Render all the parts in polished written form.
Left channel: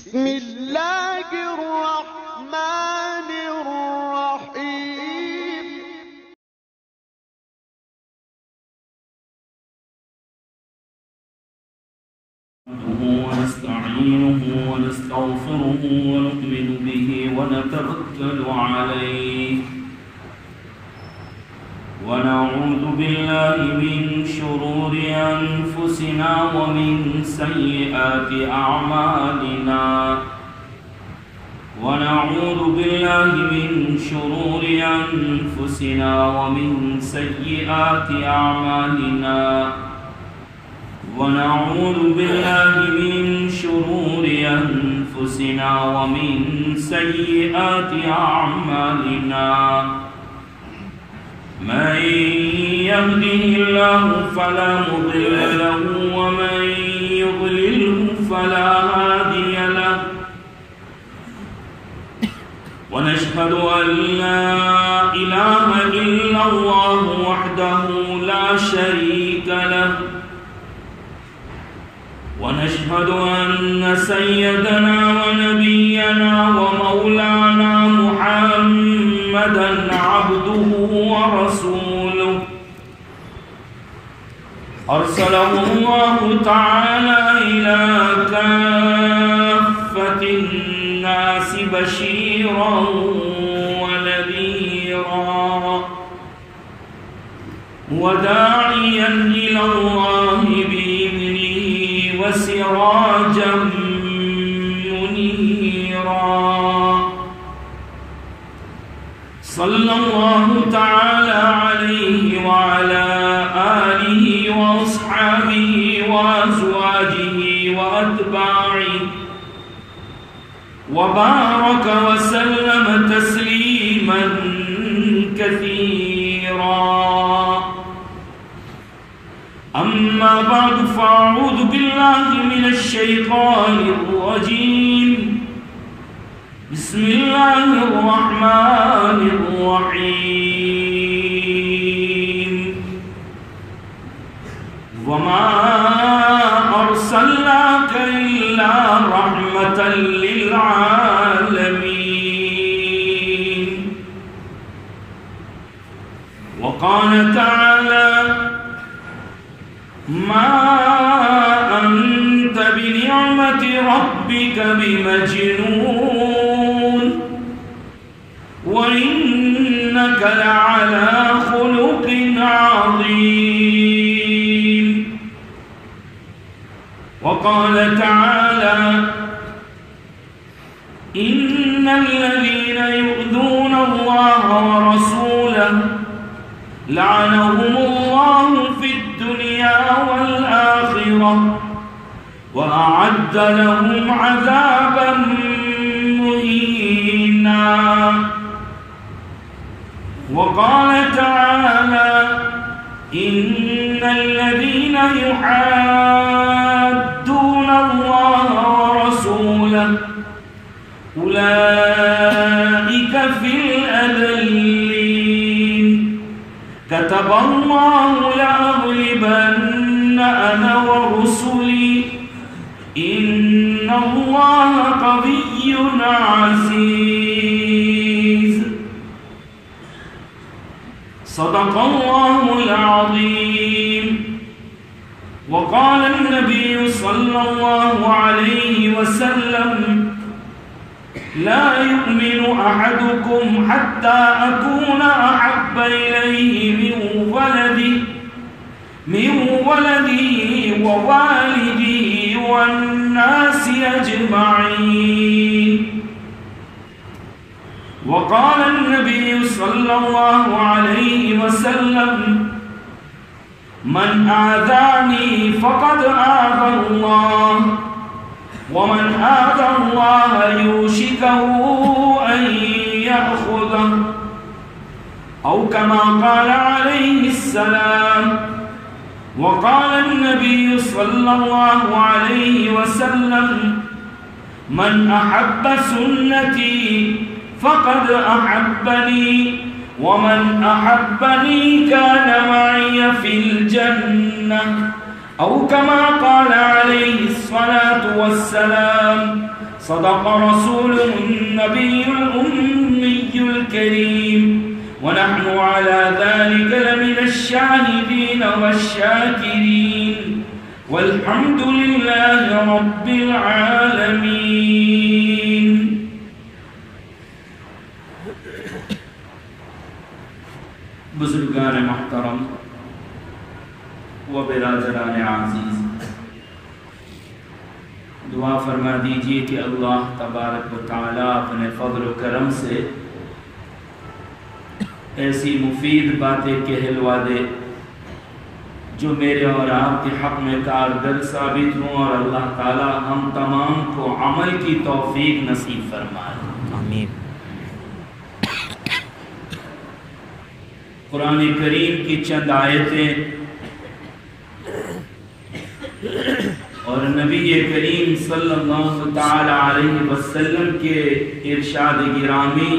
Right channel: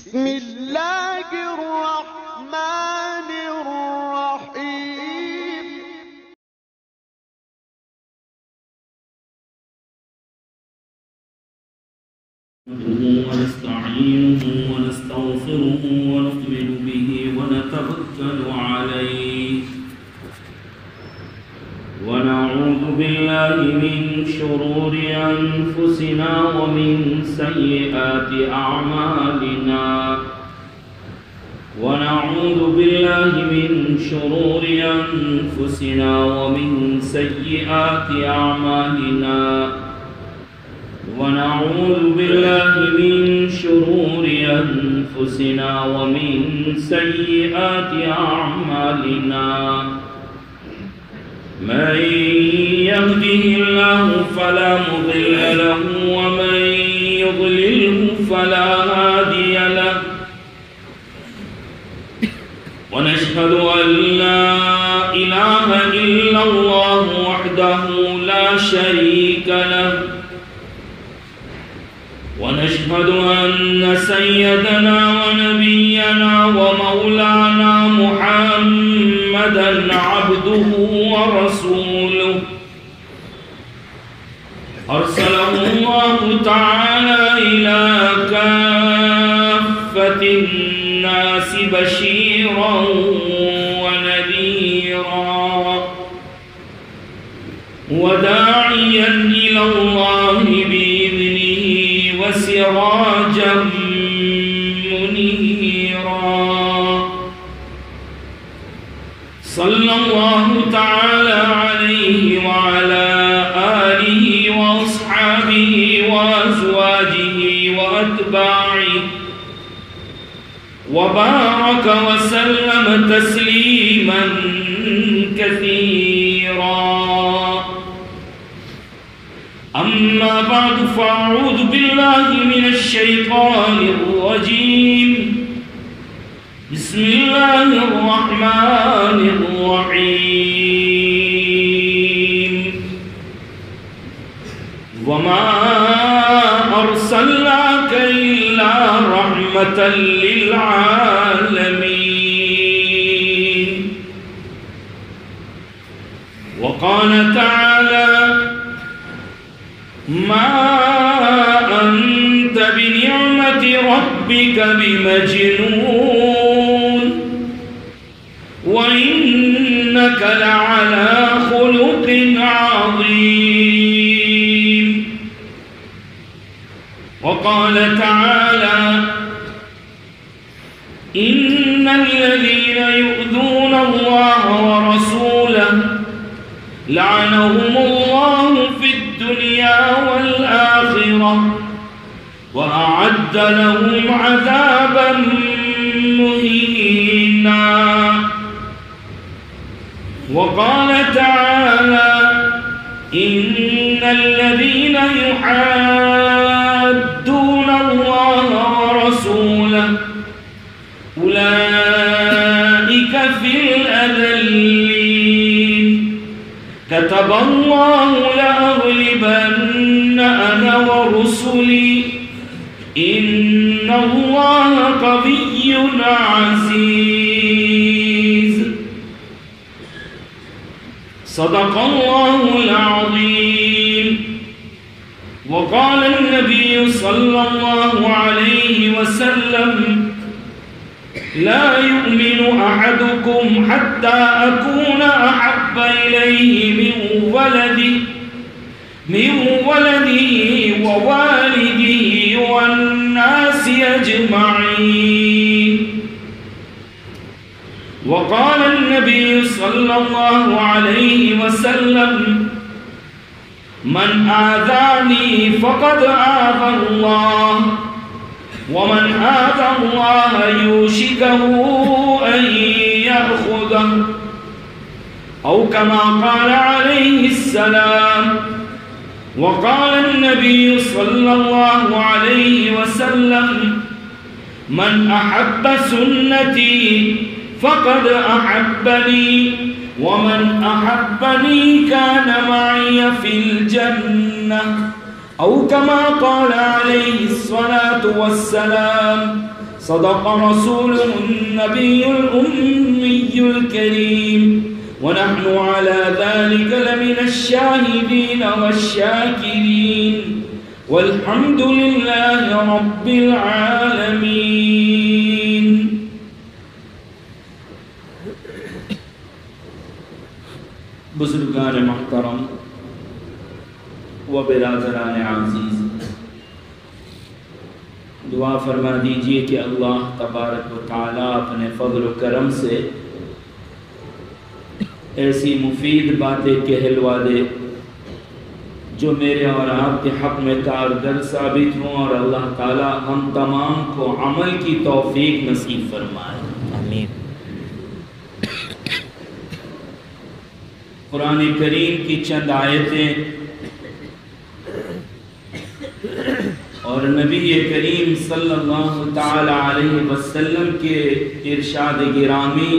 بسم الله الرحمن الرحيم ونستعينه ونستغفره ونؤمن به ونتوكل عليه ونعوذ بالله من شرور أنفسنا ومن سيئات أعمالنا ونعوذ بالله من شرور أنفسنا ومن سيئات أعمالنا ونعوذ بالله من شرور أنفسنا ومن سيئات أعمالنا من يهده الله فلا مضل له ومن يضلله فلا هادي له ونشهد أن لا إله إلا الله وحده لا شريك له ونشهد أن سيدنا ونبينا ومولانا محمدا عبده ورسوله أرسله الله تعالى إلى كافة الناس بشيرا ونذيرا وداعيا إلى الله بإذنه وسراجا منيرا صلى الله تعالى عليه وعلى آله وأصحابه وأزواجه وأتباعه وبارك وسلم تسليما كثيرا أما بعد فأعوذ بالله من الشيطان الرجيم بسم الله الرحمن الرحيم وما أرسلناك إلا رحمة للعالمين وقال تعالى ما أنت بنعمة ربك بمجنون وإنك لعلى خلق عظيم وقال تعالى إن الذين يؤذون الله ورسوله لعنهم الله في الدنيا والآخرة وأعد لهم عذابا مهينا وقال تعالى إن الذين يحادون الله ورسوله أولئك في الأذلين كتب الله لأغلبن أنا ورسلي إن الله قوي عزيز صدق الله العظيم وقال النبي صلى الله عليه وسلم لا يؤمن أحدكم حتى أكون أحب إليه من ولده ووالده والناس أجمعين وقال النبي صلى الله عليه وسلم من آذاني فقد آذى الله ومن آذى الله يوشكه أن يأخذه أو كما قال عليه السلام وقال النبي صلى الله عليه وسلم من أحب سنتي فقد أحبني ومن أحبني كان معي في الجنة أو كما قال عليه الصلاة والسلام صدق رسوله النبي الأمي الكريم ونحن على ذلك لمن الشاهدين والشاكرين والحمد لله رب العالمين. بزرگان محترم و برادران عزیز، دعا فرما دیجئے کہ اللہ تبارک و تعالیٰ اپنے فضل و کرم سے ایسی مفید باتیں کہلوا دے جو میرے اور آپ کے حق میں کارگر ثابت ہوں، اور اللہ تعالیٰ ہم تمام کو عمل کی توفیق نصیب فرمائے. آمین. قرآن کریم کی چند آیتیں اور نبی کریم صلی اللہ تعالی علیہ وسلم کے ارشاد گرامی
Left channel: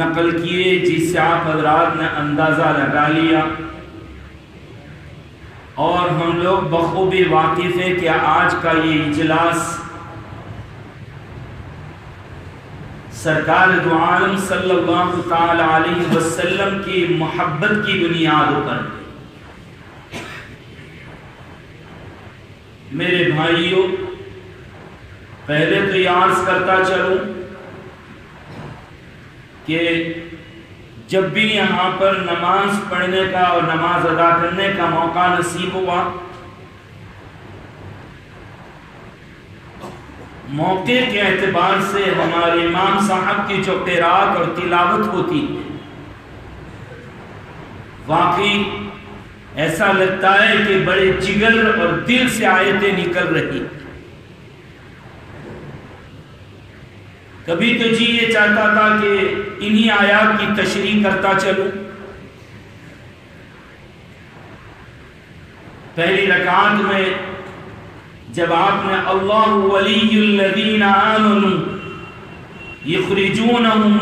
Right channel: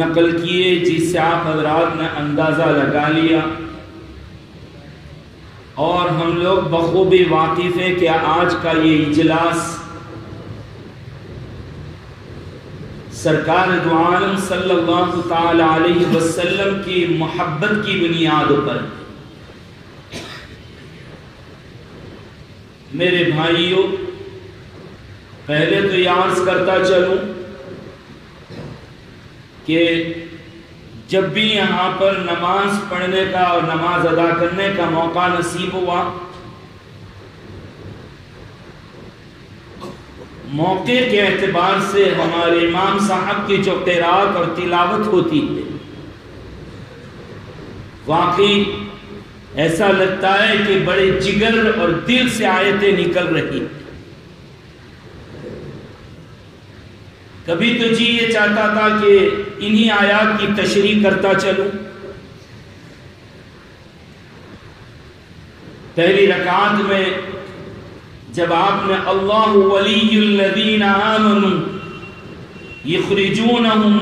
نقل کیے، جس سے آپ حضرات نے اندازہ لگا لیا، اور ہم لوگ بخوبی واقف ہیں کہ آج کا یہ اجلاس سرکار دو عالم صلی اللہ تعالی علیہ وسلم کی محبت کی بنیاد پر. میرے بھائیوں، پہلے تو یہ عرض کرتا چلوں کہ جب بھی یہاں پر نماز پڑھنے کا اور نماز ادا کرنے کا موقع نصیب ہوا، موقع کے اعتبار سے ہمارے امام صاحب کی جو قرات اور تلاوت ہوتی ہے، واقعی ایسا لگتا ہے کہ بڑے جگر اور دل سے آیتیں نکل رہی. کبھی تو جی یہ چاہتا تھا کہ انہی آیات کی تشریح کرتا چلوں. پہلی رکعت میں جب آپ نے اللہ ولی الذین آمنوا یخرجونہم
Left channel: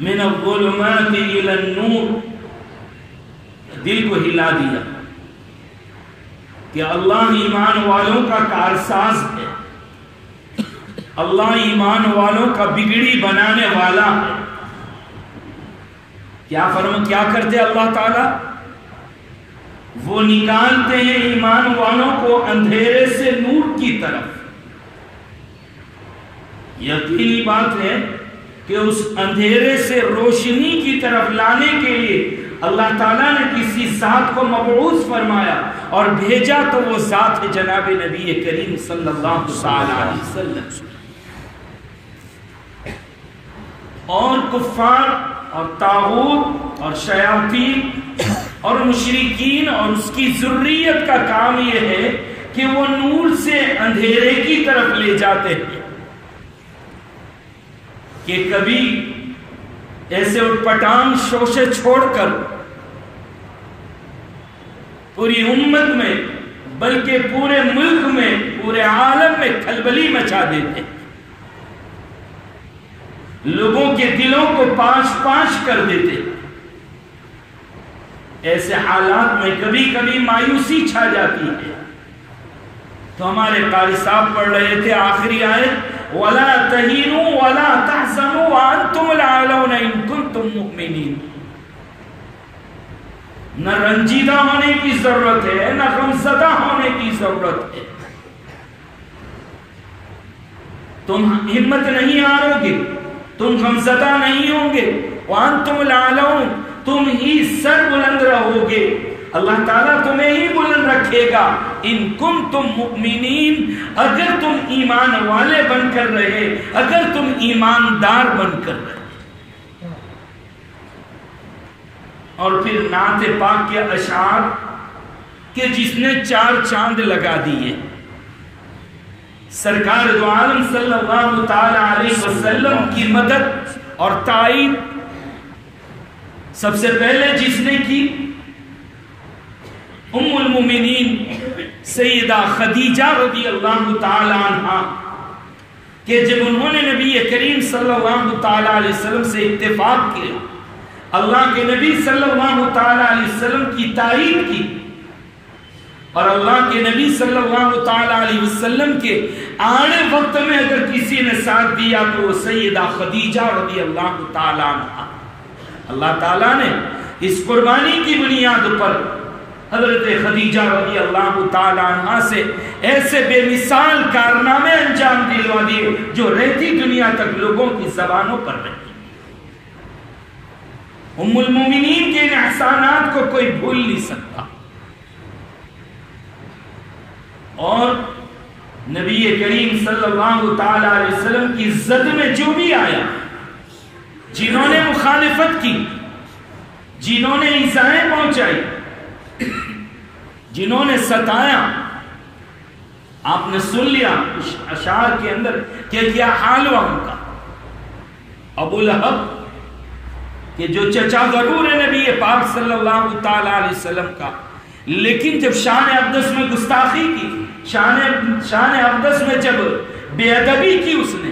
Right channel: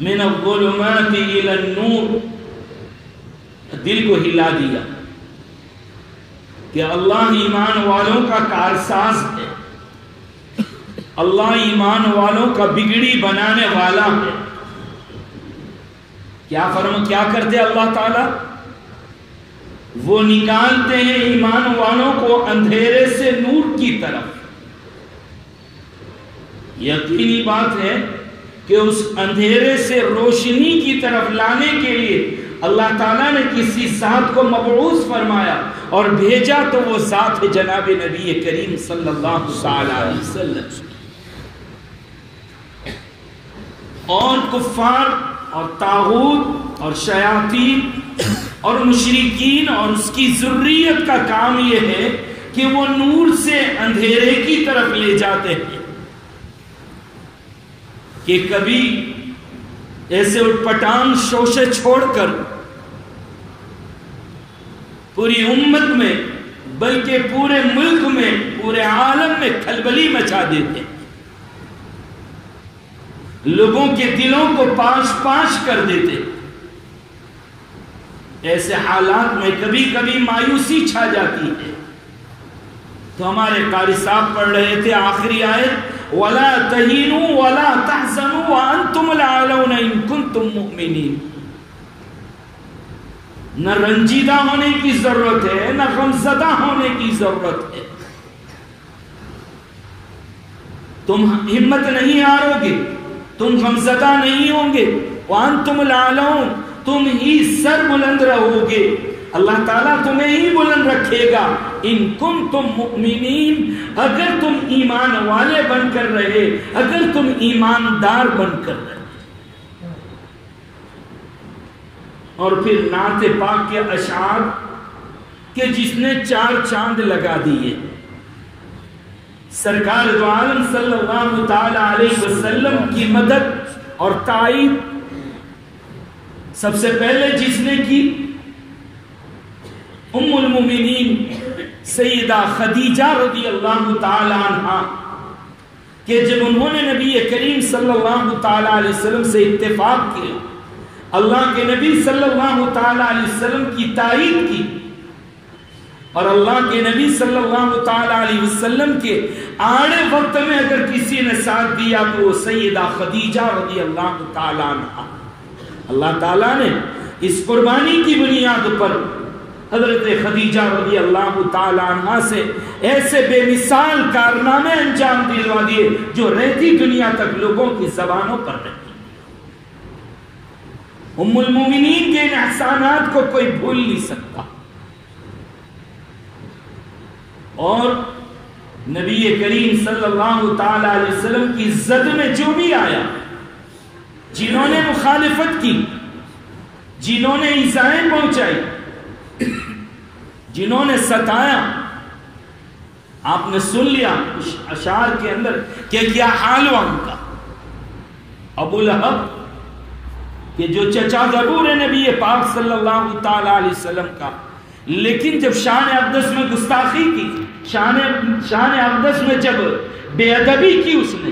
من الظلمات الی النور، دل کو ہلا دیا کہ اللہ ایمان والوں کا کارساز ہے، اللہ ایمان والوں کا بگڑی بنانے والا ہے. کیا کرتے اللہ تعالیٰ؟ وہ نکالتے ہیں ایمان والوں کو اندھیرے سے نور کی طرف. یقینی بات ہے کہ اس اندھیرے سے روشنی کی طرف لانے کے لیے اللہ تعالیٰ نے کسی ذات کو مبعوث فرمایا اور بھیجا، تو وہ ذات ہے جناب نبی کریم صلی اللہ علیہ وسلم. اور کفار اور طاغوت اور شیاطین اور مشرکین اور اس کی ذریت کا کام یہ ہے کہ وہ نور سے اندھیرے کی طرف لے جاتے ہیں. کہ کبھی ایسے اٹپٹان شوشے چھوڑ کر پوری امت میں بلکہ پورے ملک میں پورے عالم میں کھلبلی مچا دیتے، لوگوں کے دلوں کو پاش پاش کر دیتے. ایسے حالات میں کبھی کبھی مایوسی چھا جاتی ہے. تو ہمارے قاری صاحب پڑھ رہے تھے آخری آیت، وَلَا تَهِنُوا وَلَا تَحْزَنُوا وَأَنْتُمُ الْأَعْلَوْنَ إِن كُنتُم مُؤْمِنِينَ. نہ رنجیدہ ہونے کی ضرورت ہے، نہ غمزدہ ہونے کی ضرورت ہے. تم ہمت نہیں ہارو گے، تم غمزدہ نہیں ہوں گے. وَأَنْتُمُ الْأَعْلَوْنَ، تم ہی سر بلند رہو گے، اللہ تعالیٰ تمہیں ہی بلند رکھے گا. ان کنتم مؤمنین، اگر تم ایمان والے بن کر رہے، اگر تم ایماندار بن کر رہے. اور پھر نعت پاک کے اشعار کہ جس نے 4 چاند لگا دیے. سرکار دو عالم صلی اللہ تعالی علیہ وسلم کی مدد اور تائید سب سے پہلے جس نے کی، ام المومنین سیدہ خدیجہ رضی اللہ تعالی عنہا، کہ جب انہوں نے نبی کریم صلی اللہ تعالی علیہ وسلم سے اتفاق کیا، اللہ کے نبی صلی اللہ تعالی علیہ وسلم کی تائید کی، اور اللہ کے نبی صلی اللہ تعالی علیہ وسلم کے آنے وقت میں اگر کسی نے ساتھ دیا تو وہ سیدہ خدیجہ رضی اللہ تعالی عنہ. اللہ تعالیٰ نے اس قربانی کی بنیاد پر حضرت خدیجہ رضی اللہ تعالی عنہ سے ایسے بے مثال کارنامے انجام دلوا دیے جو رہتی دنیا تک لوگوں کی زبانوں پر رہتی. ام المومنین کے ان احسانات کو کوئی بھول نہیں سکتا. اور نبی کریم صلی اللہ تعالی علیہ وسلم کی عزت میں جو بھی آیا، جنہوں نے مخالفت کی، جنہوں نے ایذائیں پہنچائی، جنہوں نے ستایا، آپ نے سن لیا اس اشعار کے اندر کہ کیا حال ہوا ان کا. ابو لہب کہ جو چچا ضرور ہے نبی پاک صلی اللہ تعالی علیہ وسلم کا، لیکن جب شان اقدس میں گستاخی کی، شان اقدس میں جب بے ادبی کی اس نے،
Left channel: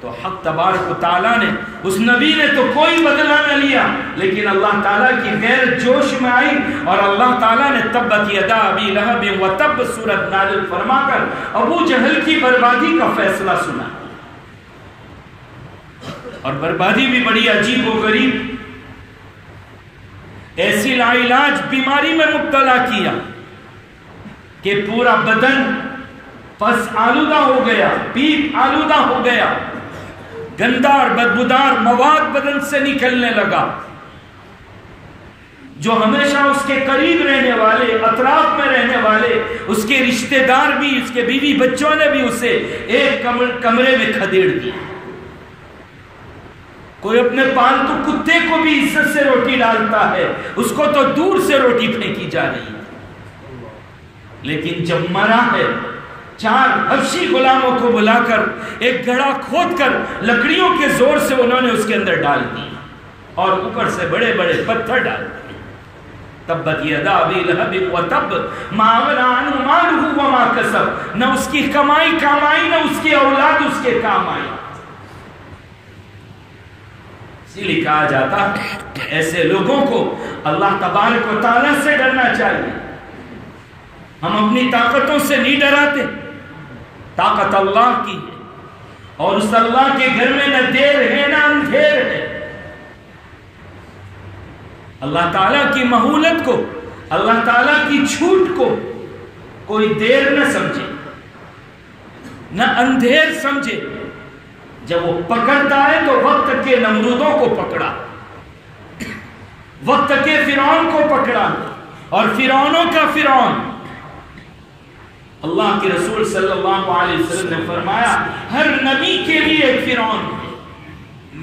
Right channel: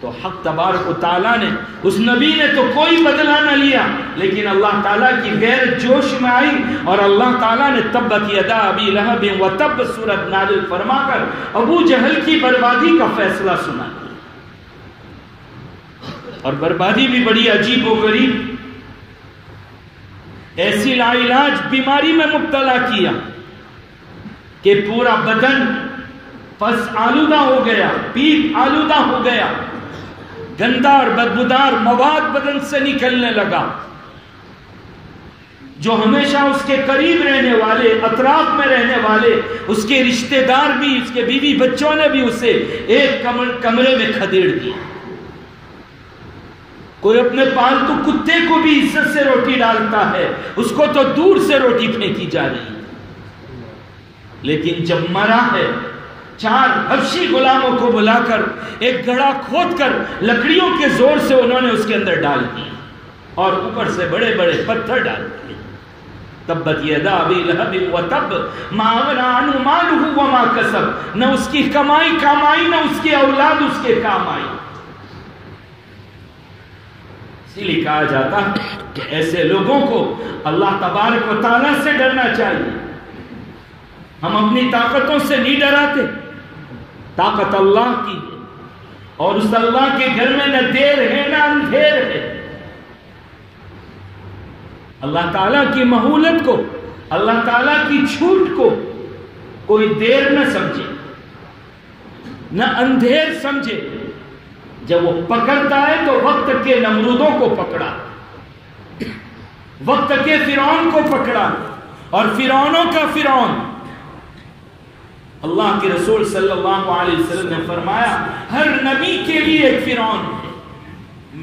تو حق تبارک و تعالیٰ نے اس نبی نے تو کوئی بدلہ نہ لیا، لیکن اللہ تعالیٰ کی غیر جوش میں آئی اور اللہ تعالیٰ نے تبت یدا ابی لہب وتب سورت نازل فرما کر ابو جہل کی بربادی کا فیصلہ سنا. اور بربادی بھی بڑی عجیب و غریب، ایسی لا علاج بیماری میں مبتلا کیا کہ پورا بدن پس آلودہ ہو گیا، پیپ آلودہ ہو گیا، گندا اور بدبودار مواد بدن سے نکلنے لگا. جو ہمیشہ اس کے قریب رہنے والے، اطراف میں رہنے والے، اس کے رشتہ دار بھی، اس کے بیوی بچوں نے بھی اسے ایک کمرے میں کھدیڑ دیا. کوئی اپنے پالتو کتے کو بھی عزت سے روٹی ڈالتا ہے، اس کو تو دور سے روٹی پھینکی جا رہی ہے. لیکن جب مرا ہے، 4 حبشی غلاموں کو بلا کر ایک گڑھا کھود کر لکڑیوں کے زور سے انہوں نے اس کے اندر ڈال دی اور اوپر سے بڑے بڑے پتھر ڈال دیے. تبت یدا ابی لہب وتب ما اغنی عنہ مالہ وما کسب. نہ اس کی کمائی کام آئی، نہ اس کی اولاد اس کے کام آئی. اسی لیے کہا جاتا ہے کہ ایسے لوگوں کو اللہ تبارک و تعالیٰ سے ڈرنا چاہیے. ہم اپنی طاقتوں سے نہیں ڈراتے، طاقت اللہ کی ہے، اور اس اللہ کے گھر میں نہ دیر ہے نہ اندھیر ہے. اللہ تعالیٰ کی مہولت کو، اللہ تعالیٰ کی چھوٹ کو کوئی دیر نہ سمجھے، نہ اندھیر سمجھے. جب وہ پکڑتا ہے تو وقت کے نمرودوں کو پکڑا، وقت کے فرعون کو پکڑا، اور فرعونوں کا فرعون. اللہ کے رسول صلی اللہ علیہ وسلم نے فرمایا ہر نبی کے لیے ایک فرعون ہے،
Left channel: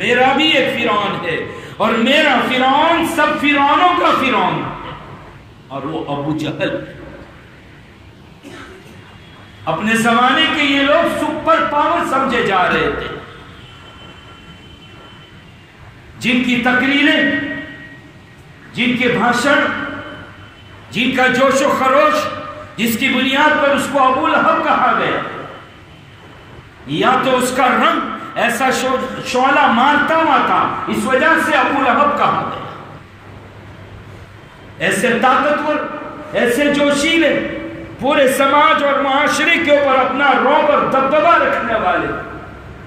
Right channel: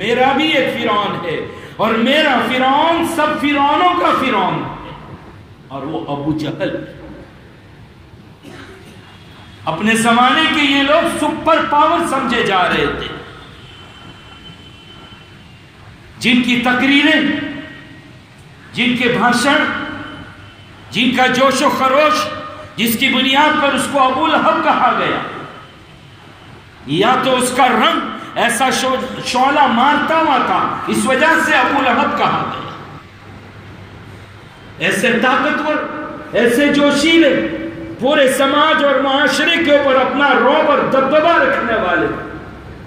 میرا بھی ایک فرعون ہے، اور میرا فرعون سب فرعونوں کا فرعون ہے، اور وہ ابو جہل. اپنے زمانے کے یہ لوگ سپر پاور سمجھے جا رہے تھے، جن کی تقریریں، جن کے بھاشن، جن کا جوش و خروش، جس کی بنیاد پر اس کو ابو لہب کہا گیا. یا تو اس کا رنگ ایسا شعلہ مارتا ہوا تھا، اس وجہ سے ابو لہب کہا گیا. ایسے طاقتور، ایسے جوشیلے، پورے سماج اور معاشرے کے اوپر اپنا رعب اور دبدبہ رکھنے والے،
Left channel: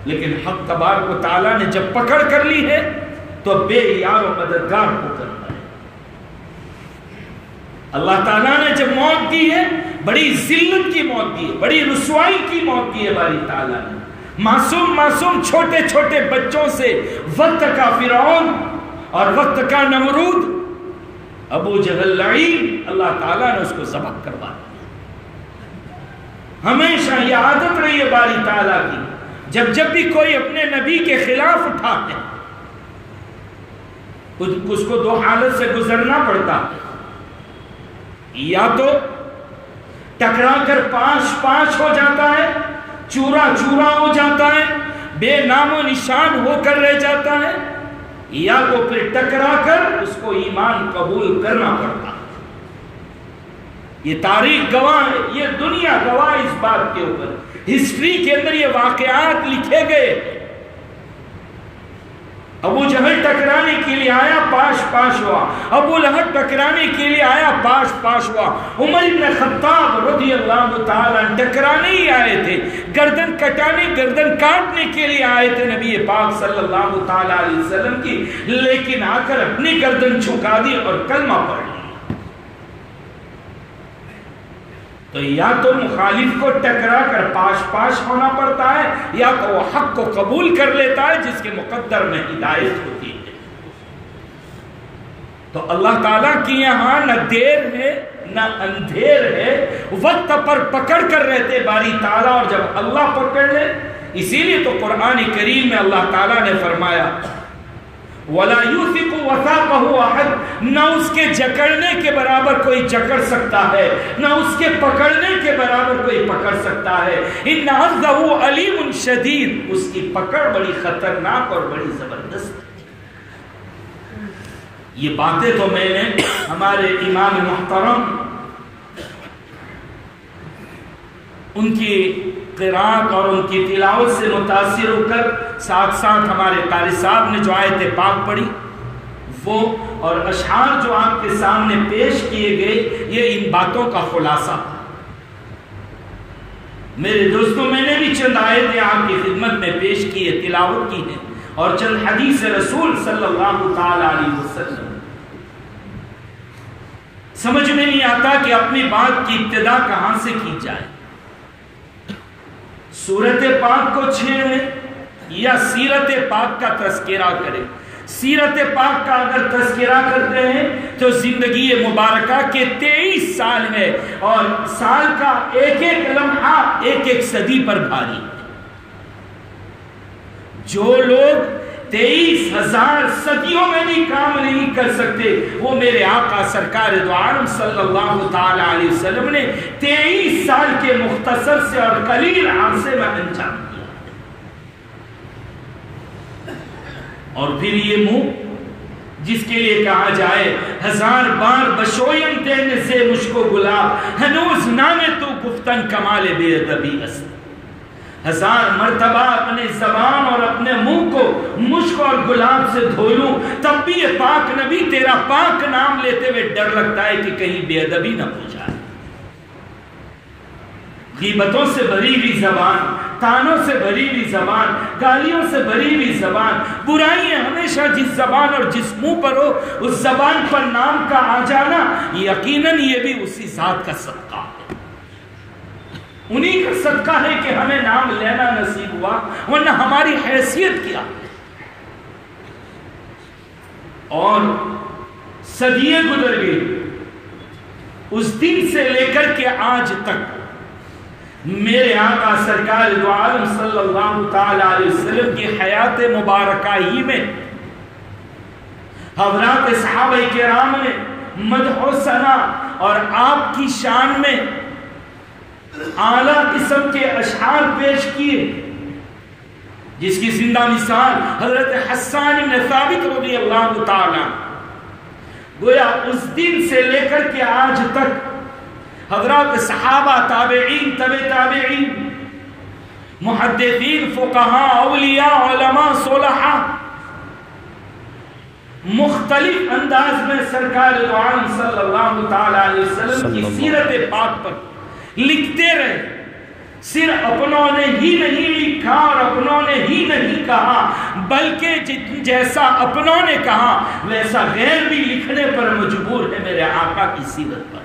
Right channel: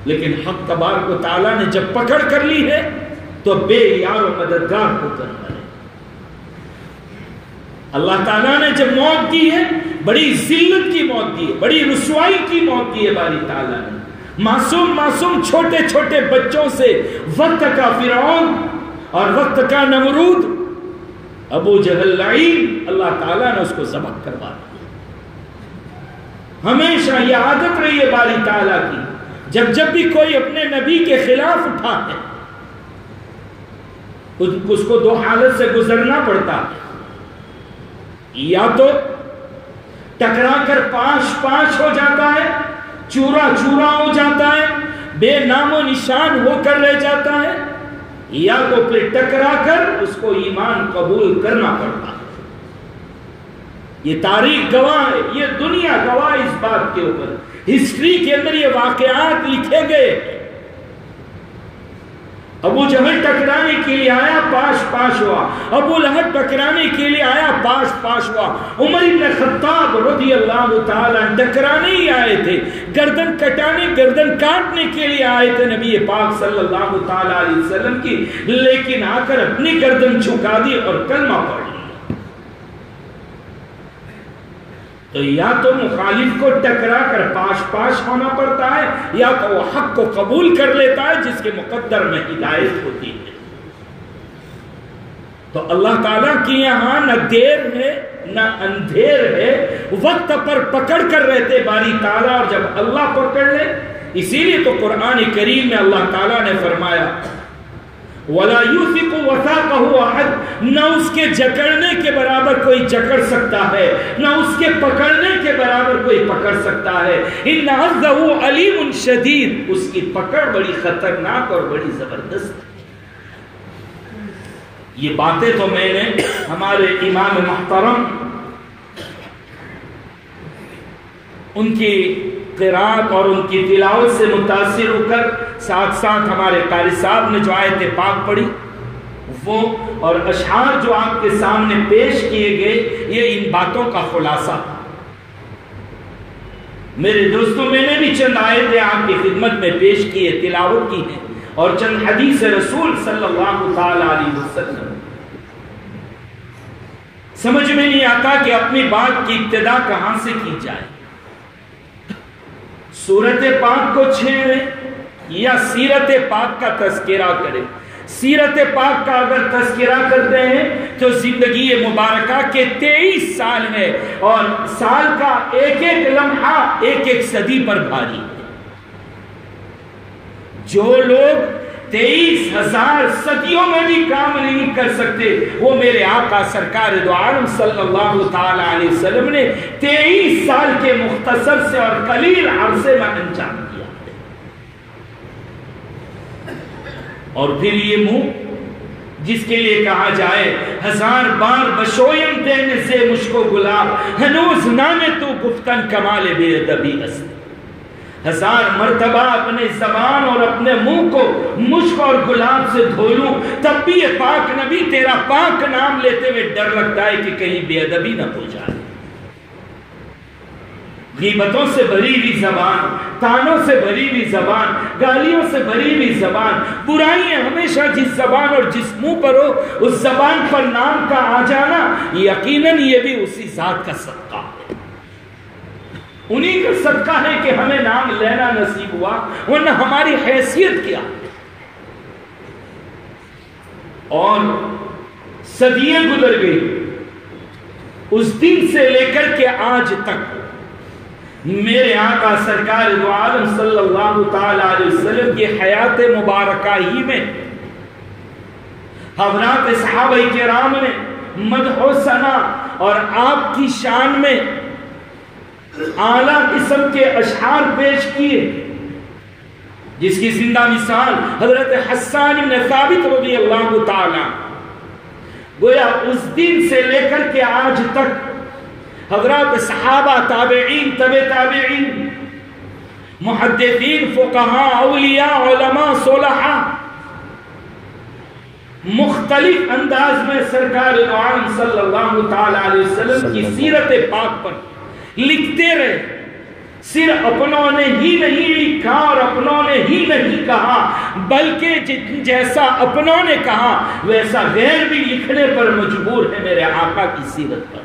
لیکن حق تبارک و تعالیٰ نے جب پکڑ کر لی ہے تو بے یار و مددگار ہو کرنا ہے. اللہ تعالیٰ نے جب موت دی ہے، بڑی ذلت کی موت دی ہے، بڑی رسوائی کی موت دی ہے باری تعالیٰ نے. معصوم چھوٹے چھوٹے بچوں سے وقت کا فرعون اور وقت کا نمرود ابو جہل لعین، اللہ تعالیٰ نے اس کو ذبح کروا دیا. ہمیشہ یہ عادت رہی ہے باری تعالیٰ کی، جب بھی کوئی اپنے نبی کے خلاف اٹھا ہے اس کو 2 حالت سے گزرنا پڑتا ہے. یا تو ٹکرا کر پاش ہو جاتا ہے، چورا ہو جاتا ہے، بے نام و نشان ہو کر رہ جاتا ہے، یا تو پھر ٹکرا کر اس کو ایمان قبول کرنا پڑتا ہے. یہ تاریخ گواہ ہے، یہ دنیا گواہ اس بات کے اوپر. ہسٹری کے اندر یہ واقعات لکھے گئے. ابو جہل ٹکرانے کے لیے آیا، پاش پاش ہوا. ابو لہب ٹکرانے کے لیے آیا، پاش پاش ہوا. عمر بن خطاب رضی اللہ تعالیٰ ٹکرانے ہی آئے تھے، گردن کٹانے، گردن کاٹنے کے لیے آئے تھے نبی پاک صلی اللہ تعالیٰ علیہ وسلم کی، لیکن آ کر اپنی گردن جھکا دی اور کلمہ پڑھ لیا. تو یا تو مخالف کو ٹکرا کر پاش پاش ہونا پڑتا ہے، یا تو وہ حق کو قبول کر لیتا ہے جس کے مقدر میں ہدایت ہوتی ہے. تو اللہ تعالیٰ کی یہاں نہ دیر ہے نہ اندھیر ہے، وقت پر پکڑ کر رہتے باری تعالیٰ، اور جب اللہ پکڑ لے. اسی لیے تو قرآن کریم میں اللہ تعالیٰ نے فرمایا وَلَا يُوثِقُ وَثَاقَهُ أَحَدٌ، نہ اس کے جکڑنے کے برابر کوئی جکڑ سکتا ہے، نہ اس کے پکڑنے کے برابر کوئی پکڑ سکتا ہے. إِنَّ عَذَّهُ عَلِيمٌ شَدِيدٌ، اس کی پکڑ بڑی خطرناک اور بڑی زبردست. یہ باتیں تو میں نے ہمارے امام محترم ان کی قرات اور ان کی تلاوت سے متاثر ہو کر، ساتھ ساتھ ہمارے قاری صاحب نے جو آیت پاک پڑھی وہ اور اشعار جو آپ کے سامنے پیش کیے گئے، یہ ان باتوں کا خلاصہ. میرے دوستوں، میں نے بھی چند آیتیں آپ کی خدمت میں پیش کی ہے، تلاوت کی ہے، اور چند حدیث رسول صلی اللہ تعالی علیہ وسلم. سمجھ میں نہیں آتا کہ اپنی بات کی ابتدا کہاں سے کی جائے. سورت پاک کو چھیڑے یا سیرت پاک کا تذکرہ کرے. سیرت پاک کا اگر تذکرہ کرتے ہیں تو زندگی مبارکہ کے 23 سال ہے، اور سال کا ایک ایک لمحہ ایک ایک صدی پر بھاری ہے. جو لوگ 23,000 صدیوں میں بھی کام نہیں کر سکتے، وہ میرے آقا سرکار دو عالم صلی اللہ تعالی علیہ وسلم نے 23 سال کے مختصر سے اور قلیل عرصے میں انجام دیا. اور پھر یہ منہ جس کے لیے کہا جائے 1000 بار بشویم دینے سے مجھ کو گلاب، ہنوز نامے تو گفتن کمال بے ادبی است. 1000 مرتبہ اپنے زبان اور اپنے منہ کو مشک اور گلاب سے دھو لوں، تب بھی یہ پاک نبی تیرا پاک نام لیتے ہوئے ڈر لگتا ہے کہ کہیں بے ادبی نہ ہو جائے. غیبتوں سے بھری ہوئی زبان، تانوں سے بھری ہوئی زبان، گالیوں سے بھری ہوئی زبان، برائیاں ہمیشہ جس زبان اور جس منہ پر ہو اس زبان پر نام کا آ جانا، یقیناً یہ بھی اسی ذات کا صدقہ ہے. انہی کا صدقہ ہے کہ ہمیں نام لینا نصیب ہوا، ورنہ ہماری حیثیت کیا. اور صدیاں گزر گئی، اس دن سے لے کر کے آج تک میرے آقا سرکار دو عالم صلی اللہ تعالی علیہ وسلم کی حیات مبارکہ ہی میں حضرات صحابہ کرام نے مدح و ثنا اور آپ کی شان میں اعلیٰ قسم کے اشعار پیش کیے، جس کی زندہ مثال حضرت حسان بن ثابت رضی اللہ تعالی. گویا اس دن سے لے کر کے آج تک حضرات صحابہ، تابعین، تبع تابعین، محدثین، فقہاء، اولیاء، علماء، صلحاء مختلف انداز میں سرکار دو عالم صلی اللہ تعالی علیہ وسلم کی سیرت پاک پر لکھتے رہے. صرف اپنوں نے ہی نہیں لکھا اور اپنوں نے ہی نہیں کہا، بلکہ جیسا اپنوں نے کہا ویسا غیر بھی لکھنے پر مجبور ہے میرے آقا کی سیرت پر.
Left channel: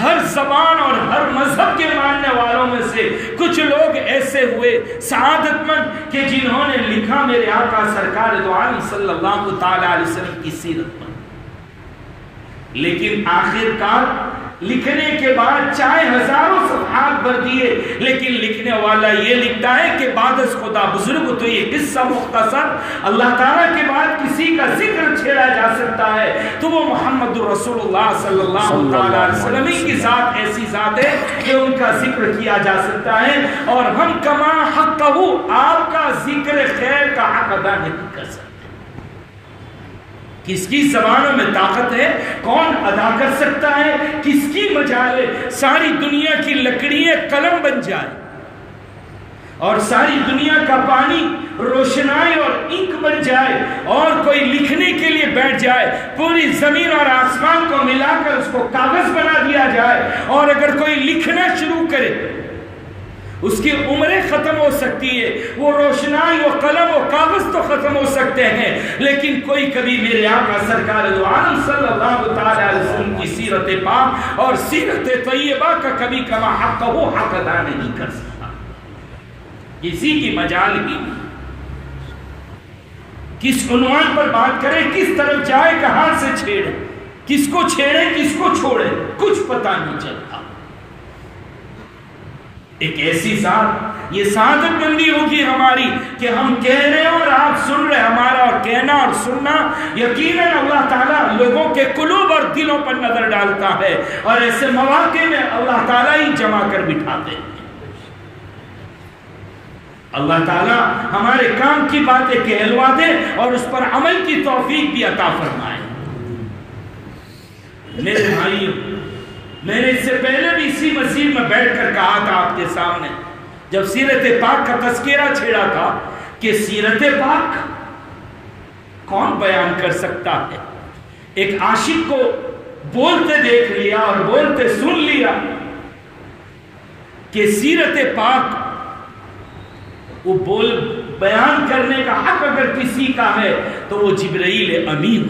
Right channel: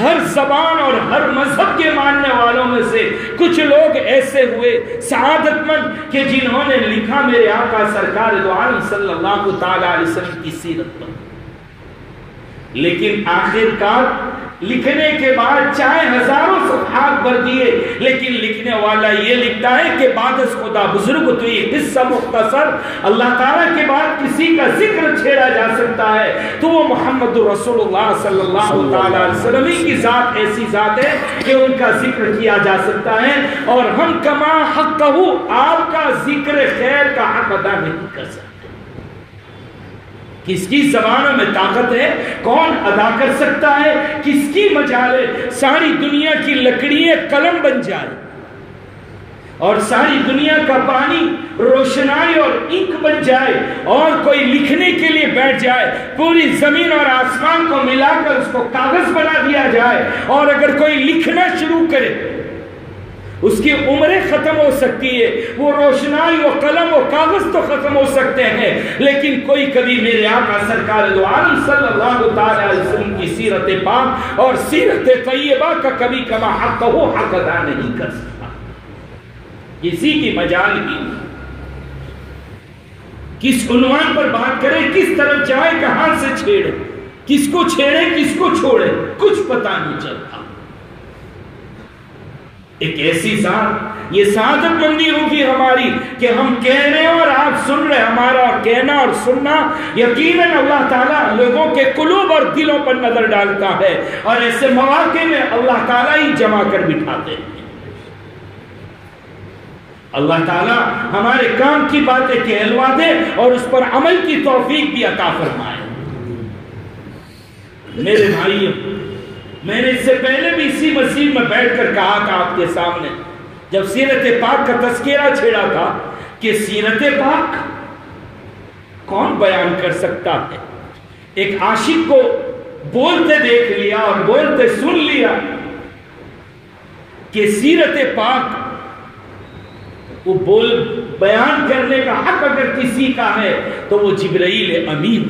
ہر زبان اور ہر مذہب کے ماننے والوں میں سے کچھ لوگ ایسے ہوئے سعادت مند کہ جنہوں نے لکھا میرے آقا سرکار دو عالم صلی اللہ تعالی علیہ وسلم کی سیرت پر. لیکن آخر کار لکھنے کے بعد چاہے ہزاروں صفحات بھر دیے، لیکن لکھنے والا یہ لکھتا ہے کہ بعد از خدا بزرگ تو یہ قصہ مختصر اللہ تعالیٰ کے بعد کسی کا ذکر چھیڑا جا سکتا ہے تو وہ محمد رسول اللہ صلی اللہ تعالی علیہ وسلم کی ذات ایسی ذات ہے کہ ان کا ذکر کیا جا سکتا ہے، اور ہم کما حق کہو آپ کا ذکر خیر کا حق ادا نہیں کر سکتے. کس کی زبانوں میں طاقت ہے، کون ادا کر سکتا ہے، کس کی مجال ہے ساری دنیا کی لکڑیاں قلم بن جائے اور ساری دنیا کا پانی روشنائی اور انک بن جائے اور کوئی لکھنے کے لیے بیٹھ جائے، پوری زمین اور آسمان کو ملا کر اس کو کاغذ بنا دیا جائے، اور اگر کوئی لکھنا شروع کرے اس کی عمریں ختم ہو سکتی ہے، وہ روشنائی و قلم و کاغذ تو ختم ہو سکتے ہیں، لیکن کوئی کبھی میرے آقا سرکار دو عالم صلی اللہ علیہ وسلم کی سیرت پاک اور سیرت طیبہ کا کبھی کما حق ہو حق ادا نہیں کر سکتا، کسی کی مجال ہی نہیں۔ کس عنوان پر بات کرے، کس طرف جائے، کہاں سے چھیڑے، کس کو چھیڑے کس کو چھوڑے، کچھ پتا نہیں چلتا۔ ایک ایسی ذات، یہ سعادت مندی ہوگی ہماری کہ ہم کہہ رہے ہیں اور آپ سن رہے ہیں، ہمارا کہنا اور سننا یقیناً اللہ تعالیٰ لوگوں کے قلوب اور دلوں پر نظر ڈالتا ہے، اور ایسے مواقع میں اللہ تعالیٰ ہی جمع کر بٹھاتے ہیں۔ اللہ تعالیٰ ہمارے کام کی باتیں کہلوا دے اور اس پر عمل کی توفیق بھی عطا فرمائے۔ میرے بھائیوں، میں نے اس سے پہلے بھی اسی مسجد میں بیٹھ کر کہا تھا آپ کے سامنے، جب سیرت پاک کا تذکرہ چھیڑا تھا، کہ سیرت پاک کون بیان کر سکتا ہے؟ ایک عاشق کو بولتے دیکھ لیا اور بولتے سن لیا کہ سیرت پاک وہ بیان کرنے کا حق اگر کسی کا ہے تو وہ جبرائیل امین،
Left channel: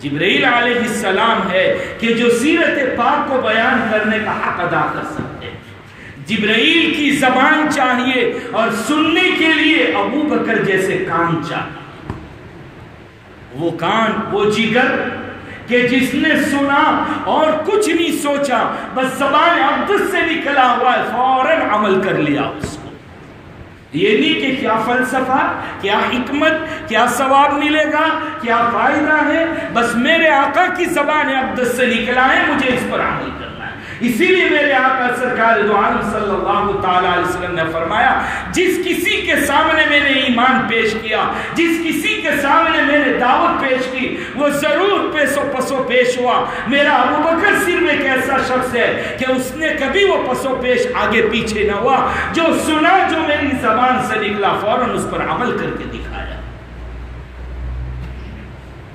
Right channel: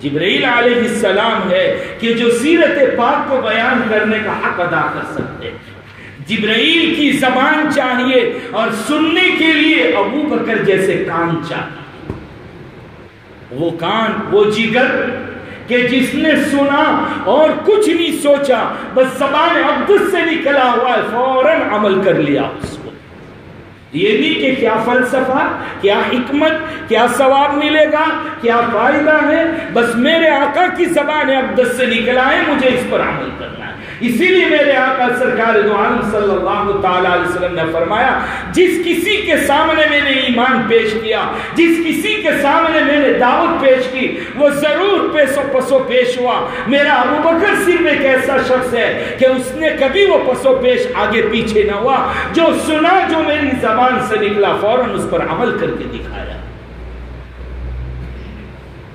جبرائیل علیہ السلام ہے کہ جو سیرت پاک کو بیان کرنے کا حق ادا کر سکتے ہیں۔ جبرائیل کی زبان چاہیے اور سننے کے لیے ابو بکر جیسے کان چاہیے، وہ کان، وہ جگر کہ جس نے سنا اور کچھ نہیں سوچا، بس زبان اقدس سے نکلا ہوا ہے، فوراً عمل کر لیا اس کو۔ یہ نہیں کہ کیا فلسفہ، کیا حکمت، کیا ثواب ملے گا، کیا فائدہ ہے، بس میرے آقا کی زبان اقدس سے نکلا ہے، مجھے اس پر عمل کرنا ہے۔ اسی لیے میرے آقا سرکار دو عالم صلی اللہ تعالی علیہ وسلم نے فرمایا، جس کسی کے سامنے میں نے ایمان پیش کیا، جس کسی کے سامنے میں نے دعوت پیش کی، وہ ضرور پسو پیش ہوا۔ میرا ابو بکر صرف ایک ایسا شخص ہے کہ اس نے کبھی وہ پسو پیش آگے پیچھے نہ ہوا، جو سنا، جو میری زبان سے نکلا، فوراً اس پر عمل کر کے دکھایا۔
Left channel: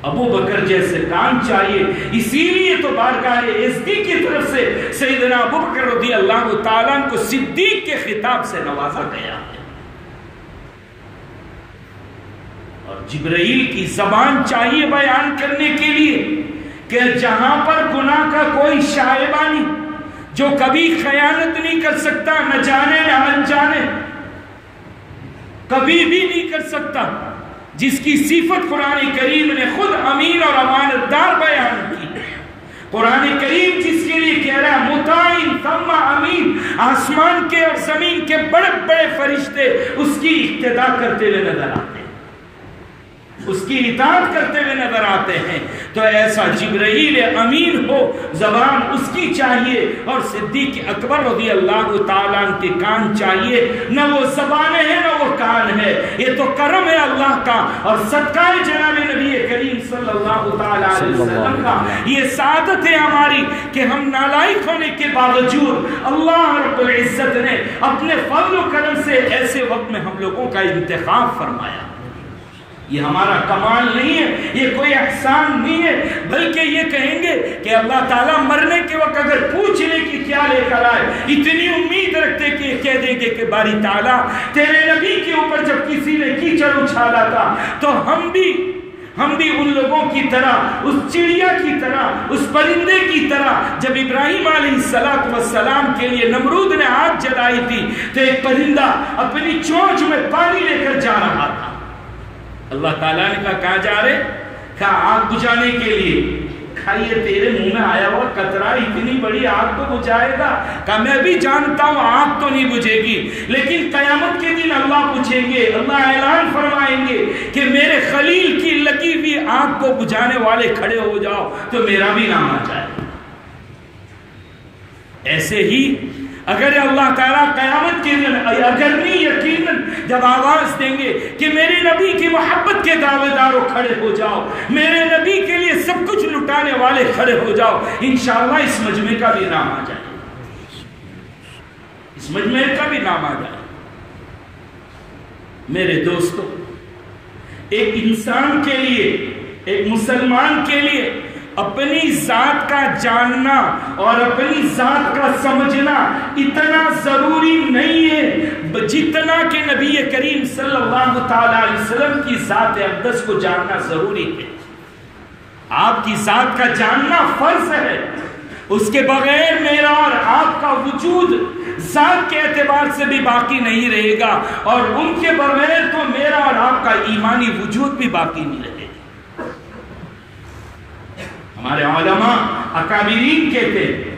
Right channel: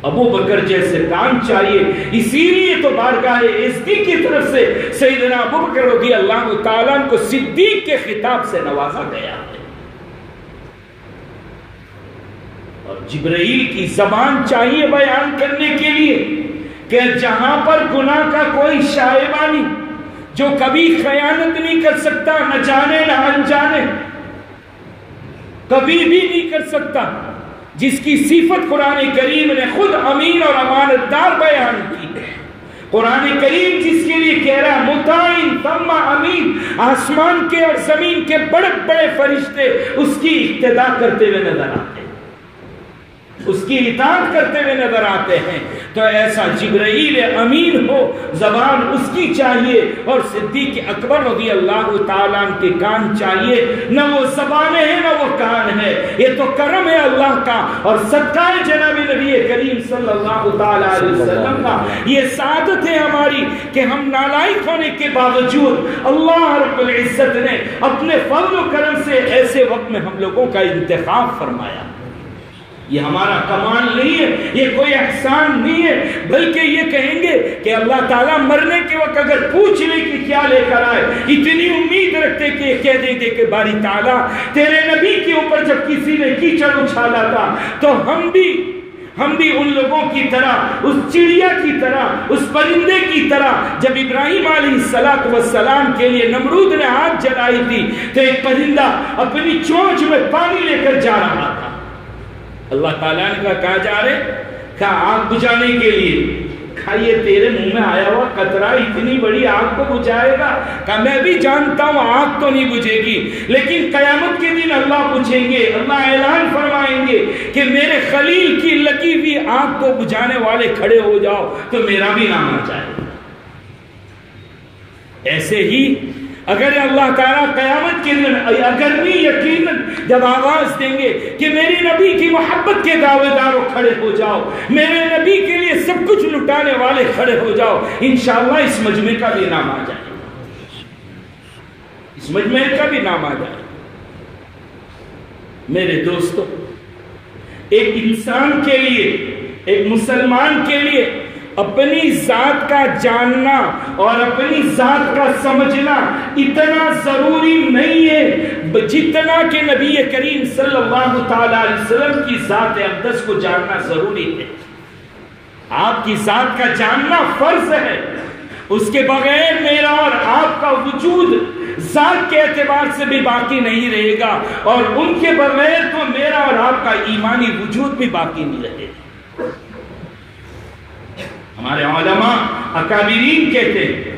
ابو بکر جیسے کام چاہیے، اسی لیے تو بارگاہ عزتی کی طرف سے سیدنا ابو بکر رضی اللہ تعالیٰ عنہ کو صدیق کے خطاب سے نوازا گیا ہے۔ اور جبرائیل کی زبان چاہیے بیان کرنے کے لیے کہ جہاں پر گناہ کا کوئی شائبہ نہیں، جو کبھی خیانت نہیں کر سکتا، نہ جانے نہ انجانے، کبھی بھی نہیں کر سکتا، جس کی صفت قرآن کریم نے خود امین اور امانت دار بیان کی۔ قرآن کریم جس کے لیے کہہ رہا ہے مطاعن ثم امین، آسمان کے اور زمین کے بڑے بڑے فرشتے اس کی اقتدا کرتے ہوئے نظر آتے ہیں، اس کی اطاعت کرتے ہوئے نظر آتے ہیں۔ تو ایسا جبرائیل امین ہو، زبان اس کی چاہیے، اور صدیق اکبر رضی اللہ تعالیٰ عنہ کے کان چاہیے۔ نہ وہ زبانیں ہیں نہ وہ کان ہے، یہ تو کرم ہے اللہ کا اور صدقہ جناب نبی کریم صلی اللہ تعالیٰ علیہ وسلم کا۔ یہ سعادت ہے ہماری کہ ہم نالائق ہونے کے باوجود اللہ رب العزت نے اپنے فضل و کرم سے ایسے وقت میں ہم لوگوں کا انتخاب فرمایا۔ یہ ہمارا کمال نہیں ہے، یہ کوئی احسان نہیں ہے، بلکہ یہ کہیں گے کہ اللہ تعالیٰ مرنے کے وقت اگر پوچھ لے کہ کیا لے کر آئے، اتنی امید رکھتے کہ کہہ دے کہ باری تعالیٰ تیرے نبی کے اوپر جب کسی نے کیچڑ اچھالا تھا تو ہم بھی ان لوگوں کی طرح، اس چڑیا کی طرح، اس پرندے کی طرح، جب ابراہیم علیہ السلام کے لیے نمرود نے آگ جلائی تھی تو ایک پرندہ اپنی چونچ میں پانی لے کر جا رہا تھا۔ اللہ تعالیٰ نے کہا جا رہے، کہا آگ بجھانے کے لیے، کہا یہ تیرے منہ میں آیا ہوا قطرہ اتنی بڑی آگ کو بجھائے گا؟ کہا میں بھی جانتا ہوں آگ تو نہیں بجھے گی، لیکن قیامت کے دن اللہ پوچھیں گے، اللہ اعلان فرمائیں گے کہ میرے خلیل کی لگی ہوئی آگ کو بجھانے والے کھڑے ہو جاؤ تو میرا بھی نام آ جائے۔ ایسے ہی اگر اللہ تعالیٰ قیامت کے دن اگر نہیں یقیناً جب آواز دیں گے کہ میرے نبی کی محبت کے دعوے داروں کھڑے ہو جاؤ، میرے نبی کے لیے سب کچھ لٹانے والے کھڑے ہو جاؤ، انشاءاللہ اس مجمع کا بھی نام آ جائے، اس مجمع کا بھی نام آ جائے۔ میرے دوستوں، ایک انسان کے لیے، ایک مسلمان کے لیے اپنی ذات کا جاننا اور اپنی ذات کا سمجھنا اتنا ضروری نہیں ہے جتنا کہ نبی کریم صلی اللہ تعالی علیہ وسلم کی ذات اقدس کو جاننا ضروری ہے۔ آپ کی ذات کا جاننا فرض ہے، اس کے بغیر میرا اور آپ کا وجود ذات کے اعتبار سے بھی باقی نہیں رہے گا، اور ان کے بغیر تو میرا اور آپ کا ایمانی وجود بھی باقی نہیں رہے گا۔ ہمارے علماء اکابرین کہتے ہیں،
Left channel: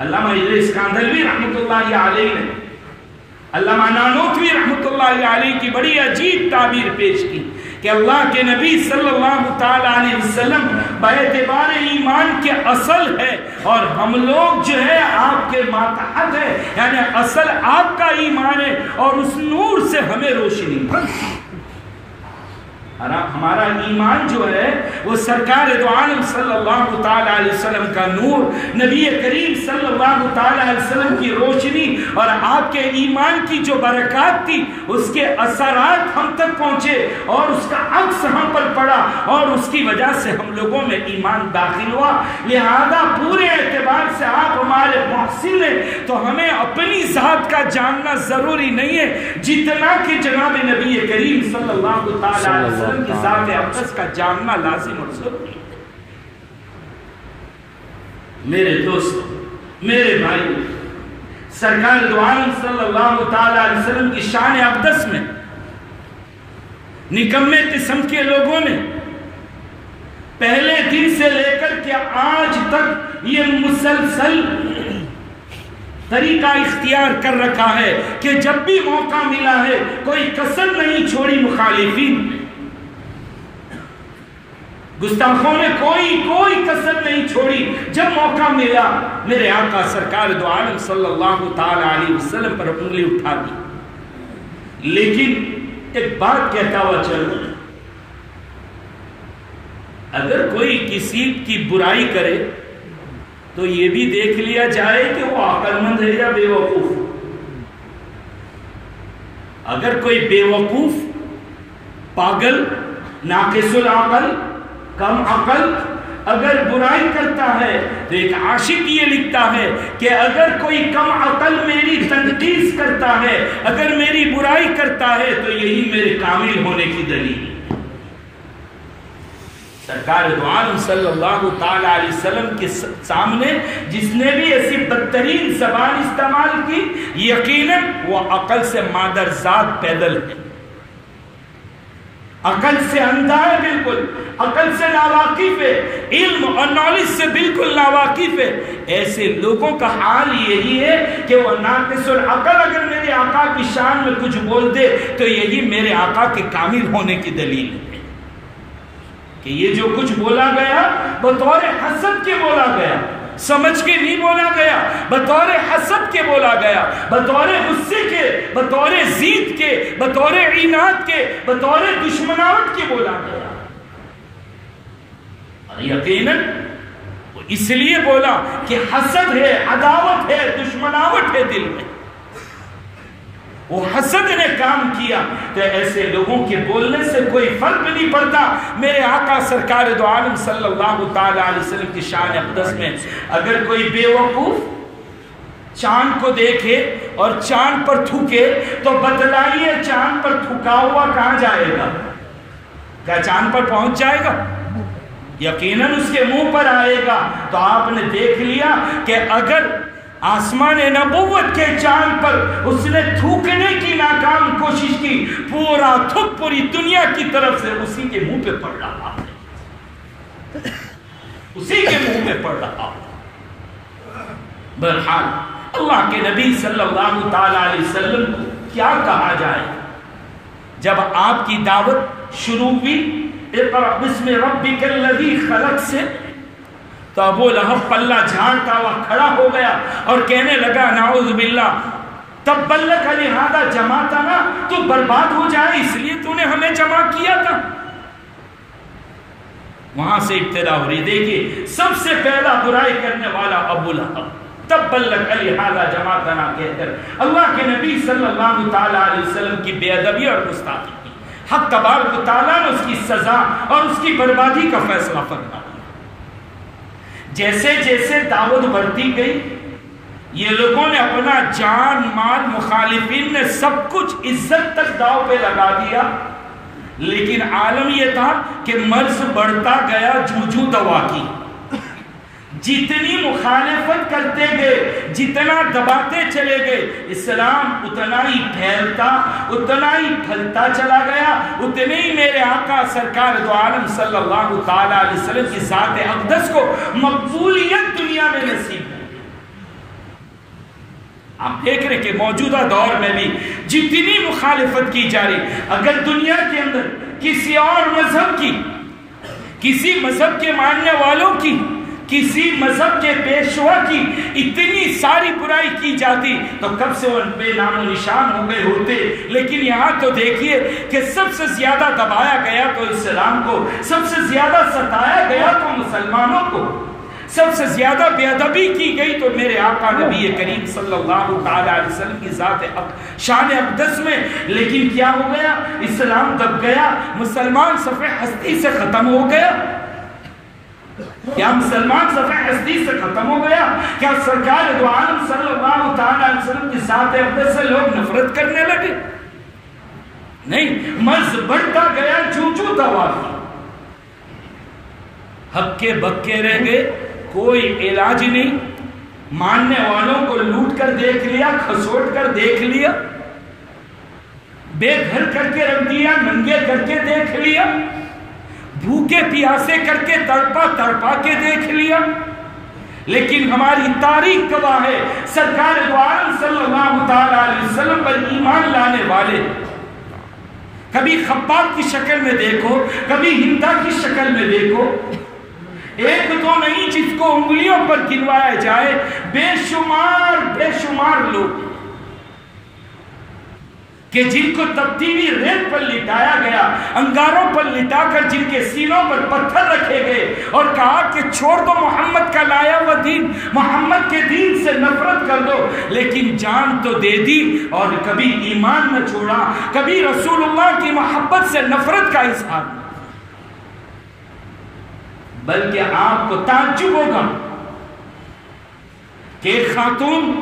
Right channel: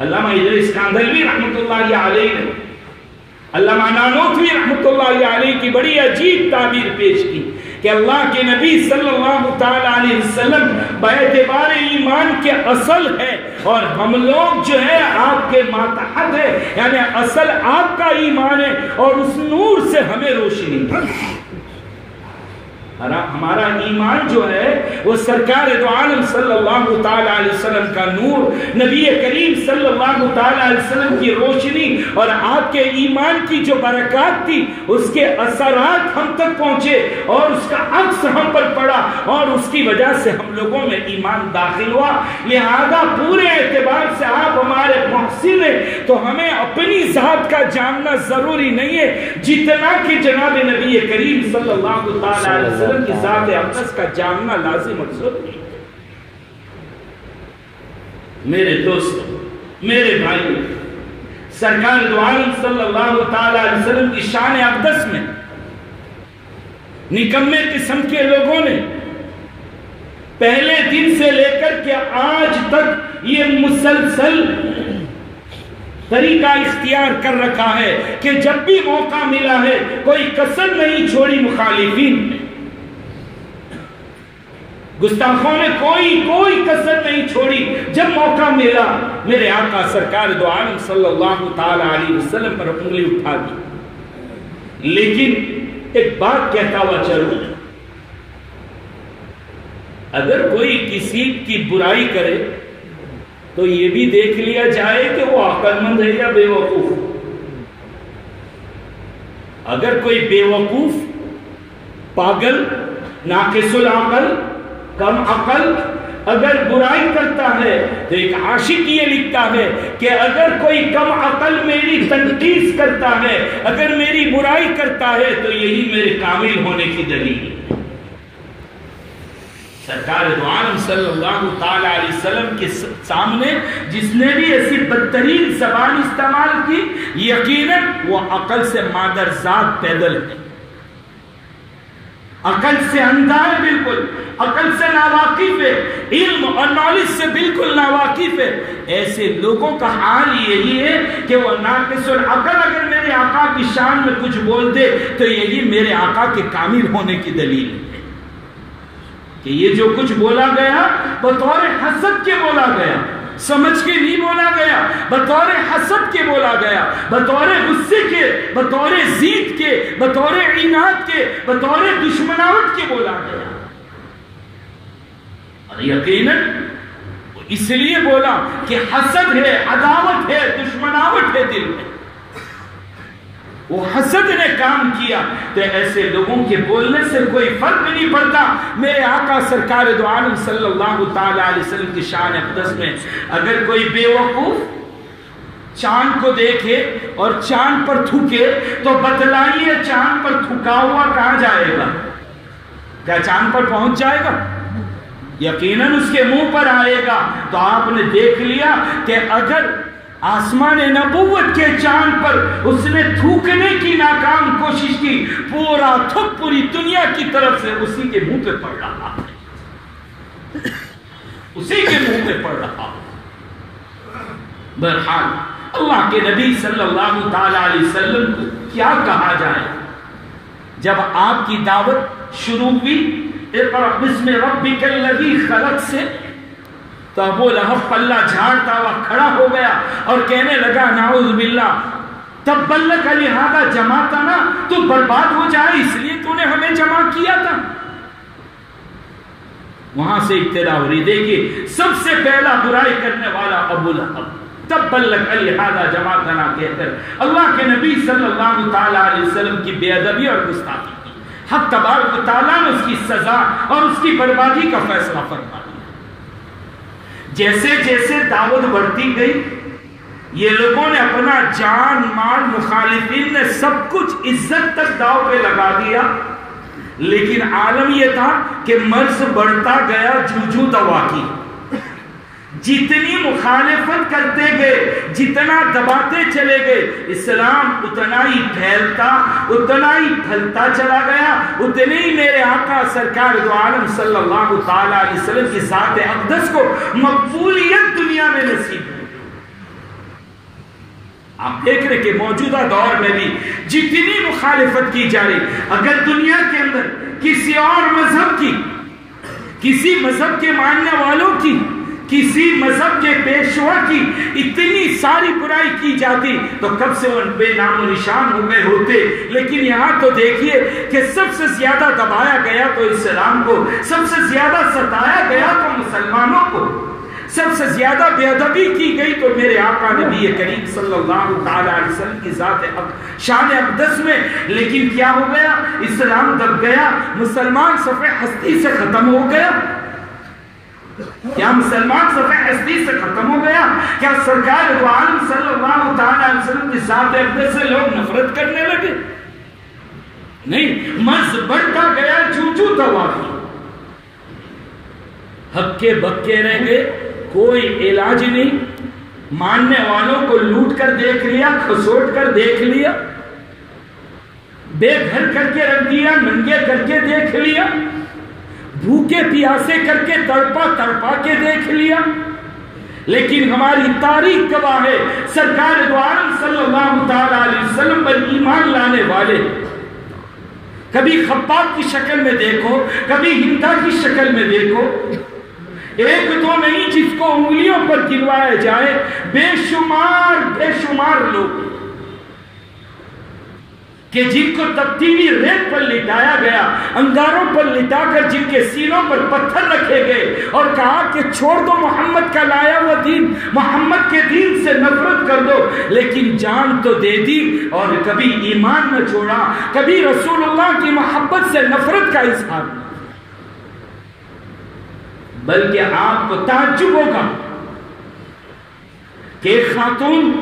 علامہ ادریس کاندھلوی رحمۃ اللہ علیہ نے علامہ نانوتوی رحمۃ اللہ علیہ کی بڑی عجیب تعبیر پیش کی کہ اللہ کے نبی صلی اللہ تعالی علیہ وسلم باعتبار ایمان کے اصل ہے، اور ہم لوگ جو ہے آپ کے ماتحت ہے، یعنی اصل آپ کا ایمان ہے، اور اس نور سے ہمیں روشنی ہمارا ایمان جو ہے وہ سرکار دو عالم صلی اللہ تعالی علیہ وسلم کا نور، نبی کریم صلی اللہ تعالی علیہ وسلم کی روشنی، اور آپ کے ایمان کی جو برکات تھی اس کے اثرات ہم تک پہنچے اور اس کا عکس ہم پر پڑا، اور اس کی وجہ سے ہم لوگوں میں ایمان داخل ہوا۔ لہذا پورے اعتبار سے آپ ہمارے محسن ہیں، تو ہمیں اپنی ذات کا جاننا ضروری نہیں ہے جتنا کہ جناب نبی کریم صلی اللہ تعالی علیہ وسلم کی ذات اقدس کا جاننا لازم اور ضروری ہے۔ میرے دوستو، میرے بھائی، سرکار دو عالم صلی اللہ تعالی علیہ وسلم کی شان اقدس میں نکمے قسم کے لوگوں نے پہلے دن سے لے کر کے آج تک یہ مسلسل طریقہ اختیار کر رکھا ہے کہ جب بھی موقع ملا ہے کوئی کسر نہیں چھوڑی مخالفین، گستاخوں نے کوئی کسر نہیں چھوڑی، جب موقع ملا میرے آقا سرکار دو عالم صلی اللہ تعالی علیہ وسلم پر انگلی اٹھا دی۔ لیکن ایک بات کہتا ہوا چلوں، اگر کوئی کسی کی برائی کرے تو یہ بھی دیکھ لیا جائے کہ وہ عقل مند ہے یا بے وقوف۔ اگر کوئی بے وقوف، پاگل، ناقص العقل، کم عقل اگر برائی کرتا ہے تو ایک عاشق یہ لکھتا ہے کہ اگر کوئی کم عقل میری تنقید کرتا ہے، اگر میری برائی کرتا ہے تو یہی میرے کامل ہونے کی دلیل ہے۔ سرکار دو عالم صلی اللہ تعالی علیہ وسلم کے سامنے جس نے بھی ایسی بدترین زبان استعمال کی، یقیناً وہ عقل سے مادر ذات پیدل ہے، عقل سے اندھا ہے، بالکل عقل سے ناواقف ہے، علم اور نالج سے بالکل ناواقف ہے۔ ایسے لوگوں کا حال یہی ہے کہ وہ ناقص العقل اگر میرے آقا کی شان میں کچھ بول دے تو یہی میرے آقا کے کامل ہونے کی دلیل ہے کہ یہ جو کچھ بولا گیا بطور حسد کے بولا گیا، سمجھ کے نہیں بولا گیا، بطور حسد کے بولا گیا، بطور غصے کے، بطور ضد کے، بطور عناد کے، بطور دشمناوٹ کے بولا گیا۔ اور یقیناً اس لیے بولا کہ حسد ہے، عداوت ہے، دشمناوٹ ہے دل میں، وہ حسد نے کام کیا، تو ایسے لوگوں کے بولنے سے کوئی فرق نہیں پڑتا۔ میرے آقا سرکار دو عالم صلی اللہ تعالی علیہ وسلم کی شان اقدس میں اگر کوئی بے وقوف چاند کو دیکھے اور چاند پر تھوکے تو بتلائیے چاند پر تھوکا ہوا کہاں جائے گا؟ کیا چاند پر پہنچ جائے گا؟ یقیناً اس کے منہ پر آئے گا۔ تو آپ نے دیکھ لیا کہ اگر آسمان نبوت کے چاند پر اس نے تھوکنے کی ناکام کوشش کی، پورا تھوک پوری دنیا کی طرف سے اسی کے منہ پہ پڑ رہا، اسی کے منہ پہ پڑ رہا۔ بہرحال اللہ کے نبی صلی اللہ تعالی علیہ وسلم کو کیا کہا جائے؟ جب آپ کی دعوت شروع ہوئی اقرأ بسم ربک الذی خلق سے، تو ابو لہب پلہ جھاڑتا ہوا کھڑا ہو گیا اور کہنے لگا نعوذ باللہ تبا لک، لہذا جمع تھا نا تو برباد ہو جائے، اس لیے تو نے ہمیں جمع کیا تھا۔ وہاں سے ابتدا ہو رہی۔ دیکھیے سب سے پہلا برائی کرنے والا ابو لہب، تبا لک لہذا جماعتنا کہتے ہیں اللہ کے نبی صلی اللہ تعالیٰ علیہ وسلم کی بے ادبی اور گستاخی کی، حق تبارک و تعالیٰ نے اس کی سزا اور اس کی بربادی کا فیصلہ فرمایا۔ جیسے جیسے دعوت بڑھتی گئی، یہ لوگوں نے اپنا جان مال، مخالفین نے سب کچھ عزت تک داؤ پہ لگا دیا، لیکن عالم یہ تھا کہ مرض بڑھتا گیا جوجو دوا کی۔ جتنی مخالفت کرتے گئے، جتنا دباتے چلے گئے، اسلام اتنا ہی پھیلتا، اتنا ہی پھلتا چلا گیا، اتنے ہی میرے آقا سرکار دو عالم صلی اللہ تعالی علیہ وسلم کی ذات اقدس کو مقبولیت دنیا میں نصیب ہوئی۔ آپ دیکھ رہے کہ موجودہ دور میں بھی جتنی مخالفت کی جا رہی، اگر دنیا کے اندر کسی اور مذہب کی، کسی مذہب کے ماننے والوں کی، کسی مذہب کے پیشوا کی اتنی ساری برائی کی جاتی تو کب سے ان پہ نام و نشان ہو گئے ہوتے، لیکن یہاں تو دیکھیے کہ سب سے زیادہ دبایا گیا تو اسلام کو، سب سے زیادہ ستایا گیا تو مسلمانوں کو، سب سے زیادہ بے ادبی کی گئی تو میرے آقا نبی کریم صلی اللہ تعالی علیہ وسلم کی ذات شان اقدس میں۔ لیکن کیا ہو گیا؟ اسلام دب گیا، مسلمان صفحہ ہستی سے ختم ہو گیا۔ کیا مسلمان صفحہ ہستی سے ختم ہو گیا؟ کیا سرکار دو عالم صلی اللہ تعالی علیہ وسلم کی ذات اقدس سے لوگ نفرت کرنے لگے؟ نہیں، مرض بڑھتا گیا، جوجو دوا کی، ہکے بکے رہ گئے، کوئی علاج نہیں، ماننے والوں کو لوٹ کر دیکھ لیا، کھسوٹ کر دیکھ لیا، بے گھر کر کے رکھ دیا، ننگے کر کے دیکھ لیا، بھوکے پیاسے کر کے تڑپا تڑپا کے دیکھ لیا۔ لیکن ہماری تاریخ گواہ ہے، سرکار دو عالم صلی اللہ تعالی علیہ وسلم پر ایمان لانے والے کبھی خباب کی شکل میں دیکھو، کبھی ہندا کی شکل میں دیکھو، ایک دو نہیں، جس کو انگلیوں پر گنوایا جائے، بے شمار لوگ کہ جن کو تبدیلی ریت پر لٹایا گیا، انگاروں پر لٹا کر جن کے سینوں پر پتھر رکھے گئے اور کہا کہ چھوڑ دو محمد کا لایا ہوا دین، محمد کے دین سے نفرت کر دو، لیکن جان تو دے دی اور کبھی ایمان نہ چھوڑا، کبھی رسول اللہ کی محبت سے نفرت کا اظہار، بلکہ آپ کو تعجب ہوگا کہ ایک خاتون،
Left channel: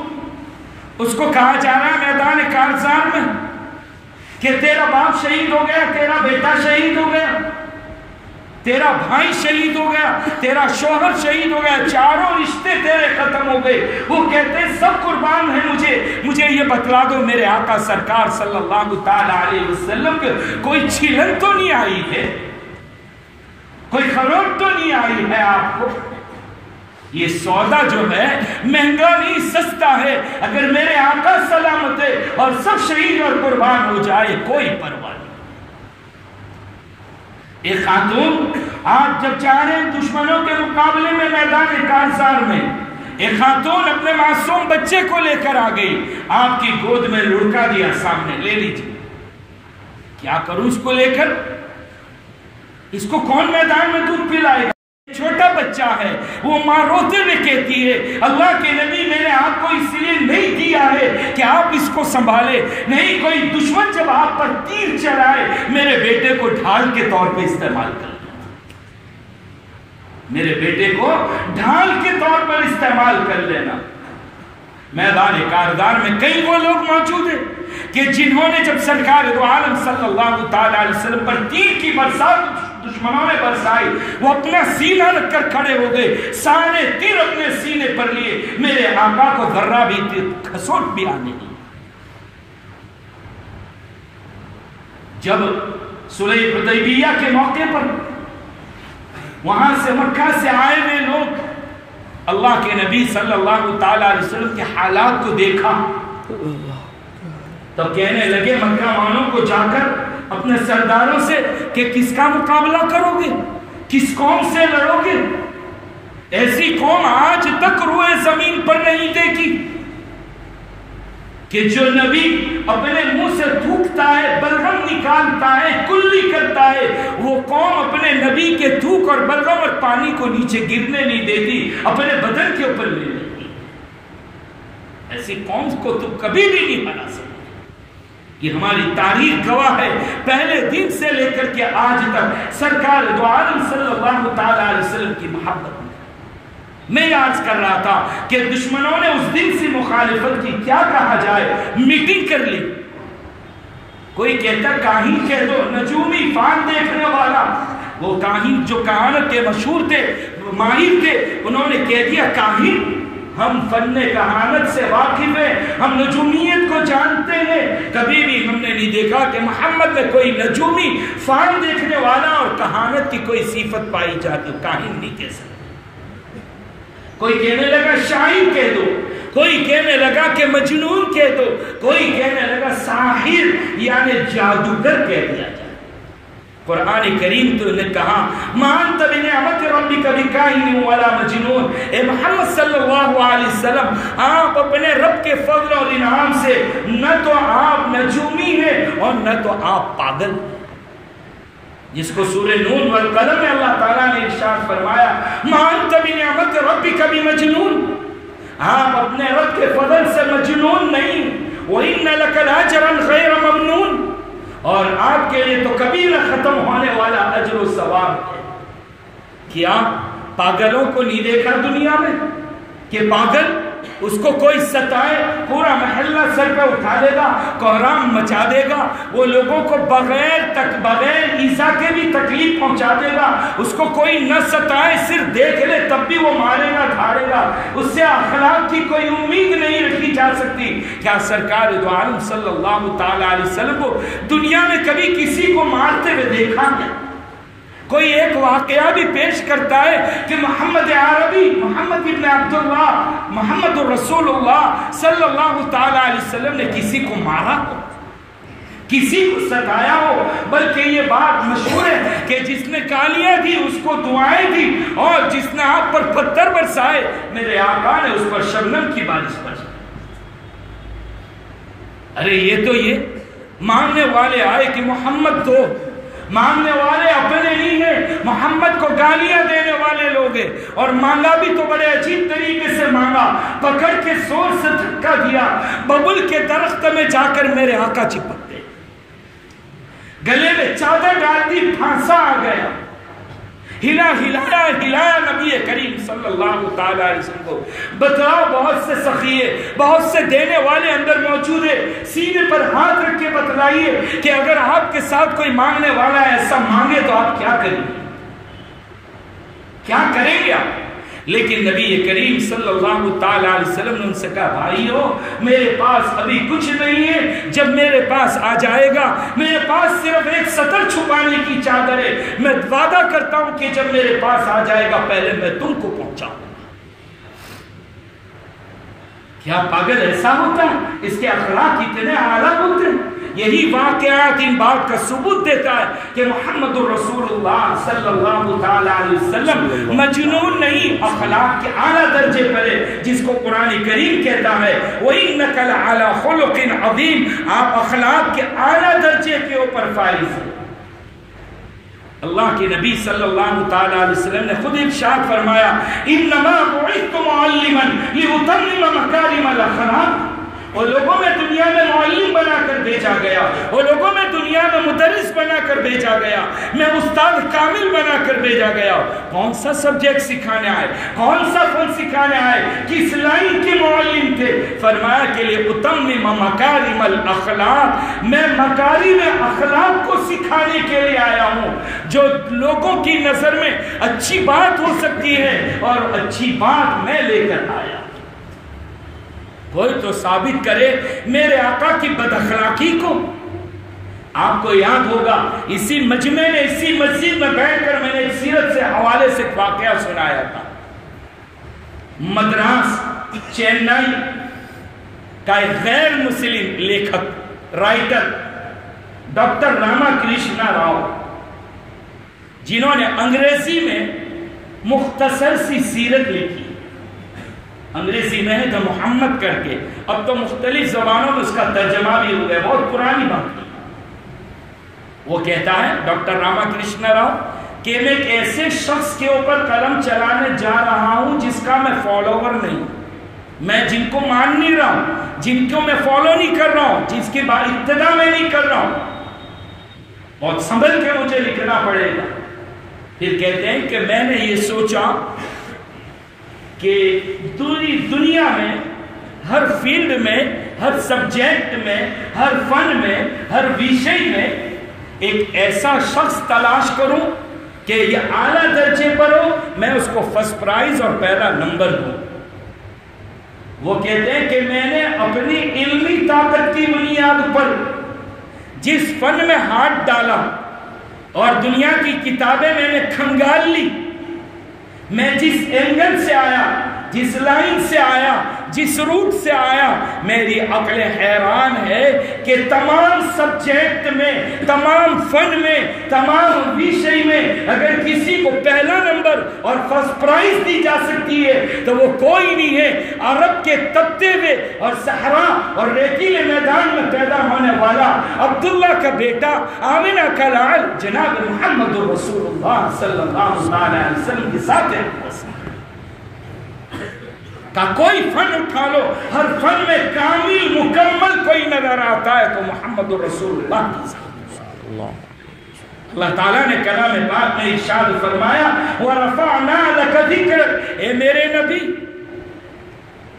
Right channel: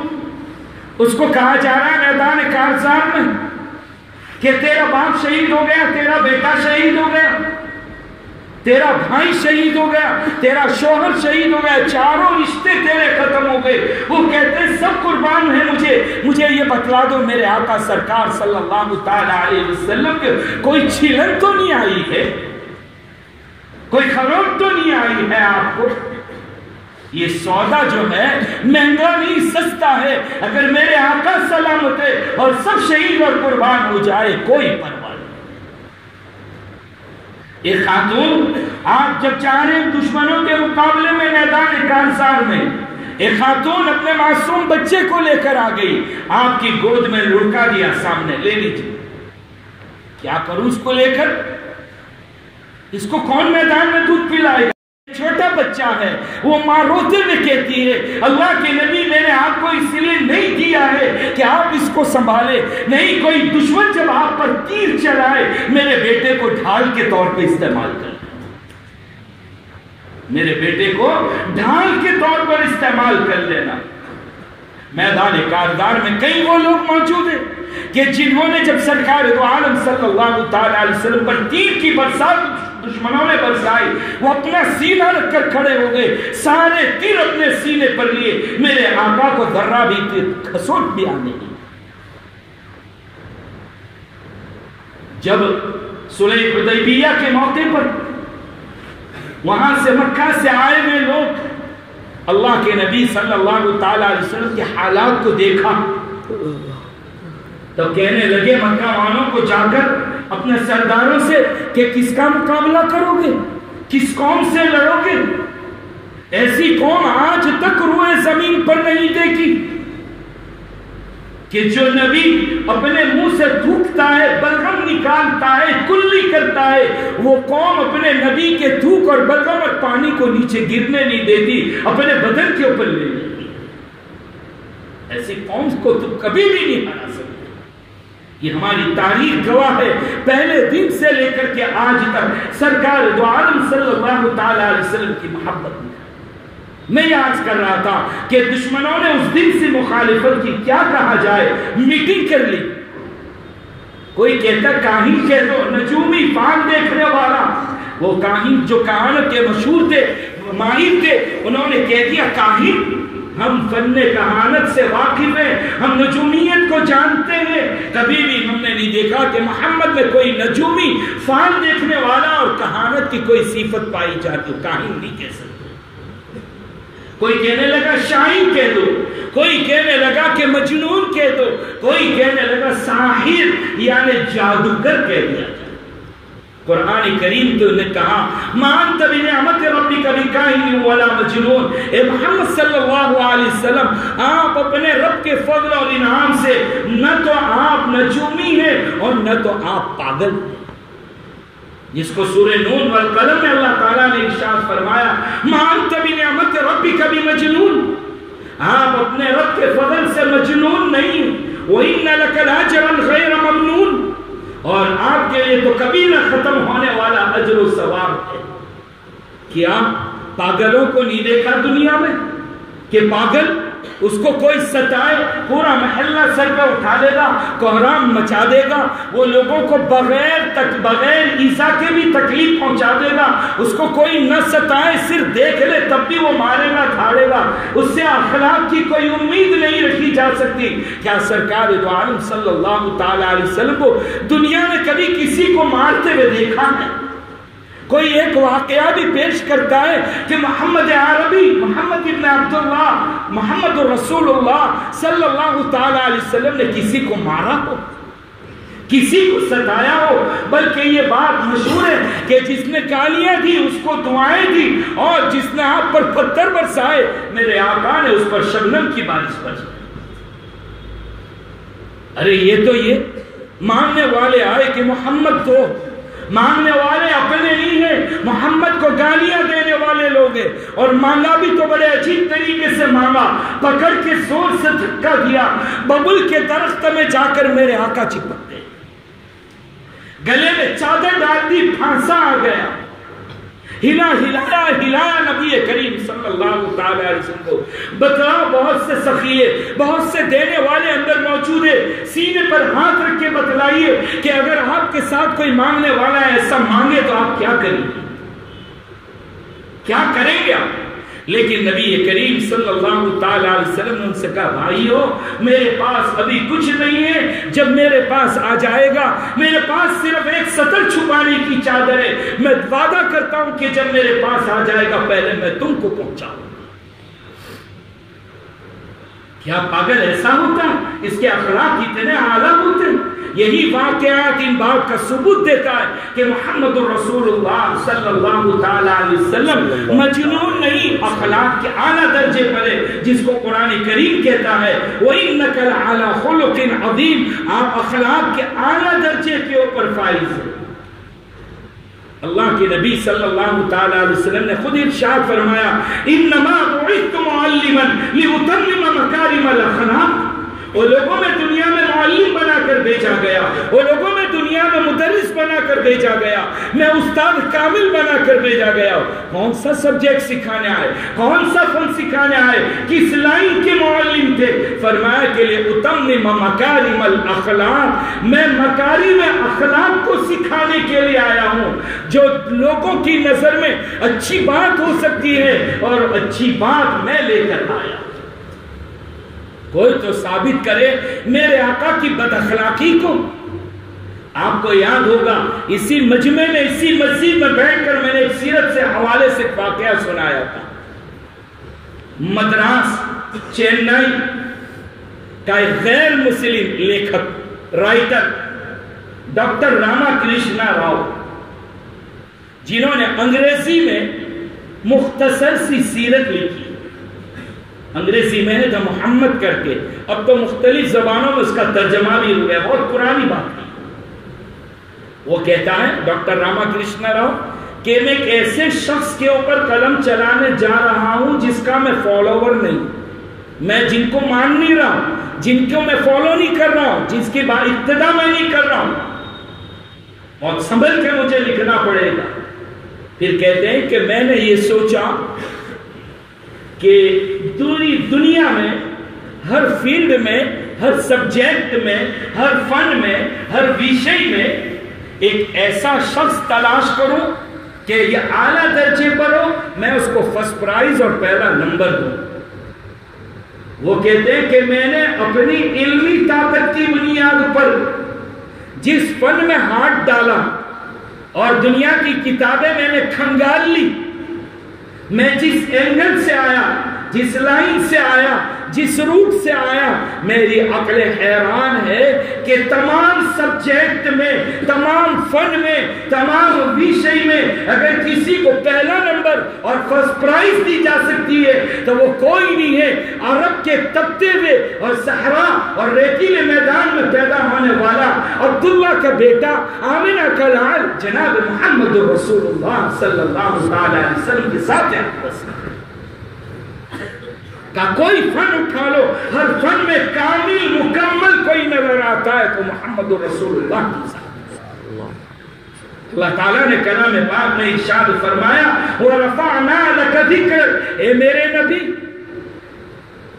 اس کو کہا جا رہا ہے میدان کارزار میں کہ تیرا باپ شہید ہو گیا، تیرا بیٹا شہید ہو گیا، تیرا بھائی شہید ہو گیا، تیرا شوہر شہید ہو گیا، چاروں رشتے تیرے ختم ہو گئے۔ وہ کہتے ہیں سب قربان ہیں، مجھے یہ بتلا دو میرے آقا سرکار صلی اللہ تعالی علیہ وسلم کے کوئی چھلن تو نہیں آئی ہے، کوئی خروٹ تو نہیں آئی ہے آپ کو؟ یہ سودا جو ہے مہنگا نہیں، سستا ہے، اگر میرے آقا سلامت ہے اور سب شہید اور قربان ہو جائے کوئی پرواہ نہیں۔ ایک خاتون، آپ جب چاہیں دشمنوں کے مقابلے میں میدان کارزار میں، ایک خاتون اپنے معصوم بچے کو لے کر آ گئی، آپ کی گود میں لڑکا دیا، سامنے لے لیجیے، کیا کروں اس کو لے کر؟ اس کو کون میدان میں دودھ پلائے گا؟ چھوٹا بچہ ہے، وہ ماں روتے ہوئے کہتی ہے اللہ کے نبی میں نے آپ کو اس لیے نہیں دیا ہے کہ آپ اس کو سنبھالے، نہیں کوئی دشمن جب آپ پر تیر چلائے میرے بیٹے کو ڈھال کے طور پہ استعمال کر لینا، میرے بیٹے کو ڈھال کے طور پر استعمال کر لینا۔ میدان کارزار میں کئی وہ لوگ موجود ہیں کہ جنہوں نے جب سرکار دو عالم صلی اللہ تعالی علیہ وسلم پر تیر کی برسات دشمنوں نے برسائی، وہ اپنا سینہ رکھ کر کھڑے ہو گئے، سارے تیر اپنے سینے پر لیے، میرے آقا کو ذرہ بھی کھسوٹ بھی آنے دی۔ جب صلح حدیبیہ کے موقع پر وہاں سے مکہ سے آئے ہوئے لوگ اللہ کے نبی صلی اللہ تعالی علیہ وسلم کے حالات کو دیکھا تو کہنے لگے مکہ والوں کو جا کر اپنے سرداروں سے کہ کس کا مقابلہ کرو گے، کس قوم سے لڑو گے؟ ایسی قوم آج تک روئے زمین پر نہیں دیکھی کہ جو نبی اپنے منہ سے تھوکتا ہے، بلغم نکالتا ہے، کلی کرتا ہے، وہ قوم اپنے نبی کے تھوک اور بلغم اور پانی کو نیچے گرنے نہیں دیتی، اپنے بدن کے اوپر لے لیتی۔ ایسی قوم کو تم کبھی بھی نہیں بنا سکتے. یہ ہماری تاریخ گواہ ہے. پہلے دن سے لے کر کے آج تک سرکار دو عالم صلی اللہ تعالی علیہ وسلم کی محبت میں عرض کر رہا تھا کہ دشمنوں نے اس دن سے مخالفت کی. کیا کہا جائے؟ میٹنگ کر لی. کوئی کہتا کاہن کہہ دو، نجومی فال دیکھنے والا. وہ کاہن جو کہانت کے مشہور تھے، ماہر تھے، انہوں نے کہہ دیا کاہن ہم فن کہانت سے واقف ہیں، ہم نجومیت کو جانتے ہیں. کبھی بھی ہم نے نہیں دیکھا کہ محمد میں کوئی نجومی فال دیکھنے والا اور کہانت کی کوئی صفت پائی جاتی. کاہن نہیں کہہ سکتے. کوئی کہنے لگا شاعر کہہ دو، کوئی کہنے لگا کہ مجنون کہہ دو، کوئی کہنے لگا ساحر یعنی جادوگر کہہ دیا جائے. قرآن کریم تو نے کہا ما انت بنعمت ربک بکاہن ولا مجنون. اے محمد صلی اللہ علیہ وسلم، آپ اپنے رب کے فضل اور انعام سے نہ تو آپ نجومی ہیں اور نہ تو آپ پاگل ہیں. جس کو سورہ نون والقلم میں اللہ تعالیٰ نے ارشاد فرمایا ما انت بنعمت ربک بمجنون، آپ اپنے رب کے فضل سے مجنون نہیں. وَإِنَّ لَكَ لَأَجْرًا غَيْرَ مَمْنُونٍ، اور آپ کے لیے تو کبھی نہ ختم ہونے والا اجر و ثواب ہے. کیا پاگلوں کو نہیں دیکھا دنیا میں کہ پاگل اس کو کوئی ستائے پورا محلہ سر پہ اٹھا لے گا، کوہرام مچا دے گا، وہ لوگوں کو بغیر ایذا کے بھی تکلیف پہنچا دے گا. اس کو کوئی نہ ستائے، صرف دیکھ لے تب بھی وہ مارے گا، دھاڑے گا. اس سے اخلاق کی کوئی امید نہیں رکھی جا سکتی. کیا سرکار دو عالم صلی اللہ تعالی علیہ وسلم کو دنیا میں کبھی کسی کو مارتے ہوئے دیکھا ہے؟ کوئی ایک واقعہ بھی پیش کرتا ہے کہ محمد عربی، محمد ابن عبداللہ، محمد رسول اللہ صلی اللہ تعالی علیہ وسلم نے کسی کو مارا ہو، کسی کو ستایا ہو؟ بلکہ یہ بات مشہور ہے کہ جس نے گالیاں دی اس کو دعائیں دی، اور جس نے آپ پر پتھر برسائے میرے آقا نے اس پر شبنم کی بارش برسائی. ارے یہ ماننے والے آئے کہ محمد تو ماننے والے اپنے نہیں ہیں، محمد کو گالیاں دینے والے لوگ ہیں. اور مانگا بھی تو بڑے عجیب طریقے سے مانگا، پکڑ کے زور سے دھکا دیا، ببل کے درخت میں جا کر میرے آقا چپک گئے، گلے میں چادر ڈال دی، پھانسا آ گیا. ہلایا نبی کریم صلی اللہ تعالی علیہ وسلم کو. بتلاؤ، بہت سے سخیے، بہت سے دینے والے اندر موجود ہے، سینے پر ہاتھ رکھ کے بتلائیے کہ اگر آپ کے ساتھ کوئی مانگنے والا ایسا مانگے تو آپ کیا کریں گے، کیا کریں گے آپ؟ لیکن نبی کریم صلی اللہ تعالی علیہ وسلم نے ان سے کہا بھائیو میرے پاس ابھی کچھ نہیں ہے، جب میرے پاس آ جائے گا، میرے پاس صرف ایک سطر چھپانے کی چادر ہے، میں وعدہ کرتا ہوں کہ جب میرے پاس آ جائے گا پہلے میں تم کو پہنچاؤں. کیا پاگل ایسا ہوتا ہے؟ اس کے اخلاق اتنے اعلیٰ ہوتے ہیں. یہی واقعات ان بات کا ثبوت دیتا ہے کہ محمد الرسول اللہ صلی اللہ تعالی علیہ وسلم مجنون نہیں، اخلاق کے اعلیٰ درجے پر ہے، جس کو قرآن کریم کہتا ہے وَإِنَّكَ لَعَلَىٰ خُلُقٍ عَظِيمٍ، آپ اخلاق کے اعلیٰ درجے کے اوپر فائز ہیں. اللہ کے نبی صلی اللہ تعالی علیہ وسلم نے خود ارشاد فرمایا انما بعثت معلما لاتمم مکارم الاخلاق. وہ لوگوں میں دنیا میں معلم بنا کر بھیجا گیا، وہ لوگوں میں دنیا میں مدرس بنا کر بھیجا گیا، میں استاد کامل بنا کر بھیجا گیا. کون سا سبجیکٹ سکھانے آئے، کون سا فن سکھانے آئے، کس لائن کے معلم تھے؟ فرمایا کہ لاتمم مکارم الاخلاق، میں مکارم اخلاق کو سکھانے کے لیے آیا ہوں، جو لوگوں کی نظر میں اچھی بات ہو سکتی ہے اور اچھی بات میں لے کر آیا. کوئی تو ثابت کرے میرے آقا کی بد اخلاقی کو. آپ کو یاد ہوگا اسی مجمع میں، اسی مسجد میں بیٹھ کر میں نے ایک سیرت سے حوالے سے واقعہ سنایا تھا. مدراس چینائی کا ایک غیر مسلم لیکھک رائٹر ڈاکٹر راما کرشنا راؤ، جنہوں نے انگریزی میں مختصر سی سیرت لکھی، انگریزی میں ہے جو محمد کر کے، اب تو مختلف زبانوں میں اس کا ترجمہ بھی ہو گیا، بہت پرانی بات ہے. وہ کہتا ہے ڈاکٹر راما کرشنا راؤ کہ میں ایک ایسے شخص کے اوپر قلم چلانے جا رہا ہوں جس کا میں فالوور نہیں. میں جن کو مان نہیں رہا ہوں، جن کو میں فالو نہیں کر رہا ہوں، جس کی ابتدا میں نہیں کر رہا ہوں، اور سنبھل کے مجھے لکھنا پڑے گا۔ پھر کہتے ہیں کہ میں نے یہ سوچا کہ دنیا میں ہر فیلڈ میں، ہر سبجیکٹ میں، ہر فن میں، ہر وشے میں ایک ایسا شخص تلاش کروں کہ یہ اعلیٰ درجے پر ہو، میں اس کو فرسٹ پرائز اور پہلا نمبر دوں۔ وہ کہتے ہیں کہ میں نے اپنی علمی طاقت کی بنیاد پر جس فن میں ہاتھ ڈالا اور دنیا کی کتابیں میں نے کھنگال لی، میں جس اینگل سے آیا، جس لائن سے آیا، جس روٹ سے آیا، میری عقل حیران ہے کہ تمام سبجیکٹ میں، تمام فن میں، تمام وشے میں اگر کسی کو پہلا نمبر اور فرسٹ پرائز دی جا سکتی ہے تو وہ کوئی نہیں ہے، عرب کے تپتے ہوئے اور صحرا اور ریتیلے میدان میں پیدا ہونے والا عبداللہ کا بیٹا، آمنہ کا لال، جناب محمد رسول اللہ صلی اللہ علیہ وسلم کے ساتھ ہے کا کوئی فن اٹھا لو، ہر فن میں کامل مکمل کوئی نظر آتا ہے تو محمد رسول اللہ کی ذات۔ اللہ تعالیٰ نے کلام پاک میں ارشاد فرمایا وَرَفَعْنَا لَكَ ذِكْرَكَ، اے میرے نبی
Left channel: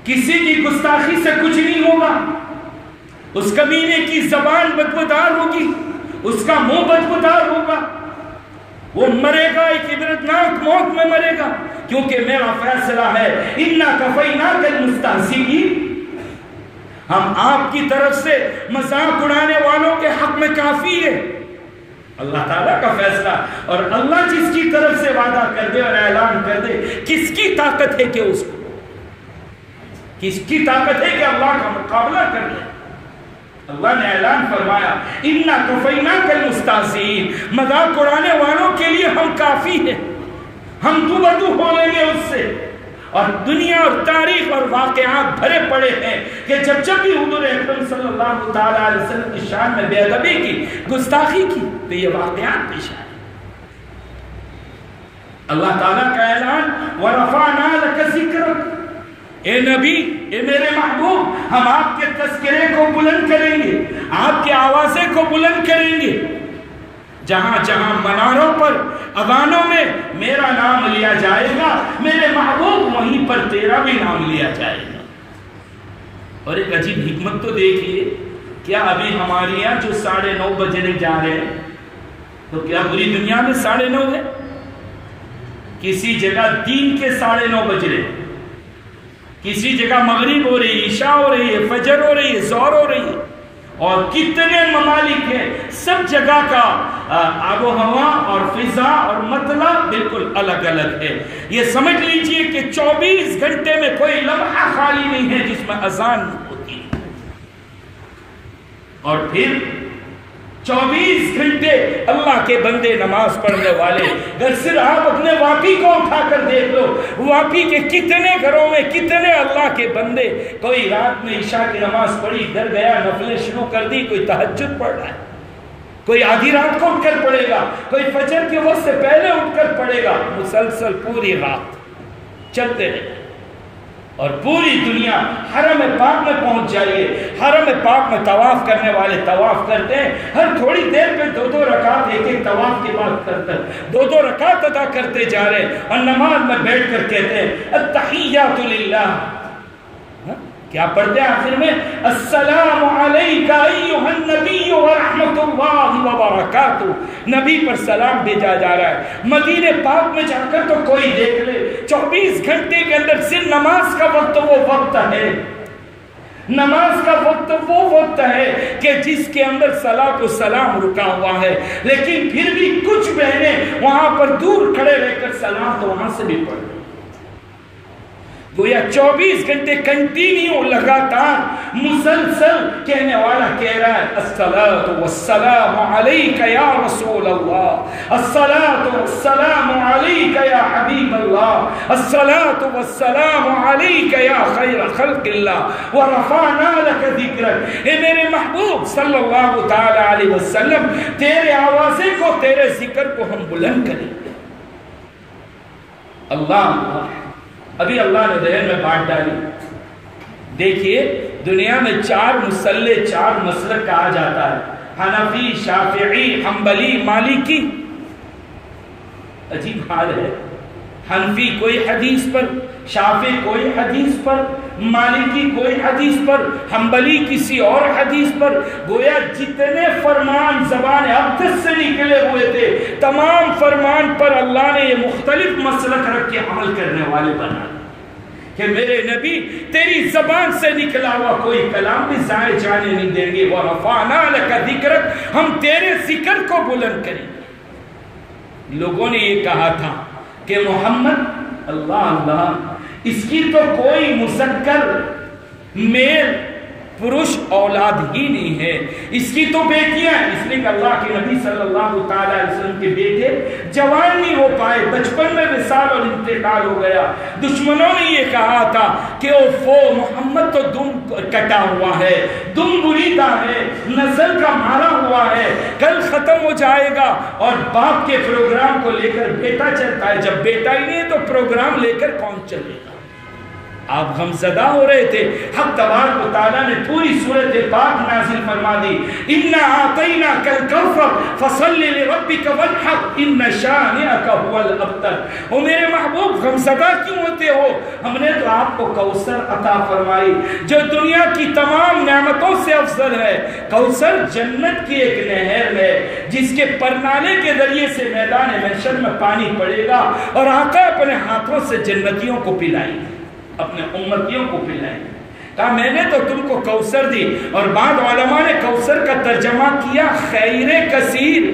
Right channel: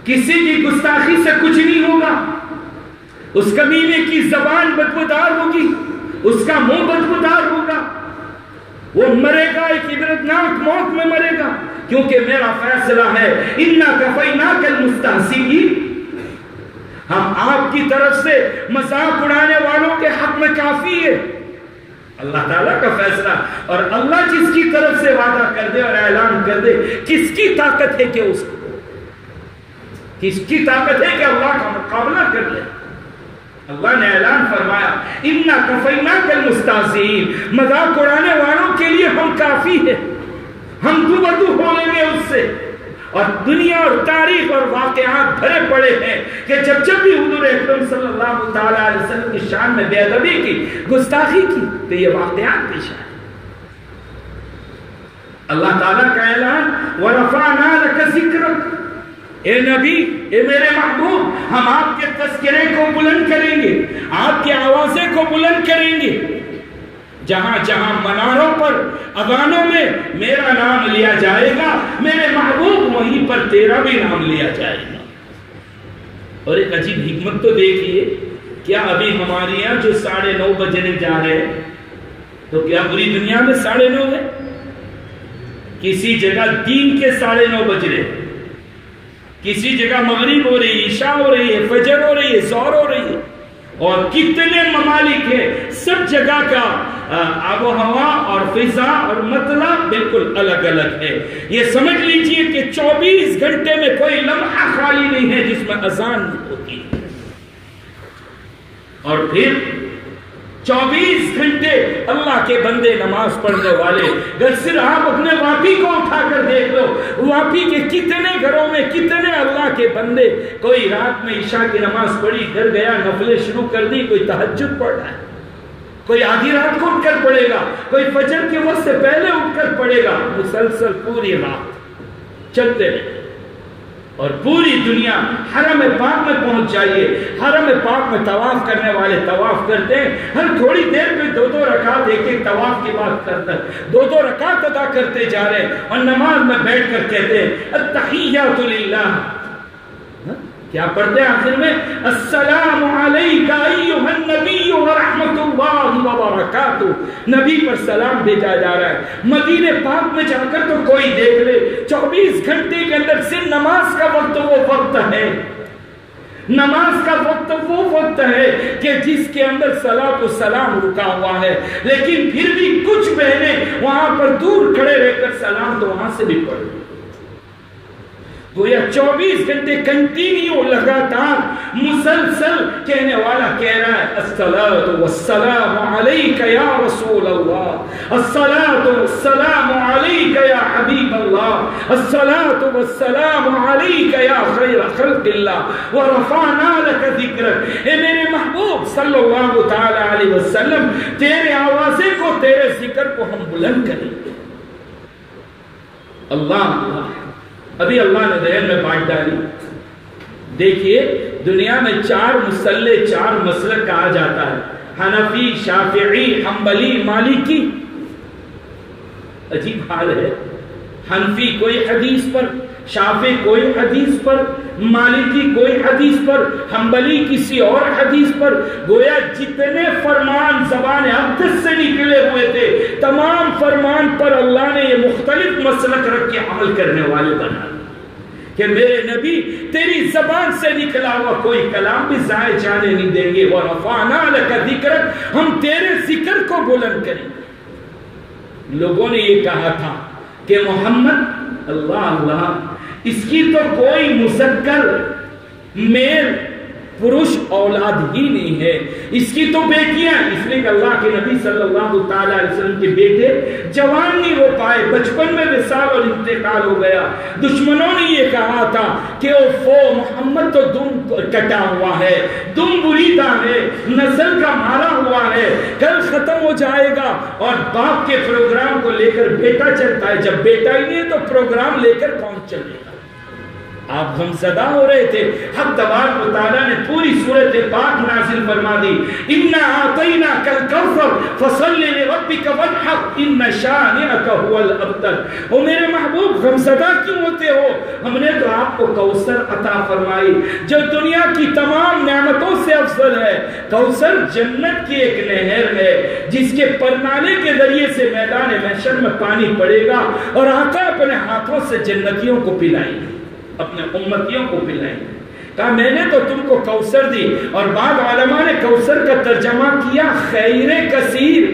کسی کی گستاخی سے کچھ نہیں ہوگا، اس کمینے کی زبان بدبودار ہوگی، اس کا منہ بدبودار ہوگا، وہ مرے گا، ایک عبرتناک موت میں مرے گا، کیونکہ میرا فیصلہ ہے اِنَّا كَفَيْنَاكَ الْمُسْتَهْزِئِينَ، ہم آپ کی طرف سے مذاق اڑانے والوں کے حق میں کافی ہے۔ اللہ تعالیٰ کا فیصلہ، اور اللہ جس کی طرف سے وعدہ کر دے اور اعلان کر دے، کس کی طاقت ہے کہ اس کو، کس کی طاقت ہے کہ اللہ کا مقابلہ کر لے۔ اللہ نے اعلان فرمایا اِنَّا كَفَيْنَاكَ الْمُسْتَهْزِئِينَ، مذاق اڑانے والوں کے لیے ہم کافی ہے، ہم دو بدو ہو لیں گے اس سے۔ اور دنیا اور تاریخ اور واقعات بھرے پڑے ہیں کہ جب بھی حضور اکرم صلی اللہ تعالیٰ علیہ وسلم کی شان میں بے ادبی کی، گستاخی کی، تو یہ واقعات پیش آئے۔ اللہ تعالیٰ کا اعلان وَرَفَعْنَا لَكَ ذِكْرَكَ، اے نبی، اے میرے محبوب، ہم آپ کے تذکرے کو بلند کریں گے، آپ کی آوازیں کو بلند کریں گے، جہاں جہاں مناروں پر، اذانوں میں میرا نام لیا جائے گا، میرے محبوب وہیں پر تیرا بھی نام لیا جائے گا۔ اور ایک عجیب حکمت تو دیکھیے، کیا ابھی ہمارے یہاں جو 9:30 بجنے جا رہے ہیں تو کیا پوری دنیا میں 9:30 ہے؟ کسی جگہ دین کے 9:30 بج رہے، کسی جگہ مغرب ہو رہی، عشاء ہو رہی ہے، فجر ہو رہی ہے، ظہر ہو رہی ہے، اور کتنے ممالک ہیں، سب جگہ کا آب و ہوا اور فضا اور مطلب بالکل الگ الگ ہے۔ یہ سمجھ لیجئے کہ 24 گھنٹے میں کوئی لمحہ خالی نہیں ہے جس میں اذان ہوتی ہے، اور پھر 24 گھنٹے اللہ کے بندے نماز پڑھنے والے۔ اگر صرف آپ اپنے واقعی کو اٹھا کر دیکھ لو، واقعی کے کتنے گھروں میں کتنے اللہ کے بندے، کوئی رات میں عشاء کی نماز پڑھی، گھر گیا، نفلیں شروع کر دی، کوئی تہجد پڑھ رہا ہے، کوئی آدھی رات کو اٹھ کر پڑھے گا، کوئی فجر کے وقت سے پہلے اٹھ کر پڑھے گا، مسلسل پوری رات چلتے رہے۔ اور پوری دنیا حرم پاک میں پہنچ جائیے، حرم پاک میں طواف کرنے والے طواف کرتے ہیں، ہر تھوڑی دیر میں 2 رکعت ایک طواف کی بات کرتے ہیں، 2 رکعت ادا کرتے جا رہے ہیں، اور نماز میں بیٹھ کر کہتے ہیں التحیات للہ، کیا پڑھتے ہیں آخر میں؟ السلام علیکہ ایہا النبی ورحمۃ اللہ وبرکاتہ، نبی پر سلام بھیجا جا رہا ہے۔ مدینہ پاک میں جا کر تو کوئی دیکھ لے، 24 گھنٹے کے اندر صرف نماز کا وقت وہ وقت ہے، نماز کا وقت وہ وقت ہے کہ جس کے اندر صلاۃ و سلام رکا ہوا ہے، لیکن پھر بھی کچھ بہنیں وہاں پر دور کھڑے رہ کر سلام تو وہاں سے بھی پڑھ، گویا 24 گھنٹے کنٹینیو لگاتار مسلسل کہنے والا کہہ رہا ہے الصلاۃ والسلام علیک یا رسول اللہ، الصلاۃ والسلام علیک یا حبیب اللہ، الصلاۃ والسلام علیک یا خیر خلق اللہ، ورفعنا لک ذکرک، اے میرے محبوب صلی اللہ تعالی علیہ وسلم، تیرے آوازے کو، تیرے ذکر کو ہم بلند کریں گے۔ اللہ ابھی اللہ نے ذہن میں بات ڈالی دیکھیے دنیا میں 4 مسلح 4 مسلک کہا جاتا ہے، حنفی، شافعی، حنبلی، مالکی۔ عجیب حال ہے، حنفی کوئی حدیث پر، شافعی کوئی حدیث پر، مالکی کوئی حدیث پر، حنبلی کسی اور حدیث پر۔ گویا جتنے فرمان زبان اقدس سے نکلے ہوئے تھے، تمام فرمان پر اللہ نے یہ مختلف مسلک رکھ کے عمل کرنے والے بنا کہ میرے نبی تیری زبان سے نکلا ہوا کوئی کلام بھی ضائع جانے نہیں دیں گے، وَرَفَعْنَا لَكَ ذِكْرَكَ، ہم تیرے ذکر کو بلند کریں گے۔ لوگوں نے یہ کہا تھا کہ محمد اللہ اس کی تو کوئی مذکر میل پروش اولاد ہی نہیں ہے، اس کی تو بیٹیاں، اس لیے کہ اللہ کے نبی صلی اللہ علیہ وسلم کے بیٹے جوان نہیں ہو پائے، بچپن میں وصال اور انتقال ہو گیا۔ دشمنوں نے یہ کہا تھا کہ محمد تو دم کٹا ہوا ہے، دم بریدہ ہے، نسل کا مارا ہوا ہے، کل ختم ہو جائے گا۔ اور باپ کے پروگرام کو لے کر بیٹا چلتا ہے، جب بیٹا ہی نہیں ہے تو پروگرام لے کر کون چلے گا؟ آپ غمزدہ ہو رہے تھے۔ حق تبارک و تعالیٰ نے پوری سورۃ پاک نازل فرما دی، اِنَّا أَعْطَيْنَاكَ الْكَوْثَرَ فَصَلِّ لِرَبِّكَ وَانْحَرْ إِنَّ شَانِئَكَ هُوَ الْأَبْتَرُ۔ او میرے محبوب غمزدہ کیوں ہوتے ہو؟ ہم نے تو آپ کو کوثر عطا فرمائی جو دنیا کی تمام نعمتوں سے افضل ہے۔ کوثر جنت کی ایک نہر ہے جس کے پرنالے کے ذریعے سے میدان محشر میں پانی پڑے گا اور آقا اپنے ہاتھوں سے جنتیوں کو پلائیں گے، اپنے امتیوں کو پلائیں۔ کہا میں نے تو تم کو کوثر دی، اور بعض علماء نے کوثر کا ترجمہ کیا خیر کثیر،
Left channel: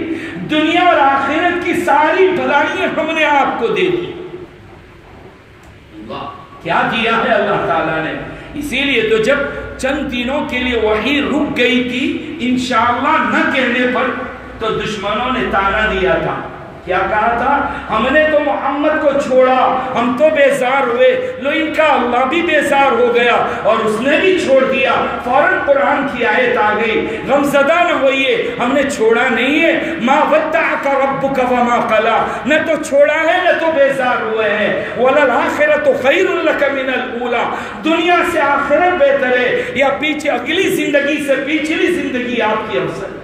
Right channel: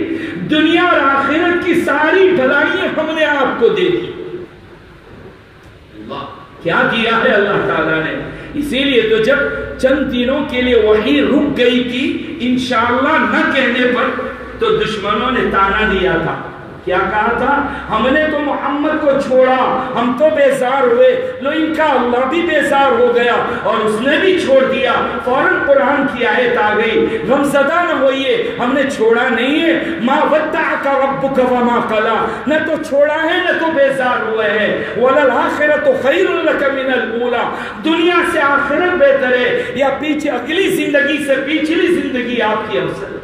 دنیا اور آخرت کی ساری بھلائیاں ہم نے آپ کو دے دی۔ کیا کیا ہے اللہ تعالیٰ نے؟ اسی لیے تو جب چند دنوں کے لیے وحی رک گئی تھی انشاءاللہ نہ کہنے پر، تو دشمنوں نے تانا دیا تھا، کیا کہا تھا؟ ہم نے تو محمد کو چھوڑا، ہم تو بیزار ہوئے، لو ان کا اللہ بھی بیزار ہو گیا اور اس نے بھی چھوڑ دیا۔ فوراً قرآن کی آیت آ گئی، غمزدہ نہ ہوئیے، ہم نے چھوڑا نہیں ہے، ما ودعک ربک وما قلی، نہ تو چھوڑا ہے نہ تو بیزار ہوئے ہیں، وللآخرۃ خیر لک من الاولی، دنیا سے آخرت بہتر ہے یا پیچھے اگلی زندگی سے پچھلی زندگی آپ کی افضل۔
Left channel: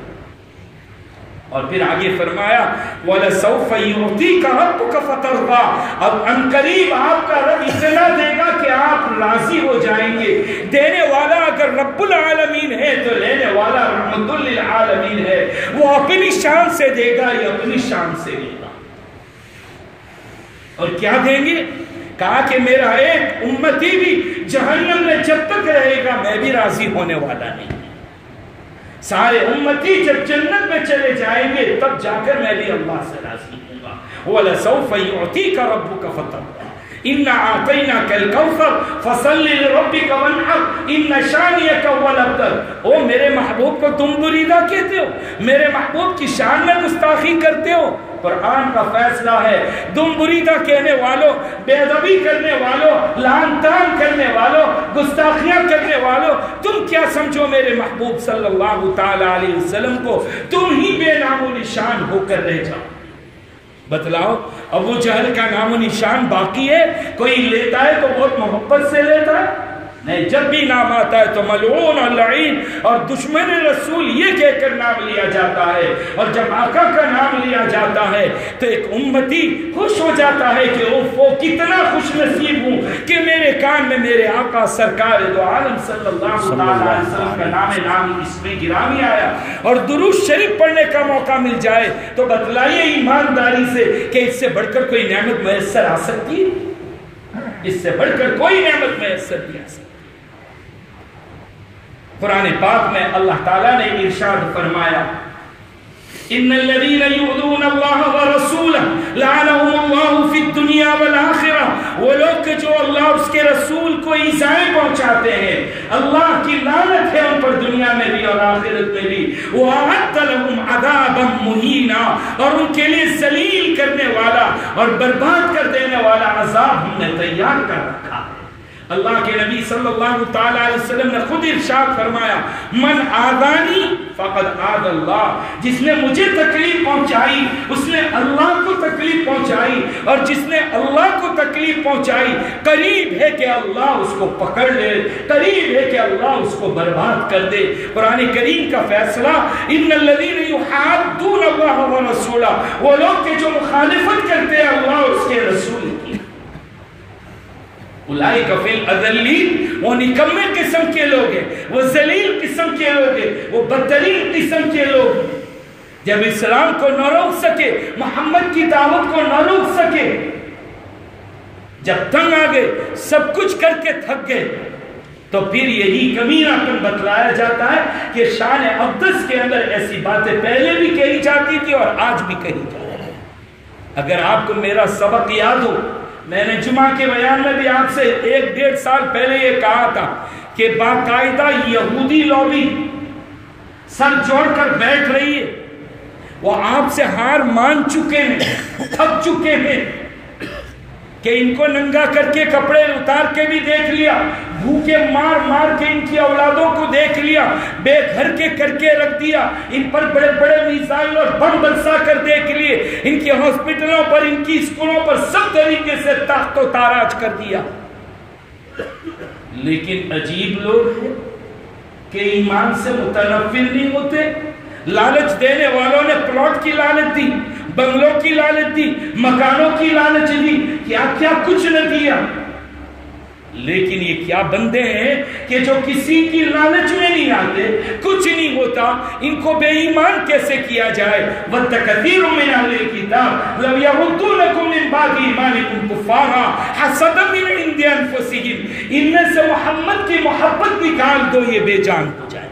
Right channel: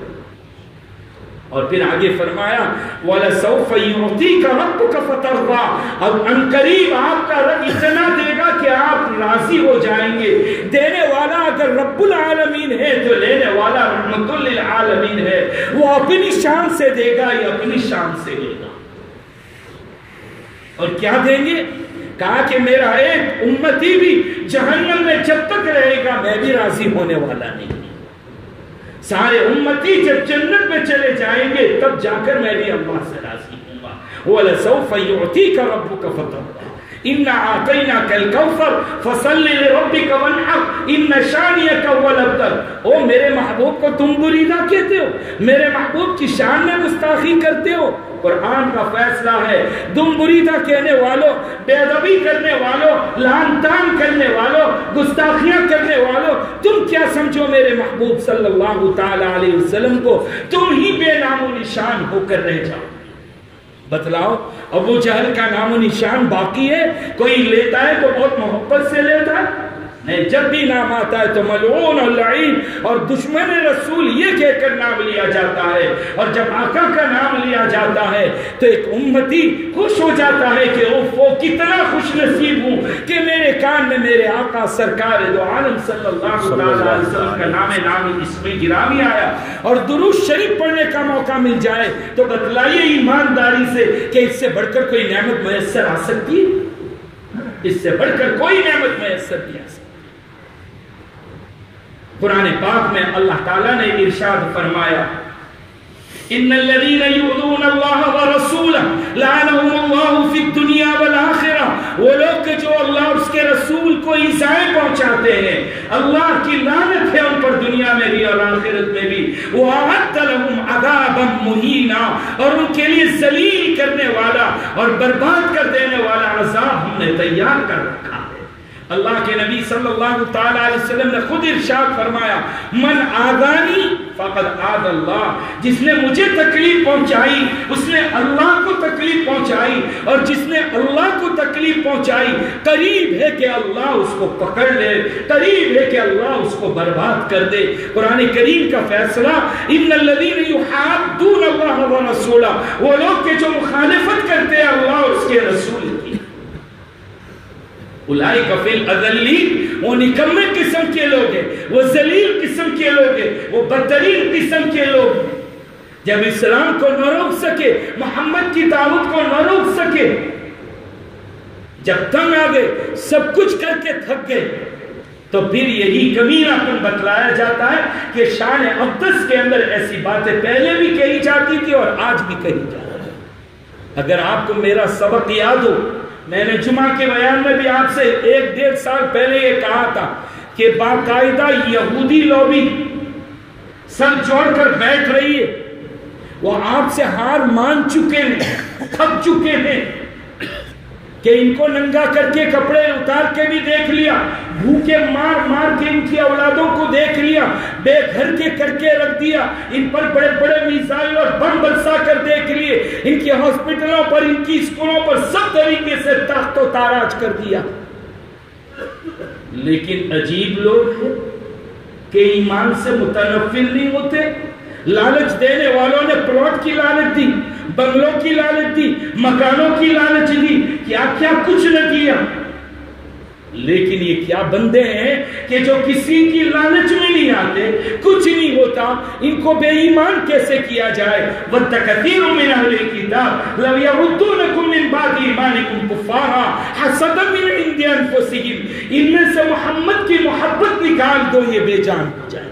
اور پھر آگے فرمایا وَلَسَوْفَ يُعْطِيكَ رَبُّكَ فَتَرْضَىٰ، اب انقریب آپ کا رب اتنا دے گا کہ آپ راضی ہو جائیں گے۔ دینے والا اگر رب العالمین ہے تو لینے والا رحمت للعالمین ہے، وہ اپنی شان سے دے گا یا اپنی شان سے دے گا۔ اور کیا دیں گے؟ کہا کہ میرا ایک امتی بھی جہنم میں جب تک رہے گا میں بھی راضی ہونے والا نہیں۔ سارے امتی جب جنت میں چلے جائیں گے تب جا کر میں بھی اللہ سے راضی ہوں گا۔ وَلَسَوْفَ يُعْطِيكَ رَبُّكَ فَتَرْضَىٰ إِنَّا أَعْطَيْنَاكَ الْكَوْثَرَ فَصَلِّ لِرَبِّكَ وَانْحَرْ إِنَّ شَانِئَكَ هُوَ الْأَبْتَرُ۔ او میرے محبوب کو تم بریدہ کہتے ہو، میرے محبوب کی شان میں گستاخی کرتے ہو۔ قرآن کا فیصلہ ہے، تم بریدہ کہنے والوں، بے ادبی کرنے والوں، لعن طعن کرنے والوں، گستاخیاں کرنے والوں، تم کیا سمجھو میرے محبوب صلی اللہ تعالی علیہ وسلم کو؟ تم ہی بے نام و نشان ہو کر رہ جاؤ۔ بتلاؤ ابو جہل کا نام و نشان باقی ہے؟ کوئی لیتا ہے تو بہت محبت سے لیتا ہے، نہیں، جب بھی نام آتا ہے تو ملعون اور لعین اور دشمن رسول یہ کہہ کر نام لیا جاتا ہے، اور جب آقا کا نام لیا جاتا ہے تو ایک امتی خوش ہو جاتا ہے کہ وہ کتنا خوش نصیب ہوں کہ میرے کان میں میرے آقا سرکار دو عالم صلی اللہ علیہ وسلم کا نام اس میں گرامی آیا، اور درود شریف پڑھنے کا موقع مل جائے تو بتلائیے ایمانداری سے کہ اس سے بڑھ کر کوئی نعمت میسر آ سکتی ہے؟ اس سے بڑھ کر کوئی نعمت میسر نہیں آ سکتی۔ قرآن پاک میں اللہ تعالیٰ نے ارشاد فرمایا ان الذين يؤذون الله ورسوله لعنهم الله في الدنيا والآخرة، وہ لوگ جو اللہ اس کے رسول کو ایذائیں پہنچاتے ہیں اللہ کی لعنت ہے ان پر دنیا میں بھی اور آخرت میں بھی۔ وَأَعَدَّ لَهُمْ عَذَابًا مُهِينًا، اور ان کے لیے ذلیل کرنے والا اور برباد کر دینے والا عذاب ہم نے تیار کر رکھا۔ اللہ کے نبی صلی اللہ تعالی علیہ وسلم نے خود ارشاد فرمایا من آذانی فقد آذى اللہ، جس نے مجھے تکلیف پہنچائی اس نے اللہ کو تکلیف پہنچائی۔ اور جس نے اللہ کو تکلیف پہنچائی قریب ہے کہ اللہ اس کو پکڑ لے، قریب ہے کہ اللہ اس کو برباد کر دے۔ قرآن کریم کا فیصلہ ان الذین یحادون اللہ ورسولہ، وہ لوگ کہ جو مخالفت کرتے ہیں اللہ اور اس کے رسول کی، اولئک فی الاذلین، وہ نکمے قسم کے لوگ ہیں، وہ ذلیل قسم کے لوگ ہیں، وہ بدترین قسم کے لوگ ہیں۔ جب اسلام کو نہ روک سکے، محمد کی دعوت کو نہ روک سکے، جب تنگ آ گئے، سب کچھ کر کے تھک گئے، تو پھر یہی کمینہ پن بتلایا جاتا ہے کہ شان اقدس کے اندر ایسی باتیں پہلے بھی کہی جاتی تھی اور آج بھی کہی جاتی ہے۔ اگر آپ کو میرا سبق یاد ہو، میں نے جمعہ کے بیان میں بھی آپ سے 1-1.5 سال پہلے یہ کہا تھا کہ باقاعدہ یہودی لوبی سر جوڑ کر بیٹھ رہی ہے، وہ آپ سے ہار مان چکے ہیں، تھک چکے ہیں کہ ان کو ننگا کر کے کپڑے اتار کے بھی دیکھ لیا، بھوکے مار مار کے ان کی اولادوں کو دیکھ لیا، بے گھر کے کر کے رکھ دیا، ان پر بڑے بڑے میزائل اور بم برسا کر دیکھ لیے، ان کے ہاسپٹلوں پر، ان کی اسکولوں پر سب طریقے سے تخت و تاراج کر دیا۔ لیکن عجیب لوگ ہیں کہ ایمان سے متنفر نہیں ہوتے۔ لالچ دینے والوں نے پلاٹ کی لالچ دی، بنگلوں کی لالچ دی، مکانوں کی لالچ دی، کیا کیا کچھ نہ کیا، لیکن یہ کیا بندے ہیں کہ جو کسی کی لالچ میں نہیں آتے، کچھ نہیں ہوتا، ان کو بے ایمان کیسے کیا جائے؟ وَدَّ كَثِيرٌ مِّنْ أَهْلِ الْكِتَابِ لَوْ يَرُدُّونَكُم مِّن بَعْدِ إِيمَانِكُمْ كُفَّارًا حَسَدًا مِّنْ عِندِ أَنفُسِهِمْ، ان میں سے محمد کی محبت نکال دو، یہ بے جان ہو جائے۔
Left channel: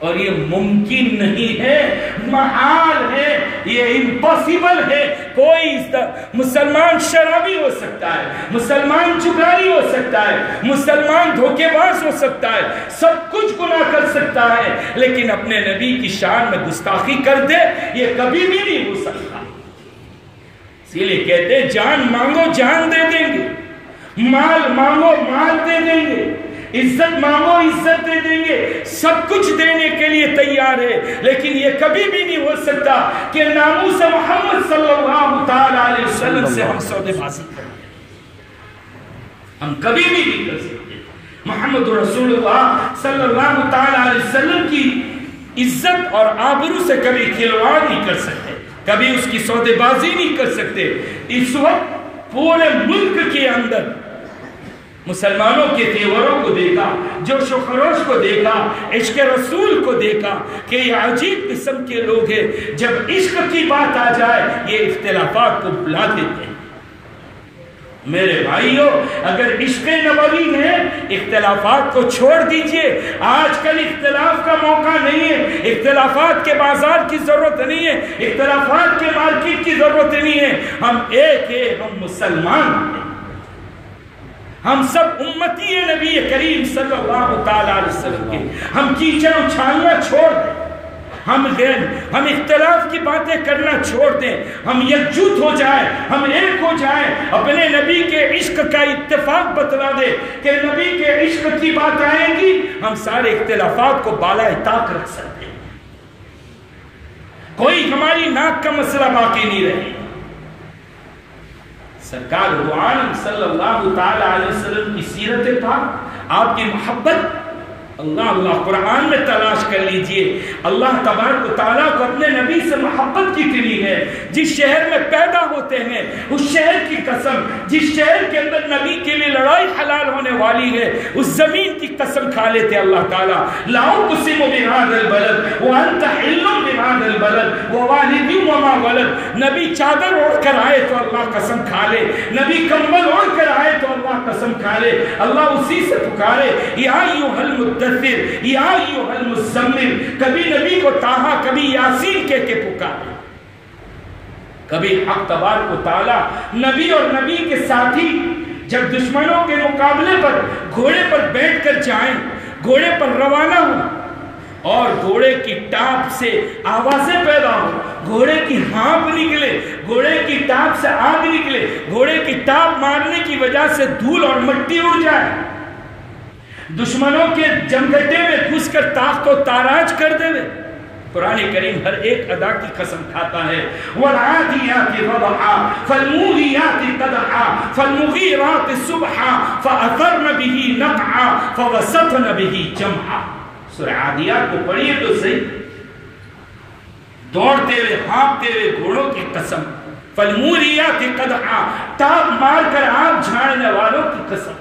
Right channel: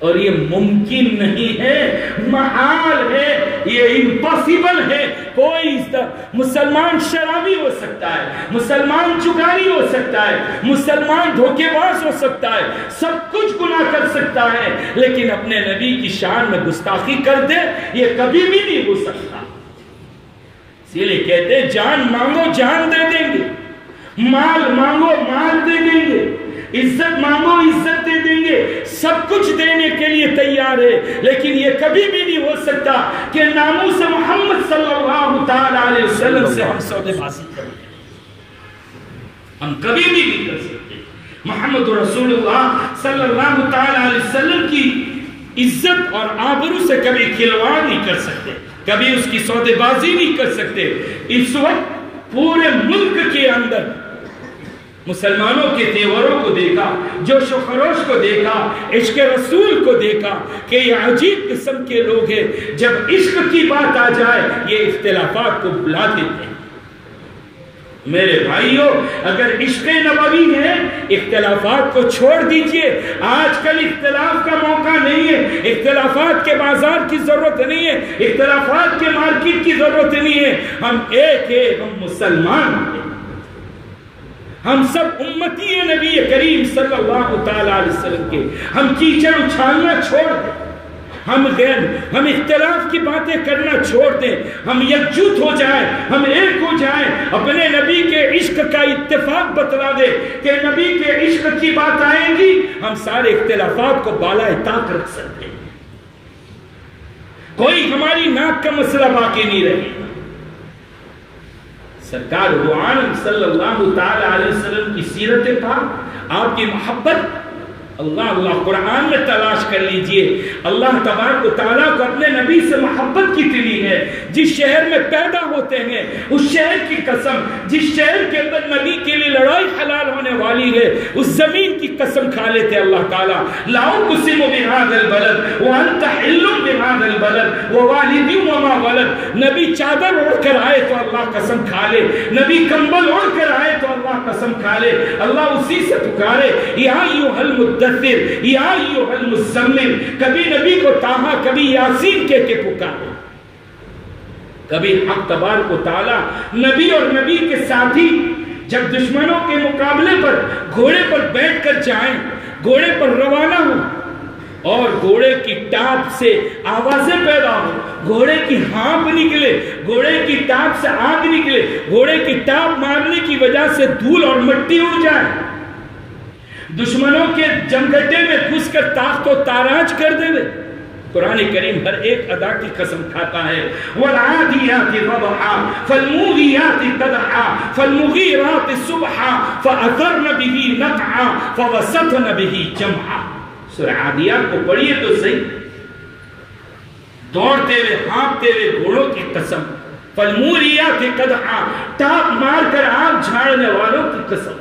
اور یہ ممکن نہیں ہے، محال ہے، یہ امپاسبل ہے۔ کوئی مسلمان شرابی ہو سکتا ہے، مسلمان چگاری ہو سکتا ہے، مسلمان دھوکے باز ہو سکتا ہے، سب کچھ گناہ کر سکتا ہے، لیکن اپنے نبی کی شان میں گستاخی کر دے، یہ کبھی بھی نہیں ہو سکتا۔ اسی لیے کہتے ہیں جان مانگو جان دے دیں گے، مال مانگو مال دے دیں گے، عزت مانگو عزت دے دیں گے، سب کچھ دینے کے لیے تیار ہے، لیکن یہ کبھی بھی نہیں ہو سکتا کہ ناموس محمد صلی اللہ تعالی علیہ وسلم سے ہم سودے بازی کریں، ہم کبھی بھی نہیں کر سکتے۔ محمد رسول اللہ صلی اللہ تعالی علیہ وسلم کی عزت اور آبرو سے کبھی کھلواڑ نہیں کر سکتے، کبھی اس کی سودے بازی نہیں کر سکتے۔ اس وقت پورے ملک کے اندر مسلمانوں کے تیوروں کو دیکھا، جوش و خروش کو دیکھا، عشق رسول کو دیکھا کہ یہ عجیب قسم کے لوگ ہیں، جب عشق کی بات آ جائے یہ اختلافات کو بلا دیتے ہیں۔ میرے بھائیوں، اگر عشق نبوی ہے اختلافات کو چھوڑ دیجئے، آج کل اختلاف کا موقع نہیں ہے، اختلافات کے بازار کی ضرورت نہیں ہے، اختلافات کے مارکیٹ کی ضرورت نہیں ہے، ہم ایک ہیں، ہم مسلمان ہیں، ہم سب امتی نبی کریم صلی اللہ تعالی علیہ وسلم کے، ہم کیچڑ اچھالنا چھوڑ دیں، ہم اختلاف کی باتیں کرنا چھوڑ دیں، ہم یکجوت ہو جائیں، ہم ایک ہو جائیں، اپنے نبی کے عشق کا اتفاق بتلا دے کہ نبی کے عشق کی بات آئے گی، ہم سارے اختلافات کو بالائے طاق رکھ سکتے ہیں، کوئی ہماری ناک کا مسئلہ باقی نہیں رہے۔ سرکار دو عالم صلی اللہ تعالی علیہ وسلم کی سیرت پاک، آپ کی محبت اللہ قرآن میں تلاش کر لیجئے۔ اللہ تبارک و تعالیٰ کو اپنے نبی سے محبت کتنی ہے، جس شہر میں پیدا ہوتے ہیں اس شہر کی قسم، جس شہر کے اندر نبی کے لیے لڑائی حلال ہونے والی ہے اس زمین کی قسم کھا لیتے اللہ تعالیٰ، لا اقسم بہذا البلد وانت حل بہذا البلد ووالد وما ولد۔ نبی چادر اوڑھ کر آئے تو اللہ قسم کھا لے، نبی کمبل اوڑھ کر آئے تو اللہ قسم کھا لے، اللہ اسی سے پکارے یا ایھا المدثر یا ایھا المزمل، کبھی نبی کو تاہا کبھی یاسین کہہ کے پکارے۔ کبھی حق تبارک و تعالیٰ نبی اور نبی کے ساتھی جب دشمنوں کے مقابلے پر گھوڑے پر بیٹھ کر جائیں، گھوڑے پر روانہ ہو اور گھوڑے کی ٹاپ سے آوازیں پیدا ہو، گھوڑے کی ہانپ نکلے، گھوڑے کی ٹاپ سے آگ نکلے، گھوڑے کی ٹاپ مارنے کی وجہ سے دھول اور مٹی اڑ جائے، دشمنوں کے جمگھٹے میں گھس کر تاخت و تاراج کر دے، قرآن کریم ہر ایک ادا کی قسم کھاتا ہے. وَالْعَادِيَاتِ ضَبْحًا فَالْمُورِيَاتِ قَدْحًا فَالْمُغِيرَاتِ صُبْحًا فَأَثَرْنَ بِهِ نَقْعًا فَوَسَطْنَ بِهِ جَمْعًا. سورہ عادیات کو پڑھیے تو صحیح. دوڑتے ہوئے ہانپتے ہوئے گھوڑوں کی قسم. فَالْمُورِيَاتِ قَدْحًا تاپ مار کر آگ جھاڑنے والوں کی قسم.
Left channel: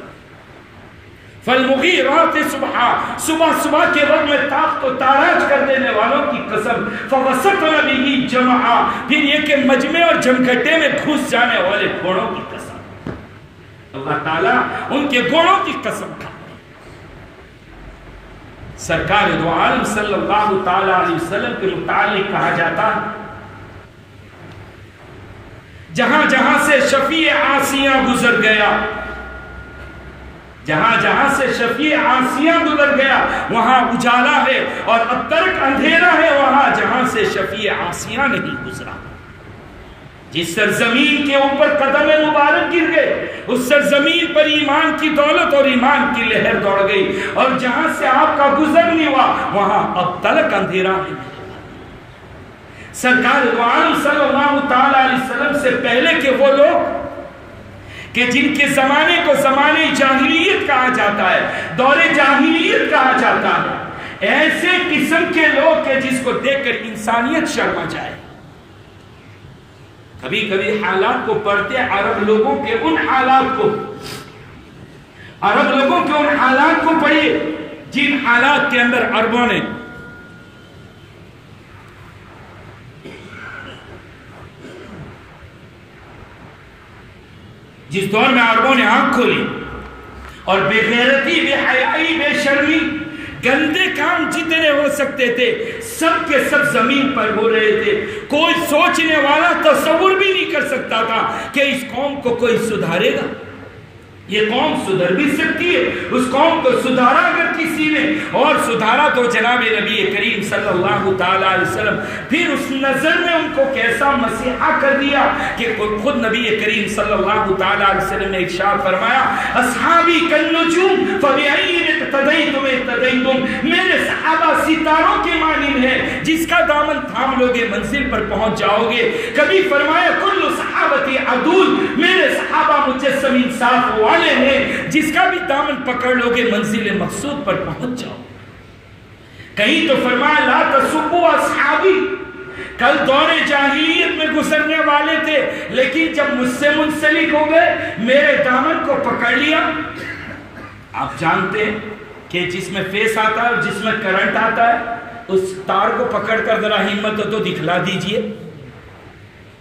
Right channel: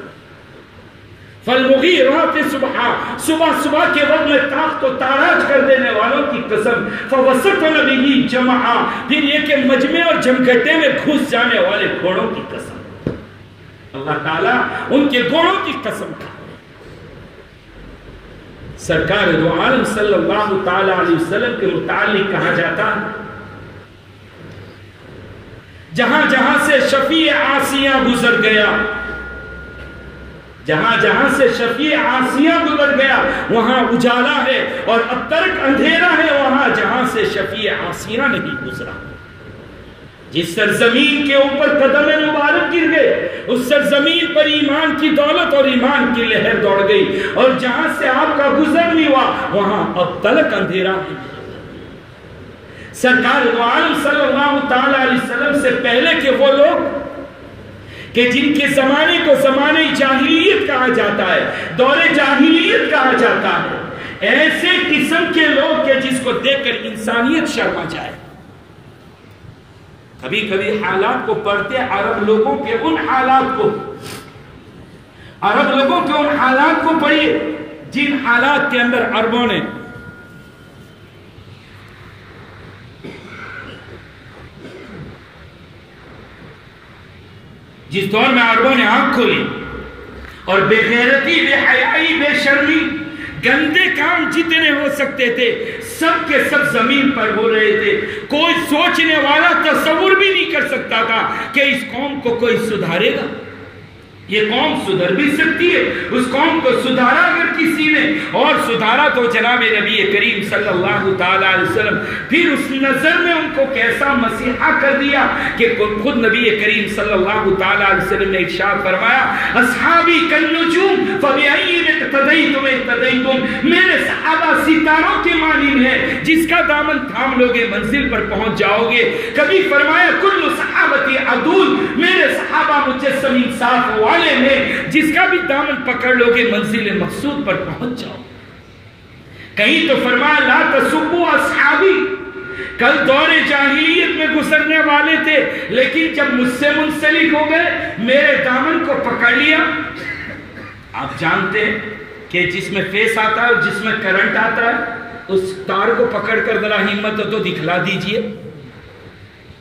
فَالْمُغِيرَاتِ صُبْحًا صبح صبح کے وقت میں تاخت و تاراج کر دینے والوں کی قسم. فَوَسَطْنَ بِهِ جَمْعًا پھر یہ کہ مجمع اور جمگھٹے میں گھس جانے والے گھوڑوں کی قسم. اللہ تعالیٰ ان کے گھوڑوں کی قسم کھا. سرکار دو عالم صلی اللہ تعالی علیہ وسلم کے متعلق کہا جاتا ہے جہاں جہاں سے شفیع عاصیہ گزر گیا، جہاں جہاں سے شفیع عاصیہ گزر گیا وہاں اجالا ہے، اور اب تک اندھیرا ہے وہاں جہاں سے شفیع عاصیہ نہیں گزرا. جس سرزمین کے اوپر قدم مبارک گر گئے اس سرزمین پر ایمان کی دولت اور ایمان کی لہر دوڑ گئی، اور جہاں سے آپ کا گزر نہیں ہوا وہاں اب تلک اندھیرا ہے. سرکار دو عالم صلی اللہ تعالی علیہ وسلم سے پہلے کے وہ لوگ کہ جن کے زمانے کو زمانے جاہلیت کہا جاتا ہے، دور جاہلیت کہا جاتا ہے، ایسے قسم کے لوگ کہ جس کو دیکھ کر انسانیت شرما جائے. کبھی کبھی حالات کو پڑھتے عرب لوگوں کے ان حالات کو، عرب لوگوں کے ان حالات کو پڑھیے جن حالات کے اندر عربوں نے جس دور میں عربوں نے آنکھ کھولی اور بے غیرتی، بے حیائی، بے شرمی، گندے کام جتنے ہو سکتے تھے سب کے سب زمین پر ہو رہے تھے. کوئی سوچنے والا تصور بھی نہیں کر سکتا تھا کہ اس قوم کو کوئی سدھارے گا. یہ قوم سدھر بھی سکتی ہے. اس قوم کو سدھارا اگر کسی نے، اور سدھارا تو جناب نبی کریم صلی اللہ تعالی علیہ وسلم. پھر اس نظر میں ان کو کیسا مسیحا کر دیا کہ خود نبی کریم صلی اللہ تعالی علیہ وسلم نے ارشاد فرمایا اصحابی کالنجوم فبأیہم اقتدیتم اقتدیتم. میرے صحابہ ستاروں کے مانند ہیں، جس کا دامن تھام لوگے منزل پر پہنچ جاؤ گے. کبھی فرمایا کل صحابتی عدول، میرے صحابہ مجسم انصاف والے ہیں، جس کا بھی دامن پکڑ لوگے منزل مقصود پر پہنچ جاؤ. کہیں تو فرمایا لا تسبوا اصحابی، کل دور جاہلیت میں گزرنے والے تھے لیکن جب مجھ سے منسلک ہو گئے میرے دامن کو پکڑ لیا. آپ جانتے ہیں کہ جس میں فیس آتا ہے اور جس میں کرنٹ آتا ہے اس تار کو پکڑ کر ذرا ہمت تو دکھلا دیجئے.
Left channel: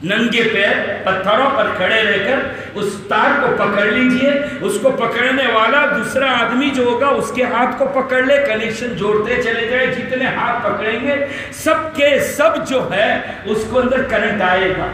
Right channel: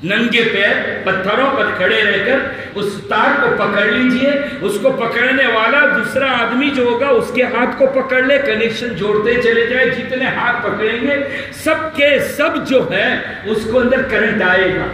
ننگے پیر پتھروں پر کھڑے رہ کر اس تار کو پکڑ لیجئے. اس کو پکڑنے والا دوسرا آدمی جو ہوگا اس کے ہاتھ کو پکڑ لے، کنیکشن جوڑتے چلے جائے. جتنے ہاتھ پکڑیں گے سب کے سب جو ہے اس کو اندر کرنٹ آئے گا.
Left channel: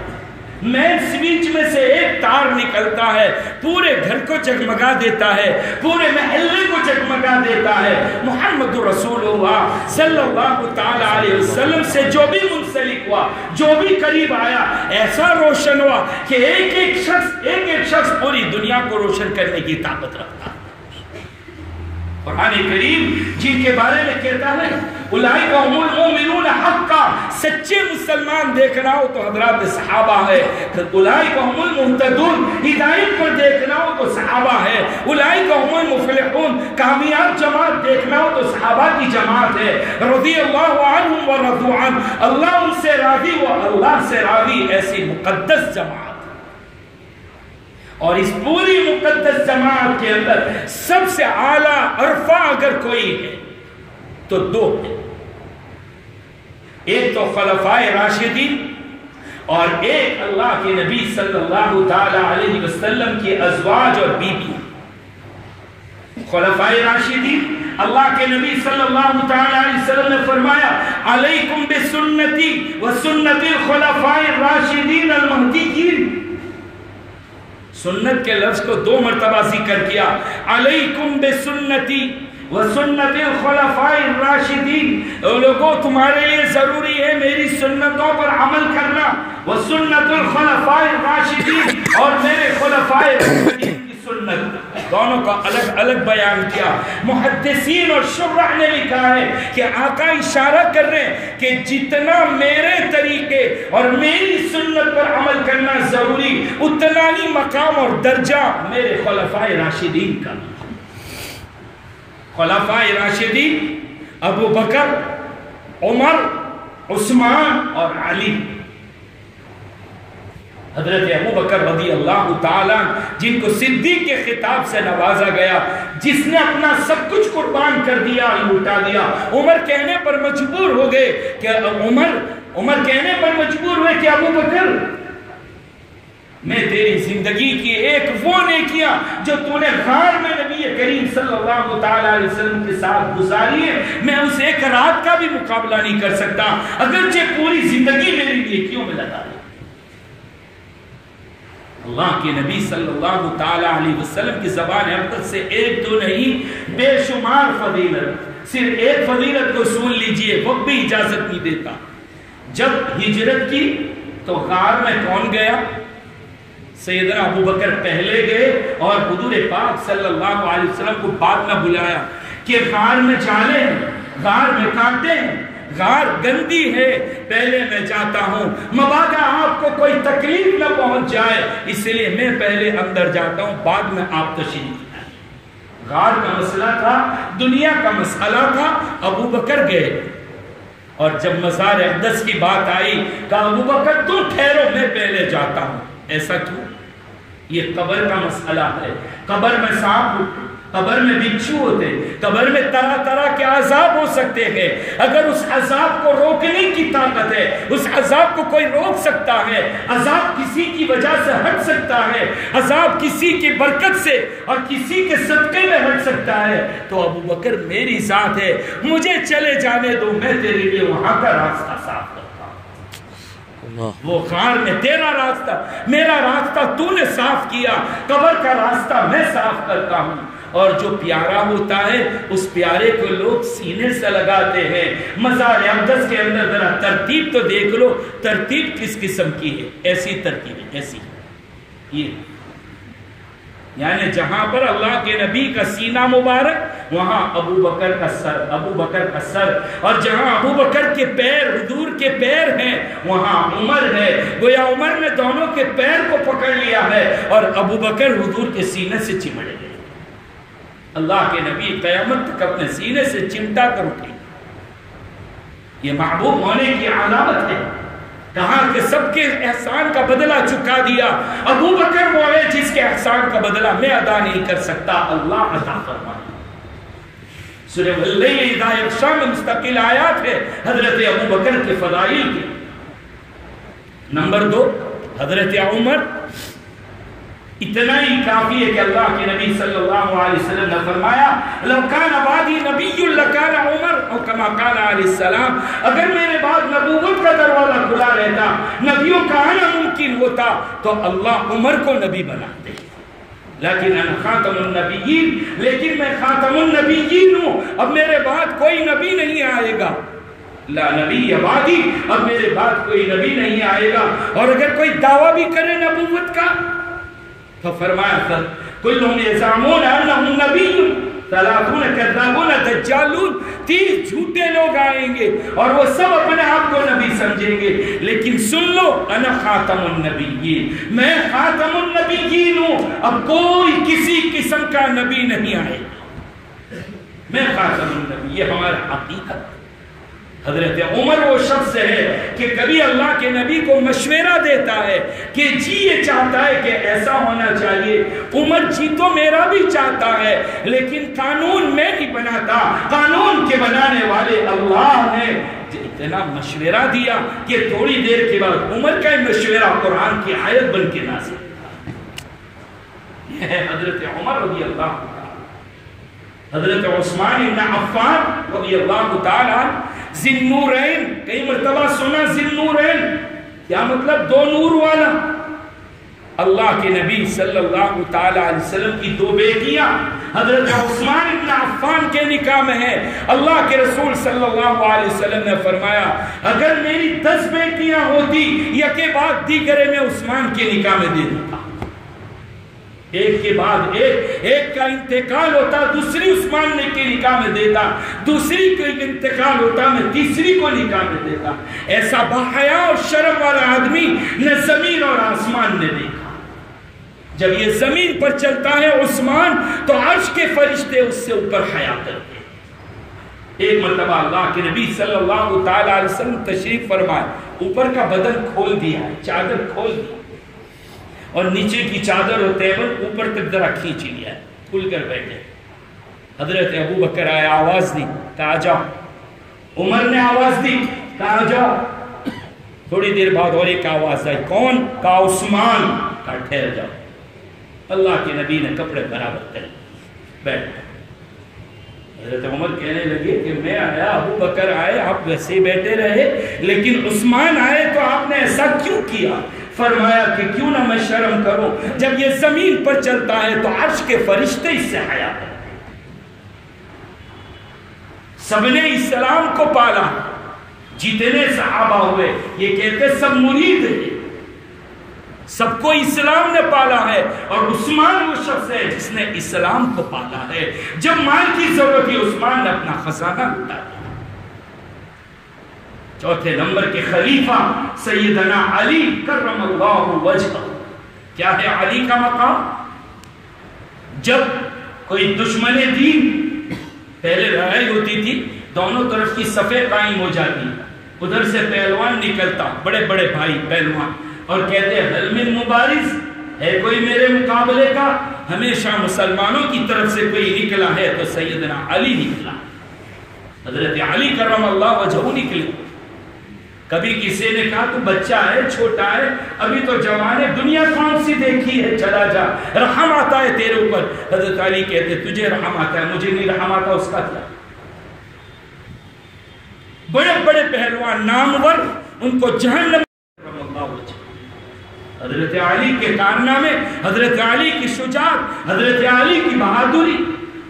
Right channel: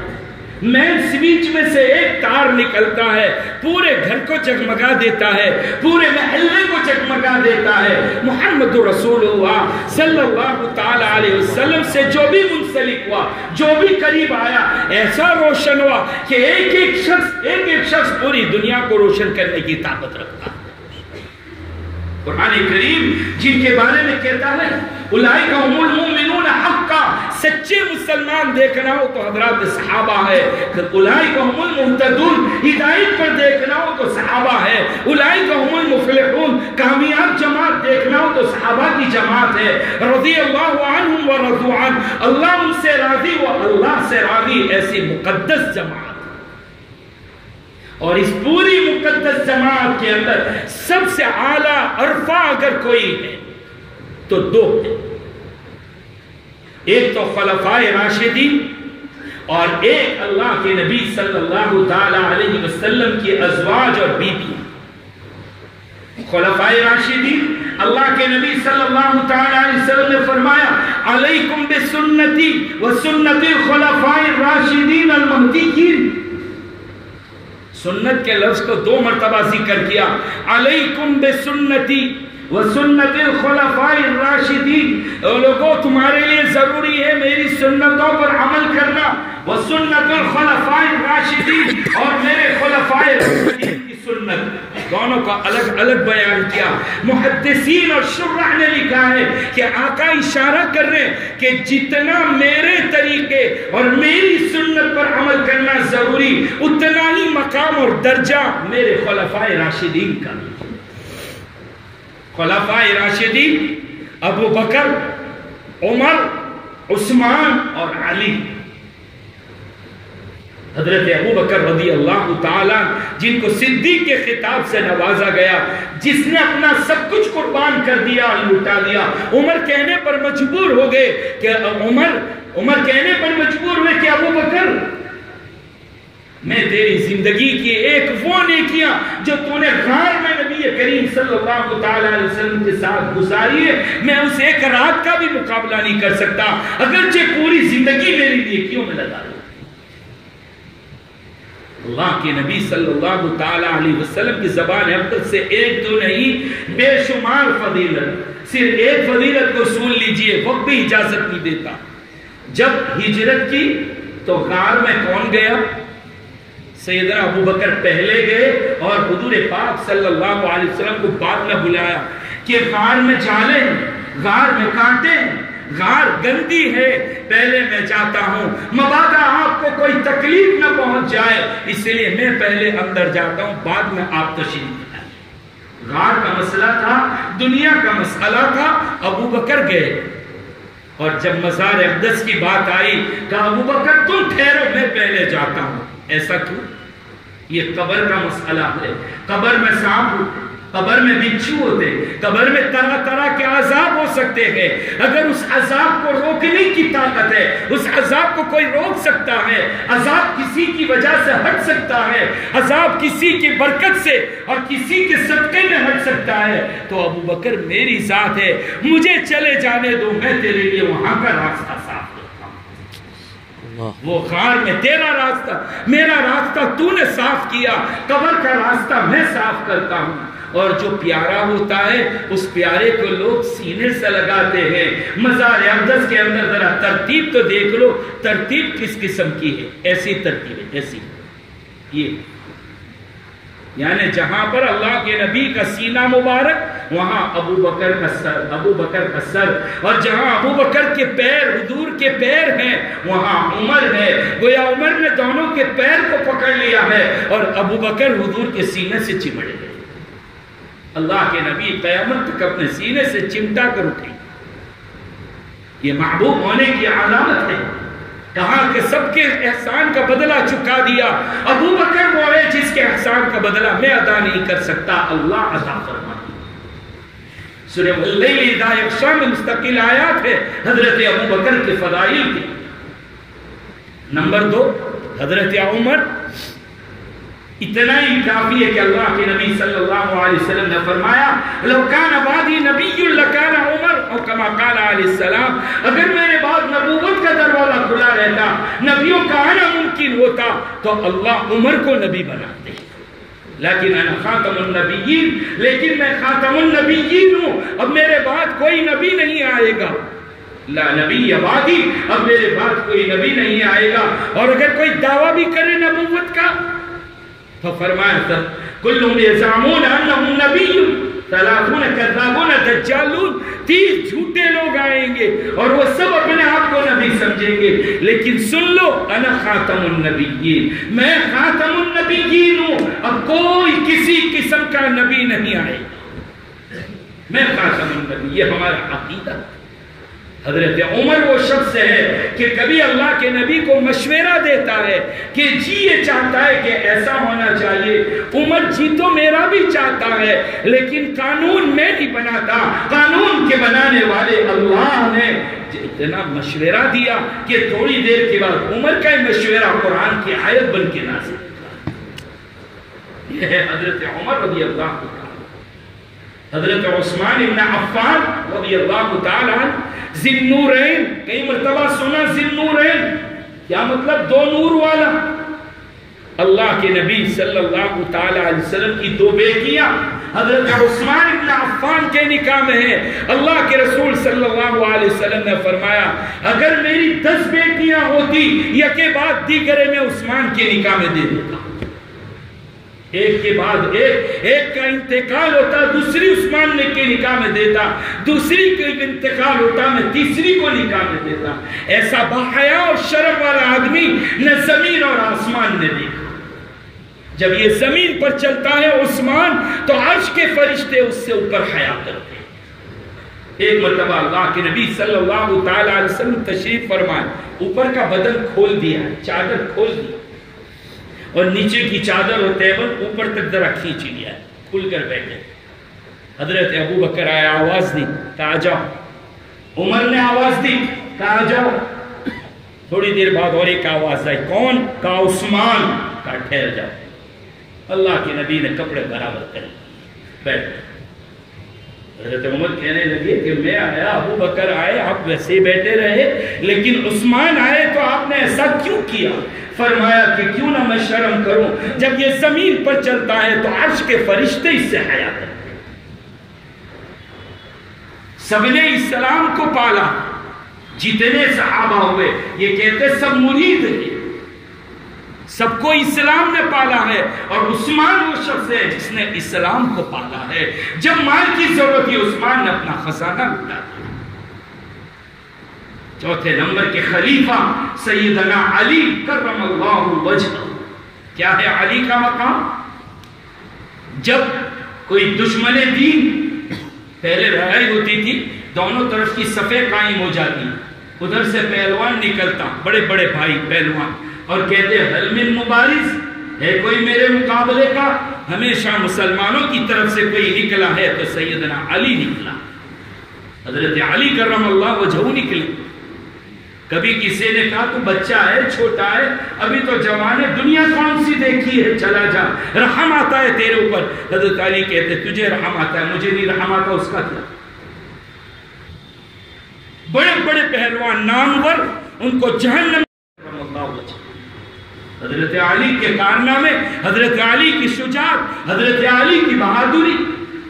مین سوئچ میں سے ایک تار نکلتا ہے، پورے گھر کو جگمگا دیتا ہے، پورے محلے کو جگمگا دیتا ہے. محمد رسول اللہ صلی اللہ تعالی علیہ وسلم سے جو بھی منسلک ہوا، جو بھی قریب آیا، ایسا روشن ہوا کہ ایک ایک شخص پوری دنیا کو روشن کرنے کی طاقت رکھتا. قرآن کریم جن کے بارے میں کہتا ہے اولئک هم المؤمنون حقا، سچے مسلمان دیکھنا ہو تو حضرات صحابہ ہے. اولئک هم المهتدون، ہدایت پر دیکھنا ہو تو صحابہ ہے. اولئک هم المفلحون، کامیاب جماعت دیکھنا ہو تو صحابہ کی جماعت ہے. رضی اللہ عنہم ورضوا عنہ، اللہ ان سے راضی و اللہ سے راضی، ایسی مقدس جماعت. اور اس پوری مقدس جماعت کے اندر سب سے اعلیٰ عرفہ اگر کوئی ہے تو دو ہیں. ایک تو خلفائے راشدین اور ایک اللہ کے نبی صلی اللہ تعالی علیہ وسلم کی ازواج اور بیوی. خلفائے راشدین، اللہ کے نبی صلی اللہ تعالی علیہ وسلم نے فرمایا علیکم بسنتی وسنت خلفائے راشدین المہدیین. سنت کے لفظ کو دو مرتبہ ذکر کیا. علیکم بسنتی وسنت الخلفاء الراشدین، لوگوں تمہارے لیے ضروری ہے میری سنتوں پر عمل کرنا. وسنت الخلفاء الراشدین، اور میرے خلفاء الراشدین کی سنت. دونوں کا الگ الگ بیان کیا. محدثین اور شرح نے لکھا ہے کہ آقا اشارہ کر رہے ہیں کہ جتنا میرے طریقے اور میری سنت پر عمل کرنا ضروری اتنا ہی مقام اور درجہ میرے خلفائے راشدین کا. خلفائے راشدین ابو بکر، عمر، عثمان اور علی. حضرت ابو بکر رضی اللہ تعالیٰ جن کو صدیق کے خطاب سے نوازا گیا، جس نے اپنا سب کچھ قربان کر دیا، لوٹا دیا. عمر کہنے پر مجبور ہو گئے کہ عمر کہنے پر مجبور ہوئے کہ ابو بکر میں تیری زندگی کی ایک وہ نیکیاں جو تو نے غار میں نبی کریم صلی اللہ تعالی علیہ وسلم کے ساتھ گزاری ہے، میں اس ایک رات کا بھی مقابلہ نہیں کر سکتا اگرچہ پوری زندگی میری نیکیوں میں لگا دو. اللہ کے نبی صلی اللہ تعالی علیہ وسلم کی زبان اقدس سے ایک تو نہیں بے شمار فضیلت، صرف ایک فضیلت کو سن لیجئے، وقت بھی اجازت نہیں دیتا. جب ہجرت کی تو غار میں کون گیا؟ سیدنا ابو بکر پہلے گئے اور حضور پاک صلی اللہ علیہ وسلم کو بعد میں بلایا کہ غار میں جالیں، غار میں کانٹیں، غار گندی ہے، پہلے میں جاتا ہوں، مبادا آپ کو کوئی تکلیف نہ پہنچ جائے، اس لیے میں پہلے اندر جاتا ہوں، بعد میں آپ تشریف لائیں. غار کا مسئلہ تھا، دنیا کا مسئلہ تھا. ابو بکر گئے اور جب مزار اقدس کی بات آئی کہا ابو بکر تم ٹھہرو، میں پہلے جاتا ہوں. ایسا کیوں؟ یہ قبر کا مسئلہ ہے. قبر میں سانپ ہوتے، قبر میں بچھو ہوتے، قبر میں طرح طرح کے عذاب ہو سکتے ہیں. اگر اس عذاب کو روکنے کی طاقت ہے، اس عذاب کو کوئی روک سکتا ہے، عذاب کسی کی وجہ سے ہٹ سکتا ہے، عذاب کسی کی برکت سے اور کسی کے صدقے میں ہٹ سکتا ہے، تو ابو بکر میری ذات ہے، مجھے چلے جانے دو، میں تیرے لیے وہاں کا راستہ صاف کرتا ہوں. وہ غار میں تیرا راستہ، میرا راستہ تو نے صاف کیا، قبر کا راستہ میں صاف کرتا ہوں. اور جو پیارا ہوتا ہے اس پیارے کو لوگ سینے سے لگاتے ہیں. مزار اقدس کے اندر ذرا ترتیب تو دیکھ لو، ترتیب کس قسم کی ہے؟ ایسی ترتیب ہے، ایسی یہ یعنی جہاں پر اللہ کے نبی کا سینہ مبارک وہاں ابو بکر کا سر، ابو بکر کا سر، اور جہاں ابو بکر کے پیر، حضور کے پیر ہیں وہاں عمر ہے. گویا عمر نے دونوں کے پیر کو پکڑ لیا ہے اور ابو بکر حضور کے سینے سے چمٹ گئے. اللہ کے نبی قیامت تک اپنے سینے سے چمٹا کر اٹھے. یہ محبوب ہونے کی علامت ہے. کہا کہ سب کے احسان کا بدلہ چکا دیا. ابو بکر وہ ہے جس کے احسان کا بدلہ میں ادا نہیں کر سکتا، اللہ عطا فرمائے. سورہ اللیل اذا یغشی میں مستقل آیات ہے حضرت ابو بکر کے فضائل کی. نمبر 2 حضرت عمر. اتنا ہی کافی ہے کہ اللہ کے نبی صلی اللہ علیہ وسلم نے فرمایا لو کان بعدی نبی لکان عمر، او کما قال علیہ السلام، اگر میرے بعد نبوت کا دروازہ کھلا رہتا، نبیوں کا آنا ممکن ہوتا تو اللہ عمر کو نبی بنا دے. لیکن انا خاتم النبیین، لیکن میں خاتم النبیین ہوں، اب میرے بعد کوئی نبی نہیں آئے گا. لا نبی بعدی، اب میرے بعد کوئی نبی نہیں آئے گا. اور اگر کوئی دعویٰ بھی کرے نبوت کا تو فرمایا تھا کلہم یزعمون انہم نبی، ثلاثون کذابون دجالون، 30 جھوٹے لوگ آئیں گے اور وہ سب اپنے آپ کو نبی سمجھیں گے. لیکن سن لو انا خاتم النبیین، میں خاتم النبیین ہوں، اب کوئی کسی قسم کا نبی نہیں آئے گا، میں خاتم النبی. یہ ہمارا عقیدہ. حضرت عمر وہ شخص ہے کہ کبھی اللہ کے نبی کو مشورہ دیتا ہے کہ جی یہ چاہتا ہے کہ ایسا ہونا چاہیے. عمر جی تو میرا بھی چاہتا ہے لیکن قانون میں نہیں بناتا، قانون کے بنانے والے اللہ نے اتنا مشورہ دیا کہ تھوڑی دیر کے بعد عمر کا مشورہ قرآن کی آیت بن کے نازل. یہ ہے حضرت عمر رضی اللہ عنہ. حضرت عثمان ابن عفان رضی اللہ تعالیٰ ذی النورین، کئی مرتبہ سنا ذی النورین، کیا مطلب؟ 2 نور والا. اللہ کے نبی صلی اللہ تعالیٰ علیہ وسلم کی 2 بیٹیاں حضرت عثمان ابن عفان کے نکاح میں ہیں. اللہ کے رسول صلی اللہ علیہ وسلم نے فرمایا اگر میری 10 بیٹیاں ہوتی یکے بعد دیگرے میں عثمان کے نکاح میں دے دیتا. ایک کے بعد ایک کا انتقال ہوتا، دوسری عثمان نے کے نکاح میں دیتا، دوسری کا انتقال ہوتا، میں تیسری کو نکاح میں دیتا. ایسا بحیا اور شرم والا آدمی نہ زمین اور آسمان نے دیکھا. جب یہ زمین پر چلتا ہے عثمان تو عرش کے فرشتے اس سے اوپر حیا کرتے ہیں. ایک مرتبہ اللہ کے نبی صلی اللہ تعالی علیہ وسلم تشریف فرمائے، اوپر کا بدن کھول دیا ہے، چادر کھول دی اور نیچے کی چادر اور ٹیبل اوپر تک ذرا کھینچ لیا ہے، کھل کر بیٹھے. حضرت ابو بکر آیا، آواز دی کہا جاؤ. عمر نے آواز دی کہا جاؤ. تھوڑی دیر بعد اور ایک آواز آئی، کون؟ کہا عثمان. کہا ٹھہر جاؤ. اللہ کے نبی نے کپڑے برابر کر بیٹھ. حضرت عمر کہنے لگے کہ میں آیا، ابو بکر آئے، آپ ویسے ہی بیٹھے رہے، لیکن عثمان آئے تو آپ نے ایسا کیوں کیا؟ فرمایا کہ کیوں نہ میں شرم کروں، جب یہ زمین پر چلتا ہے تو عرش کے فرشتے اس سے حیا کرتے. سب نے اسلام کو پالا، جتنے صحابہ ہوئے یہ کہتے سب مرید ہیں، سب کو اسلام نے پالا ہے، اور عثمان وہ شخص ہے جس نے اسلام کو پالا ہے. جب مال کی ضرورت تھی عثمان نے اپنا خزانہ لوٹا. چوتھے نمبر کے خلیفہ سیدنا علی کرم اللہ وجہہ. کیا ہے علی کا مقام؟ جب کوئی دشمن دین، پہلے لڑائی ہوتی تھی، دونوں طرف کی صفیں قائم ہو جاتی، ادھر سے پہلوان نکلتا، بڑے بڑے بھائی پہلوان، اور کہتے حل من مبارز، ہے کوئی میرے مقابلے کا؟ ہمیشہ مسلمانوں کی طرف سے کوئی نکلا ہے تو سیدنا علی نکلا. حضرت علی کرم اللہ وجہہ نکلے. کبھی کسی نے کہا تو بچہ ہے، چھوٹا ہے، ابھی تو جوان ہے، دنیا کون سی دیکھی ہے، چلا جا، رحم آتا ہے تیرے اوپر. حضرت علی کہتے تجھے رحم آتا ہے، مجھے نہیں رحم آتا، اس کا کیا؟ بڑے بڑے پہلوان نامور، ان کو جہنم. حضرت علی کے کارنامے، حضرت علی کی شجاعت، حضرت علی کی بہادری.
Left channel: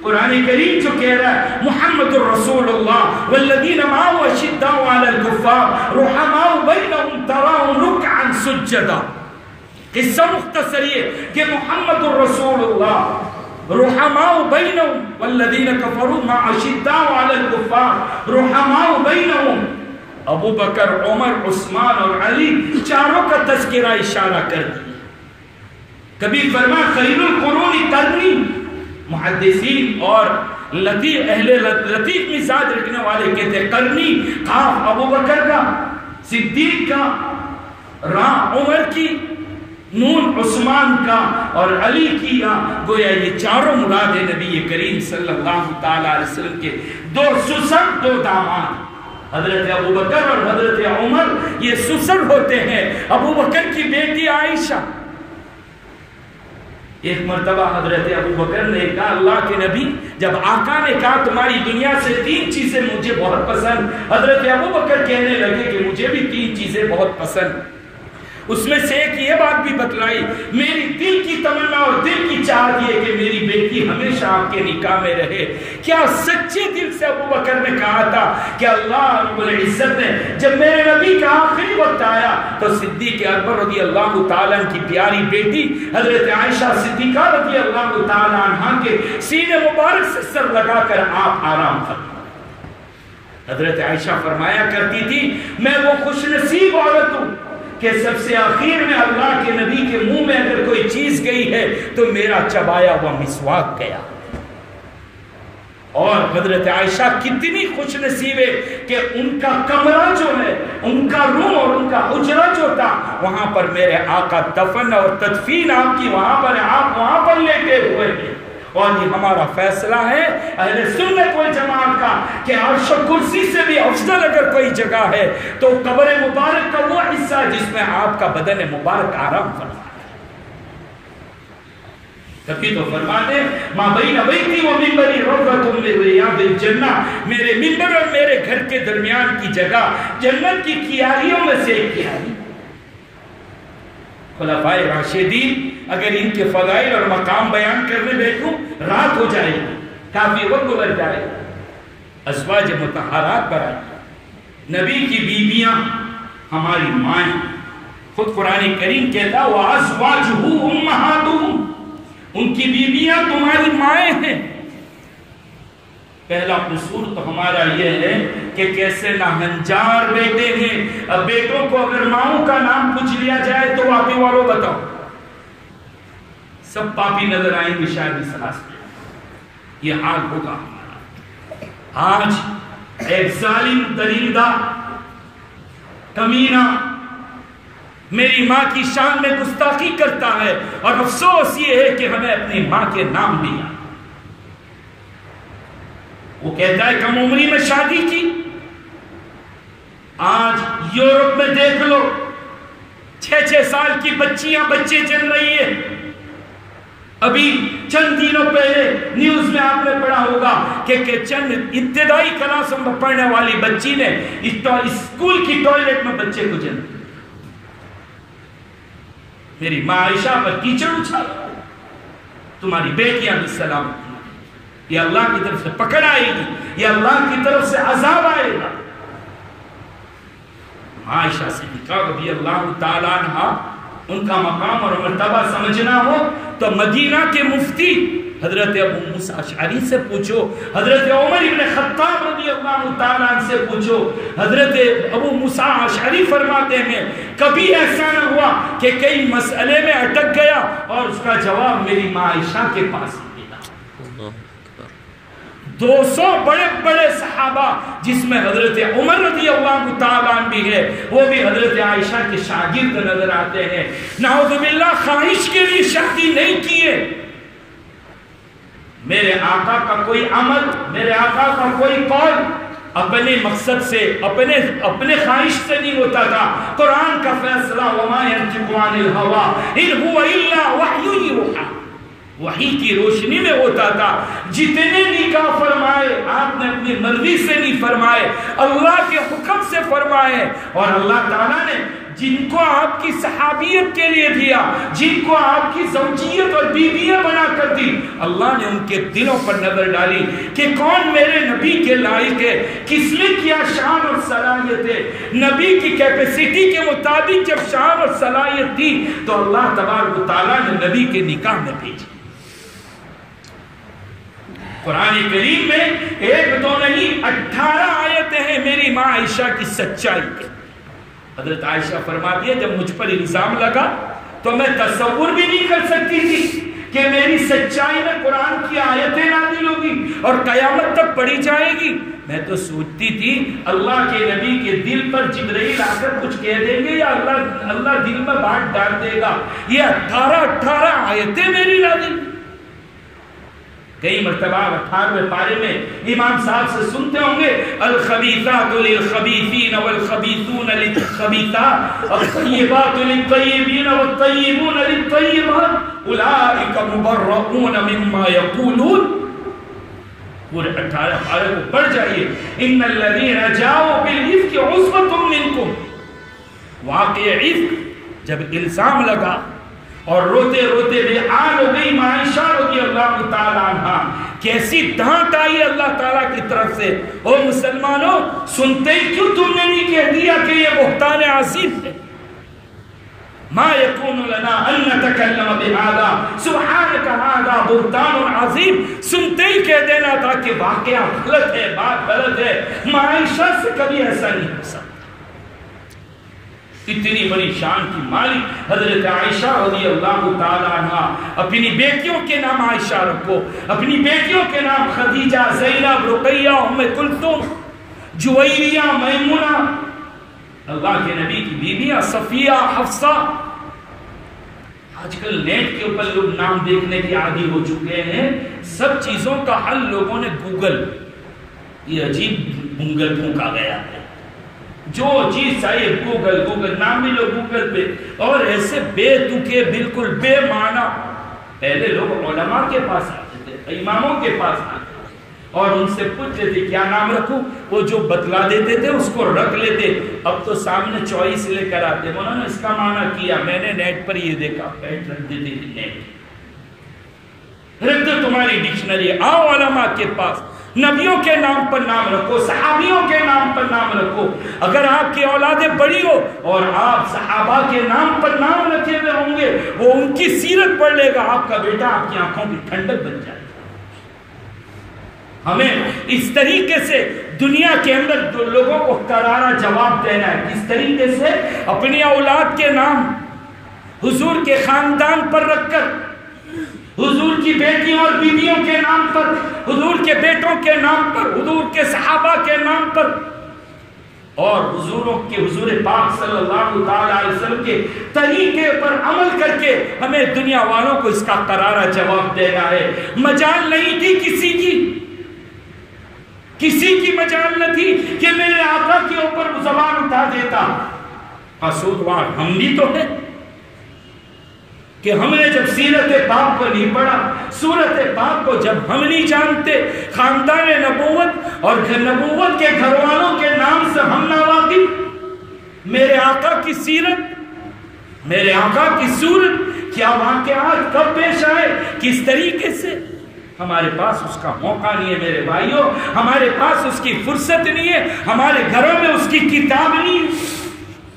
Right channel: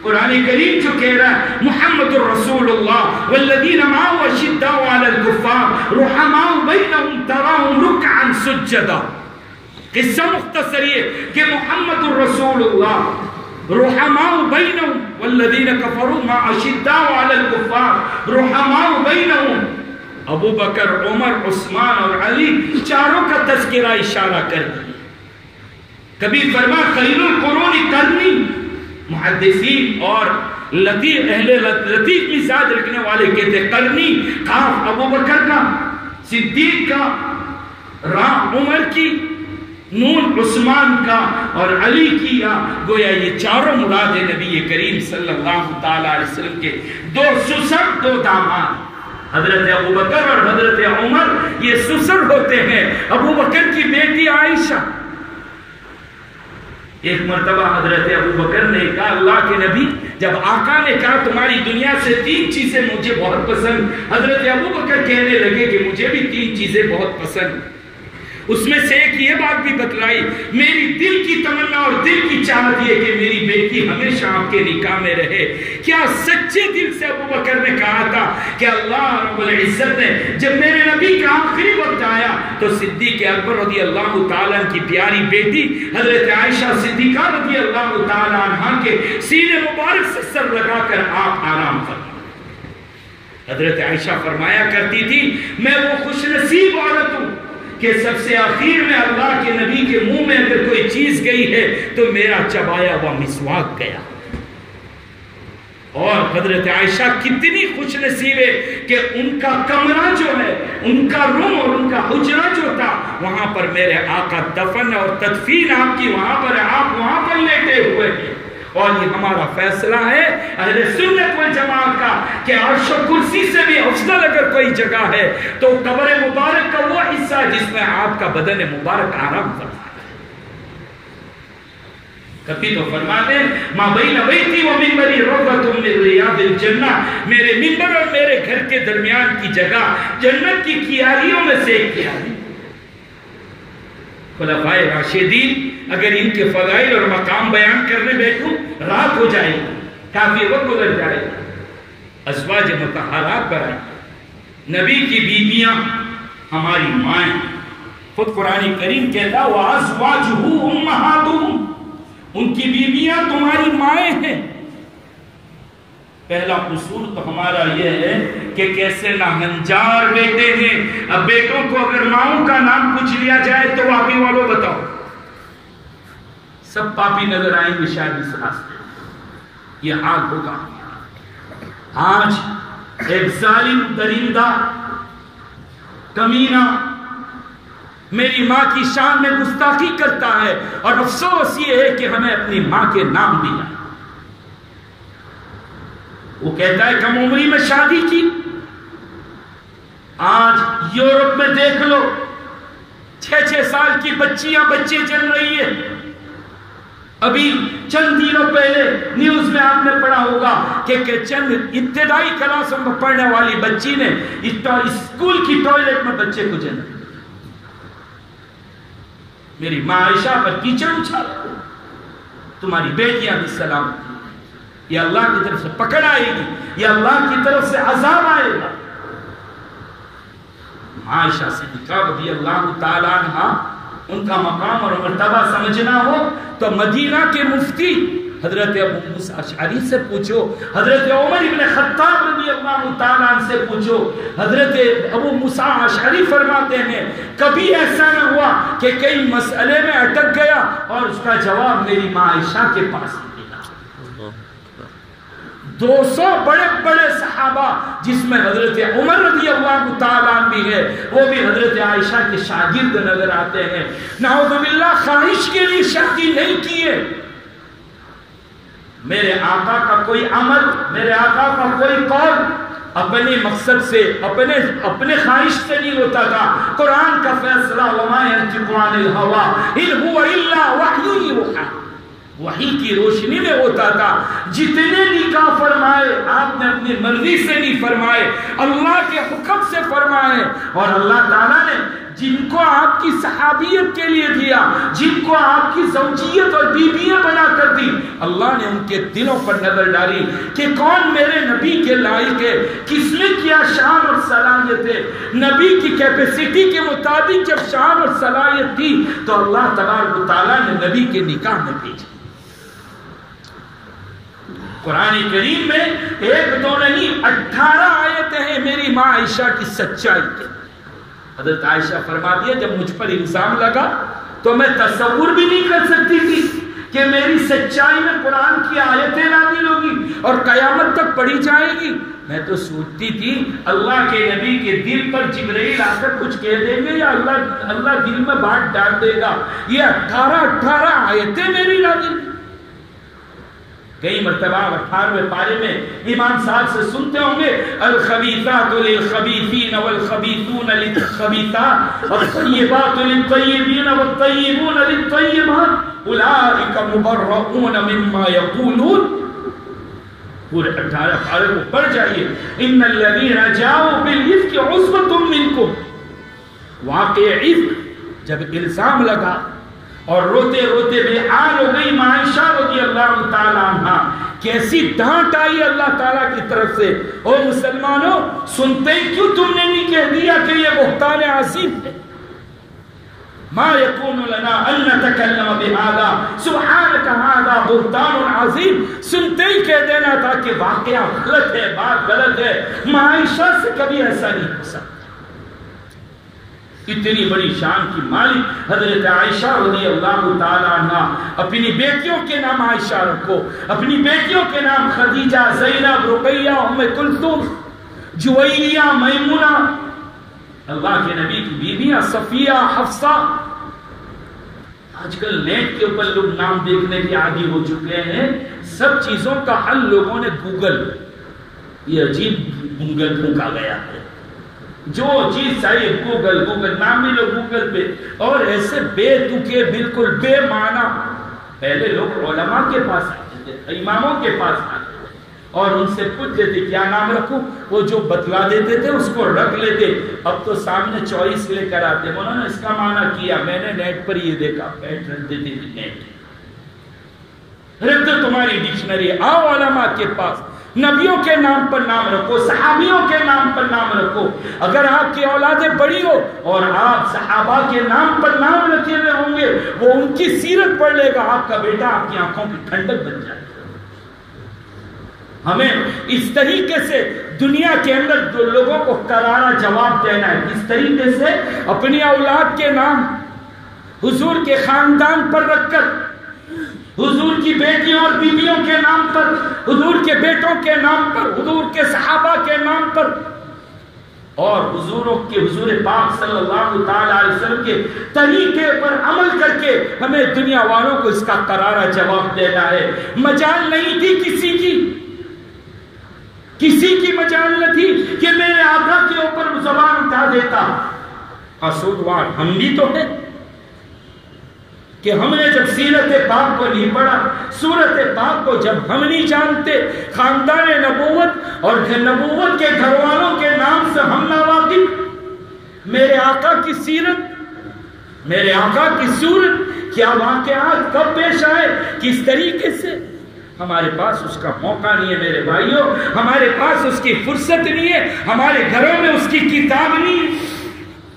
قرآن کریم جو کہہ رہا ہے محمد الرسول اللہ والذین معه اشداء علی الکفار رحماء بینہم تراہم رکعا سجدا. قصہ مختصر یہ کہ محمد الرسول اللہ رحماء بینہم والذین کفروا مع اشداء علی الکفار رحماء بینہم. ابو بکر، عمر، عثمان اور علی چاروں کا تذکرہ اشارہ کر دیا. کبھی فرما خیر القرون قرنی. محدثین اور لطیف مزاج رکھنے والے کہتے قرنی، کاف ابو بکر کا، صدیق کا، را عمر کی، نون عثمان کا اور علی کی. گویا یہ چاروں مراد نبی کریم صلی اللہ تعالی علیہ وسلم کے دو سسر، دو داماد. حضرت ابو بکر اور حضرت عمر یہ سسر ہوتے ہیں. ابو بکر کی بیٹی عائشہ. ایک مرتبہ حضرت ابو بکر نے کہا اللہ کے نبی، جب آقا نے کہا تمہاری دنیا سے 3 چیزیں مجھے بہت پسند، حضرت ابو بکر کہنے لگے کہ مجھے بھی 3 چیزیں بہت پسند. اس میں سے ایک یہ بات بھی بتلائی، میری دل کی تمنا اور دل کی چاہت یہ کہ میری بیٹی ہمیشہ آپ کے نکاح میں رہے. کیا سچے دل سے ابو بکر نے کہا تھا کہ اللہ رب العزت نے جب میرے نبی کا آخری وقت آیا تو صدیق اکبر رضی اللہ تعالیٰ کی پیاری بیٹی حضرت عائشہ صدیقہ رضی اللہ تعالیٰ عنہ کے سینے مبارک سے سر لگا کر آپ آرام فرمائے. حضرت عائشہ فرمایا کرتی تھی میں وہ خوش نصیب عورت ہوں کہ سب سے آخر میں اللہ کے نبی کے منہ میں اگر کوئی چیز گئی ہے تو میرا چبایا ہوا مسواک گیا. اور حضرت عائشہ کتنی خوش نصیب ہے کہ ان کا کمرہ جو ہے، ان کا روم اور ان کا حجرہ جو تھا، وہاں پر میرے آقا دفن اور تدفین آپ کی وہاں پر، آپ وہاں پر لیٹے ہوئے ہیں. اور یہ ہمارا فیصلہ ہے اہل سنت والجماعت کا کہ عرش و کرسی سے بھی افضل اگر کوئی جگہ ہے تو قبر مبارک کا وہ حصہ جس میں آپ کا بدن مبارک آرام فرما ہے. کبھی تو فرماتے ہیں ماں بین بیتی و منبری روضۃ من ریاض الجنہ، میرے منبر اور میرے گھر کے درمیان کی جگہ جنت کی کیاریوں میں سے ایک کیاری. خلفائے راشدین اگر ان کے فضائل اور مقام بیان کرنے بیٹھوں رات ہو جائے گی، کافی وقت گزر جائے گا. ازواج مطہرات برائیں، نبی کی بیویاں ہماری مائیں. خود قرآن کریم کہتا وَأَزْوَاجُهُ أُمَّهَاتُهُمْ، ان کی بیویاں تمہاری مائیں ہیں۔ پہلا قصور تو ہمارا یہ ہے کہ کیسے ناہنجار بیٹے ہیں۔ اب بیٹوں کو اگر ماؤں کا نام پوچھ لیا جائے تو واقعی والوں بتاؤ، سب پاپی نظر آئیں گے شاید اس راستے۔ یہ حال ہوگا۔ آج ایک ظالم درندہ کمینہ میری ماں کی شان میں گستاخی کرتا ہے، اور افسوس یہ ہے کہ ہمیں اپنی ماں کے نام دیا۔ وہ کہتا ہے کم عمری میں شادی کی۔ آج یورپ میں دیکھ لو 6 سال کی بچیاں بچے چل رہی ہیں۔ ابھی چند دنوں پہلے نیوز میں آپ نے پڑھا ہوگا کہ چند ابتدائی کلاسوں میں پڑھنے والی بچی نے اسکول کی ٹوائلٹ میں بچے کو جنم۔ میری ماں عائشہ پر کیچڑ اچھالا، تمہاری بیٹیاں بھی سلامت، یہ اللہ کی طرف سے پکڑ آئے گی، یہ اللہ کی طرف سے عذاب آئے گا۔ عائشہ صدیقہ رضی اللہ تعالیٰ عنہ ان کا مقام اور مرتبہ سمجھنا ہو تو مدینہ کے مفتی حضرت ابو موسیٰ اشعری سے پوچھو، حضرت عمر بن خطاب رضی اللہ تعالیٰ عنہ سے پوچھو۔ حضرت ابو موسیٰ اشعری فرماتے ہیں کبھی ایسا نہ ہوا کہ کئی مسئلے میں اٹک گیا اور اس کا جواب میری ماں عائشہ کے پاس ملا۔ 200 بڑے بڑے صحابہ جس میں حضرت عمر رضی اللہ تعالیٰ عنہ بھی ہے، وہ بھی حضرت عائشہ کے شاگرد نظر آتے ہیں۔ نعوذ باللہ خواہش کے لیے شادی نہیں کیے۔ میرے آقا کا کوئی عمل، میرے آقا کا کوئی قول اپنے مقصد سے، اپنے خواہش سے نہیں ہوتا تھا۔ قرآن کا فیصلہ وما ينطق عن الهوى ان هو الا وحی یوحی، وحی کی روشنی میں ہوتا تھا۔ جتنے نکاح فرمائے آپ نے اپنی مرضی سے نہیں فرمائے، اللہ کے حکم سے فرمائے، اور اللہ تعالیٰ نے جن کو آپ کی صحابیت کے لیے دیا، جن کو آپ کی زوجیت اور بیویاں بنا کر دی، اللہ نے ان کے دلوں پر نظر ڈالی کہ کون میرے نبی کے لائق ہے، کس میں کیا شان اور صلاحیت ہے۔ نبی کی کیپیسٹی کے مطابق جب شان اور صلاحیت تھی تو اللہ تبارک و تعالیٰ نے نبی کے نکاح میں بھیجا۔ قرآن کریم میں 1 2 نہیں 18 آیتیں ہیں میری ماں عائشہ کی سچائی کی۔ حضرت عائشہ فرماتی ہے جب مجھ پر الزام لگا تو میں تصور بھی نہیں کر سکتی تھی کہ میری سچائی میں قرآن کی آیتیں نازل ہوگی اور قیامت تک پڑھی جائے گی۔ میں تو سوچتی تھی اللہ کے نبی کے دل پر جبرائیل آ کر کچھ کہہ دیں گے یا اللہ دل میں بات ڈال دے گا۔ یہ 18 آیتیں میری نازل۔ کئی مرتبہ 18ویں پارے میں امام صاحب سے سنتے ہوں گے الخبیثات للخبیثین والخبیثون للخبیثات والطیبات للطیبین والطیبون للطیبات اولئک مبرؤون مما یقولون۔ پورے 18 پارے کو پڑھ جائیے۔ ان الذین جاؤوا بالافک عصبۃ منکم، واقع افک جب الزام لگا اور روتے روتے بے حال ہو گئی ماں عائشہ رضی اللہ تعالیٰ عنہ، کیسی ڈانٹ آئی اللہ تعالیٰ کی طرف سے۔ اور مسلمانوں سنتے ہی کیوں تم نے نہیں کہہ دیا کہ یہ بہتان عظیم ہے؟ ما یکون لنا ان نتکلم بہذا سبحانک ھذا بہتان عظیم۔ سنتے ہی کہہ دینا تھا کہ واقعہ غلط ہے، بات غلط ہے۔ ماں عائشہ سے کبھی ایسا نہیں ہو سکتا۔ اتنی بڑی شان کی مالک حضرت عائشہ رضی اللہ تعالیٰ عنہ، اپنی بیٹیوں کے نام عائشہ رکھو، اپنی بیٹیوں کے نام خدیجہ، زینب، رقیہ، ام کلثوم، جویریہ، میمونہ، اللہ کے نبی کی بیویاں صفیہ، حفصہ۔ آج کل نیٹ کے اوپر لوگ نام دیکھنے کی عادی ہو چکے ہیں۔ سب چیزوں کا حل لوگوں نے گوگل، یہ عجیب گوگل پھونکا گیا ہے، جو چیز چاہیے گوگل نام بھی لو گوگل پہ، اور ایسے بے تکے بالکل بے معنی۔ پہلے لوگ علماء کے پاس آتے تھے، اماموں کے پاس آتے تھے اور ان سے پوچھتے تھے کیا نام رکھوں، وہ جو بتلا دیتے تھے اس کو رکھ لیتے۔ اب تو سامنے چوائس لے کر آتے، انہوں نے اس کا معنی کیا، میں نے نیٹ پر یہ دیکھا، بیٹھ رکھ دیتے تھے نیٹ۔ پھر تو تمہاری ڈکشنری، آؤ علماء کے پاس، نبیوں کے نام پر نام رکھو، صحابیوں کے نام پر نام رکھو۔ اگر آپ کی اولادیں بڑی ہو اور آپ صحابہ کے نام پر نام رکھے ہوئے ہوں گے، وہ ان کی سیرت پڑھ لے گا، آپ کا بیٹا آپ کی آنکھوں کی ٹھنڈک بن جائے گا۔ ہمیں اس طریقے سے دنیا کے اندر جو لوگوں کو کرارا جواب دینا ہے، اس طریقے سے اپنی اولاد کے نام حضور کے خاندان پر رکھ کر، حضور کی بیٹیوں اور بیویوں کے نام پر، حضور کے بیٹوں کے نام پر، حضور کے صحابہ کے نام پر، اور حضور پاک صلی اللہ علیہ وسلم کے طریقے پر عمل کر کے ہمیں دنیا والوں کو اس کا کرارا جواب دینا ہے۔ مجال نہیں تھی کسی کی مجال نہ تھی کہ میرے آقا کے اوپر زبان اٹھا دیتا۔ قصوروار ہم بھی تو ہے کہ ہم نے جب سیرت پاک کو نہیں پڑھا، سورت پاک کو جب ہم نہیں جانتے، خاندان نبوت اور نبوت کے گھر والوں کے نام سے ہم نہ واقف، میرے آقا کی سیرت، میرے آقا کی صورت، کیا واقعات کب پیش آئے، کس طریقے سے، ہمارے پاس اس کا موقع نہیں ہے میرے بھائیوں، ہمارے پاس اس کی فرصت نہیں ہے، ہمارے گھروں میں اس کی کتاب نہیں ہے،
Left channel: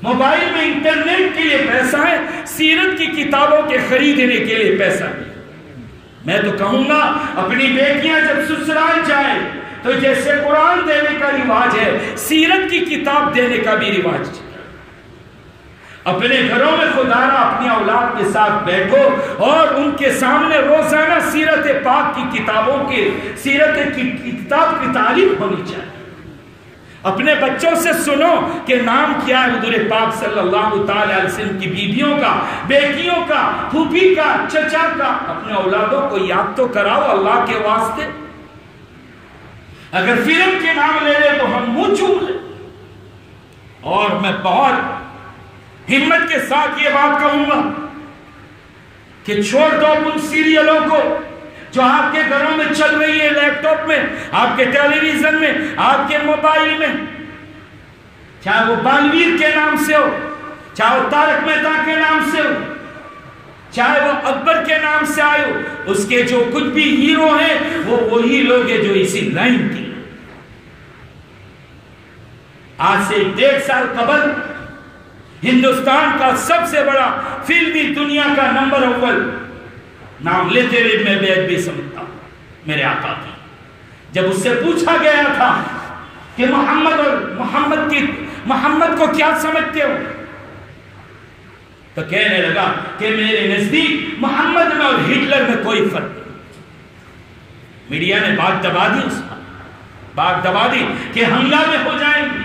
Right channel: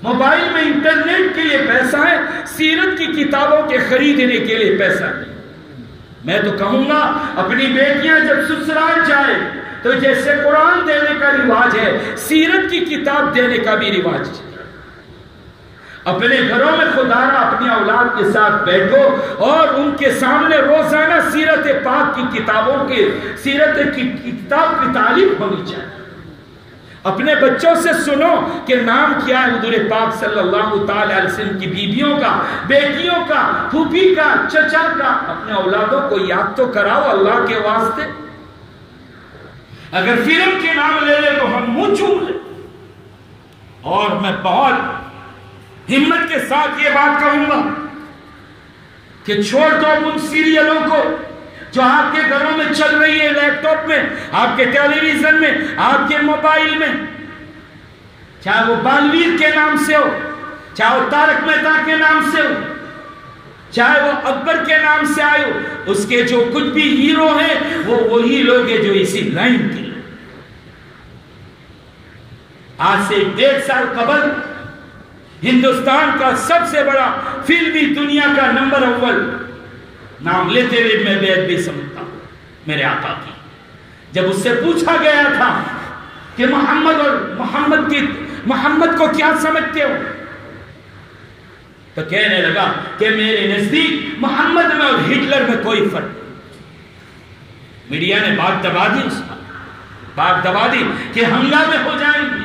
موبائل میں انٹرنیٹ کے لیے پیسہ ہے، سیرت کی کتابوں کے خریدنے کے لیے پیسہ نہیں۔ میں تو کہوں گا اپنی بیٹیاں جب سسرال جائے تو جیسے قرآن دینے کا رواج ہے، سیرت کی کتاب دینے کا بھی رواج ہے۔ اپنے گھروں میں خدا را اپنی اولاد کے ساتھ بیٹھو اور ان کے سامنے روزانہ سیرت پاک کی کتابوں کے سیرت کی کتاب کی تعلیم ہونی چاہیے۔ اپنے بچوں سے سنو کہ نام کیا ہے حضور پاک صلی اللہ تعالی علیہ وسلم کی بیویوں کا، بیٹیوں کا، پھوپھی کا، چچا کا۔ اپنے اولادوں کو یاد تو کراؤ اللہ کے واسطے۔ اگر فلم کے نام لے لے تو ہم منہ چوم لیں۔ اور میں بہت ہمت کے ساتھ یہ بات کہوں گا کہ چھوڑ دو ان سیریلوں کو جو آپ کے گھروں میں چل رہی ہے، لیپ ٹاپ میں، آپ کے ٹیلی ویژن میں، آپ کے موبائل میں، چاہے وہ بانویر کے نام سے ہو، چاہے وہ تارک مہتا کے نام سے ہو، چاہے وہ اکبر کے نام سے آئے ہو، اس کے جو کچھ بھی ہیرو ہیں وہ وہی لوگ ہیں جو اسی لائن کے۔ آج سے 1.5 سال قبل ہندوستان کا سب سے بڑا فلمی دنیا کا نمبر اول، نام لیتے ہوئے میں بیعت بھی سمجھتا ہوں، میرے آقا کی، جب اس سے پوچھا گیا تھا کہ محمد کو کیا سمجھتے ہو، تو کہنے لگا کہ میرے نزدیک محمد میں اور ہٹلر میں کوئی فرق نہیں۔ میڈیا نے بات دبا دی، اس بات دبا دی کہ حملہ میں ہو جائیں گے۔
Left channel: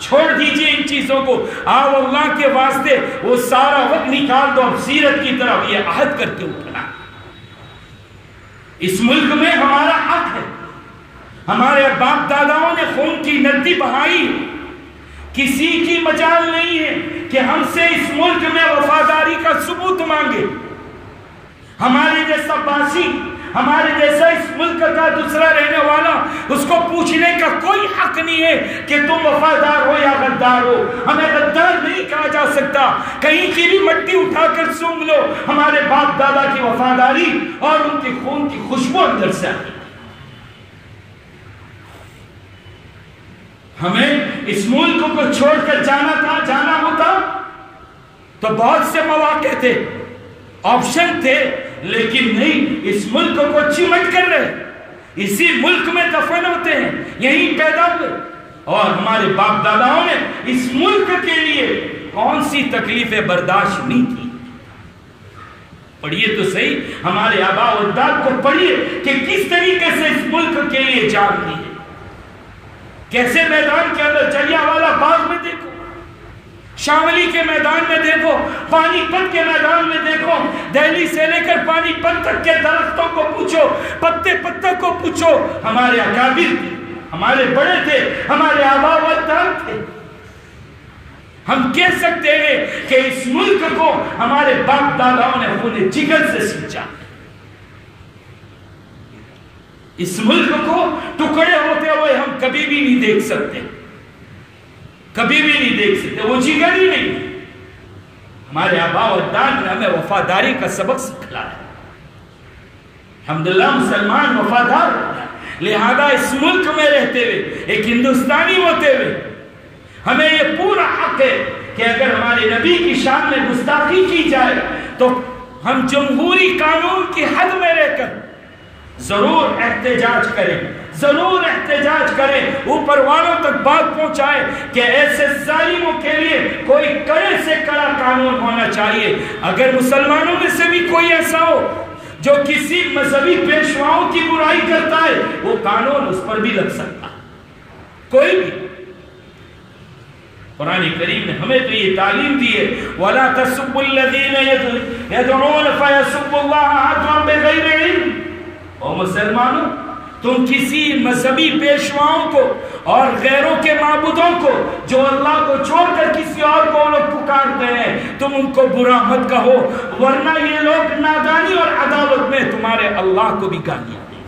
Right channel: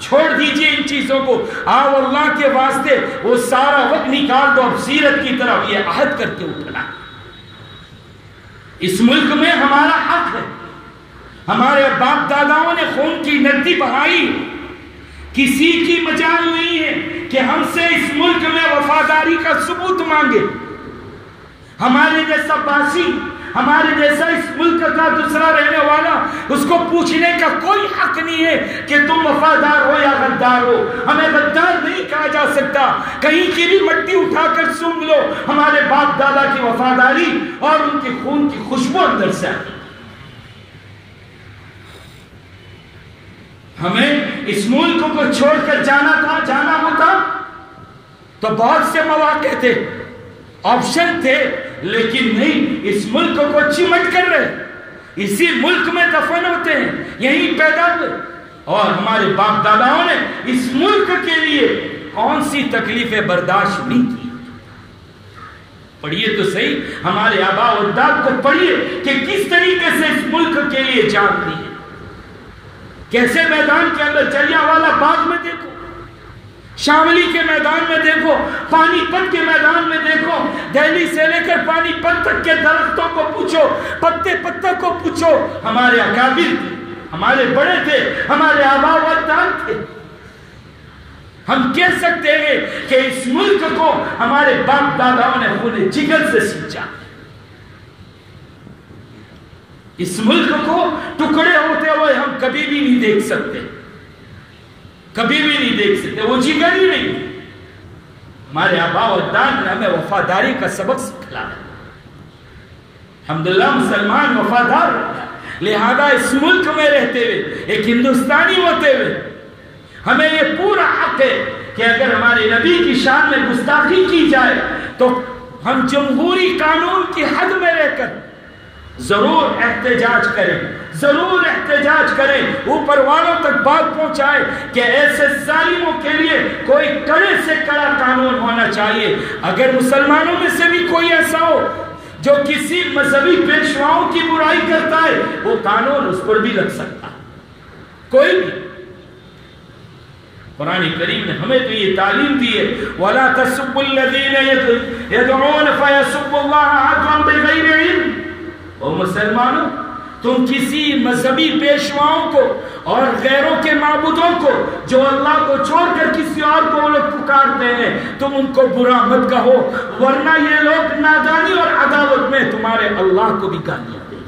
چھوڑ دیجئے ان چیزوں کو، آپ اللہ کے واسطے وہ سارا وقت نکال دو اور سیرت کی طرف یہ عہد کر کے اٹھنا۔ اس ملک میں ہمارا حق ہے، ہمارے باپ داداؤں نے خون کی ندی بہائی، کسی کی مجال نہیں ہے کہ ہم سے اس ملک میں وفاداری کا ثبوت مانگے۔ ہمارے جیسا باسی، ہمارے جیسا اس ملک کا دوسرا رہنے والا، اس کو پوچھنے کا کوئی حق نہیں ہے کہ تم وفادار ہو یا غدار ہو۔ ہمیں غدار نہیں کہا جا سکتا، کہیں کی بھی مٹی اٹھا کر سونگ لو، ہمارے باپ دادا کی وفاداری اور ان کی خون کی خوشبو اندر سے آتی۔ ہمیں اس ملک کو چھوڑ کر جانا ہوتا تو بہت سے مواقع تھے، آپشن تھے، لیکن نہیں، اس ملک کو چمٹ کر رہے، اسی ملک میں دفن ہوتے ہیں، یہی پیدا ہوئے، اور ہمارے باپ داداؤں نے اس ملک کے لیے کون سی تکلیفیں برداشت نہیں کی۔ پڑھیے تو صحیح، ہمارے آباء و اجداد کو پڑھیے کہ کس طریقے سے اس ملک کے لیے جان دی، کیسے میدان کے اندر جلیانوالہ باغ میں دیکھو، شاملی کے میدان میں دیکھو، پانی پت کے میدان میں دیکھو، دہلی سے لے کر پانی پت تک کے درختوں کو پوچھو، پتے کو پوچھو، ہمارے اکابر تھے، ہمارے بڑے تھے، ہمارے آباء و اجداد تھے۔ ہم کہہ سکتے ہیں کہ اس ملک کو ہمارے باپ داداؤں نے خون جگر سے سینچا، اس ملک کو ٹکڑے ہوتے ہوئے ہم کبھی بھی نہیں دیکھ سکتے، کبھی بھی نہیں دیکھ سکتے، وہ جگر ہی نہیں۔ ہمارے آباء و اجداد نے ہمیں وفاداری کا سبق سکھلایا، الحمدللہ مسلمان وفادار، لہذا اس ملک میں رہتے ہوئے، ایک ہندوستانی ہوتے ہوئے ہمیں یہ پورا حق ہے کہ اگر ہمارے نبی کی شان میں گستاخی کی جائے تو ہم جمہوری قانون کی حد میں رہ کر ضرور احتجاج کریں، ضرور احتجاج کریں، اوپر والوں تک بات پہنچائے کہ ایسے ظالموں کے لیے کوئی کڑے سے کڑا قانون ہونا چاہیے۔ اگر مسلمانوں میں سے بھی کوئی ایسا ہو جو کسی مذہبی پیشواؤں کی برائی کرتا ہے، وہ قانون اس پر بھی لگ سکتا، کوئی بھی۔ قرآن کریم نے ہمیں تو یہ تعلیم دی ہے وَلَا تَسُبُّوا الَّذِينَ يَدْعُونَ فَيَسُبُّوا اللَّهَ عَدْوًا بِغَيْرِ عِلْمٍ۔ او مسلمانوں، تم کسی مذہبی پیشواؤں کو اور غیروں کے معبودوں کو جو اللہ کو چھوڑ کر کسی اور کو لوگ پکارتے ہیں، تم ان کو برا مت کہو، ورنہ یہ لوگ نادانی اور عداوت میں تمہارے اللہ کو بھی گالیاں دیں۔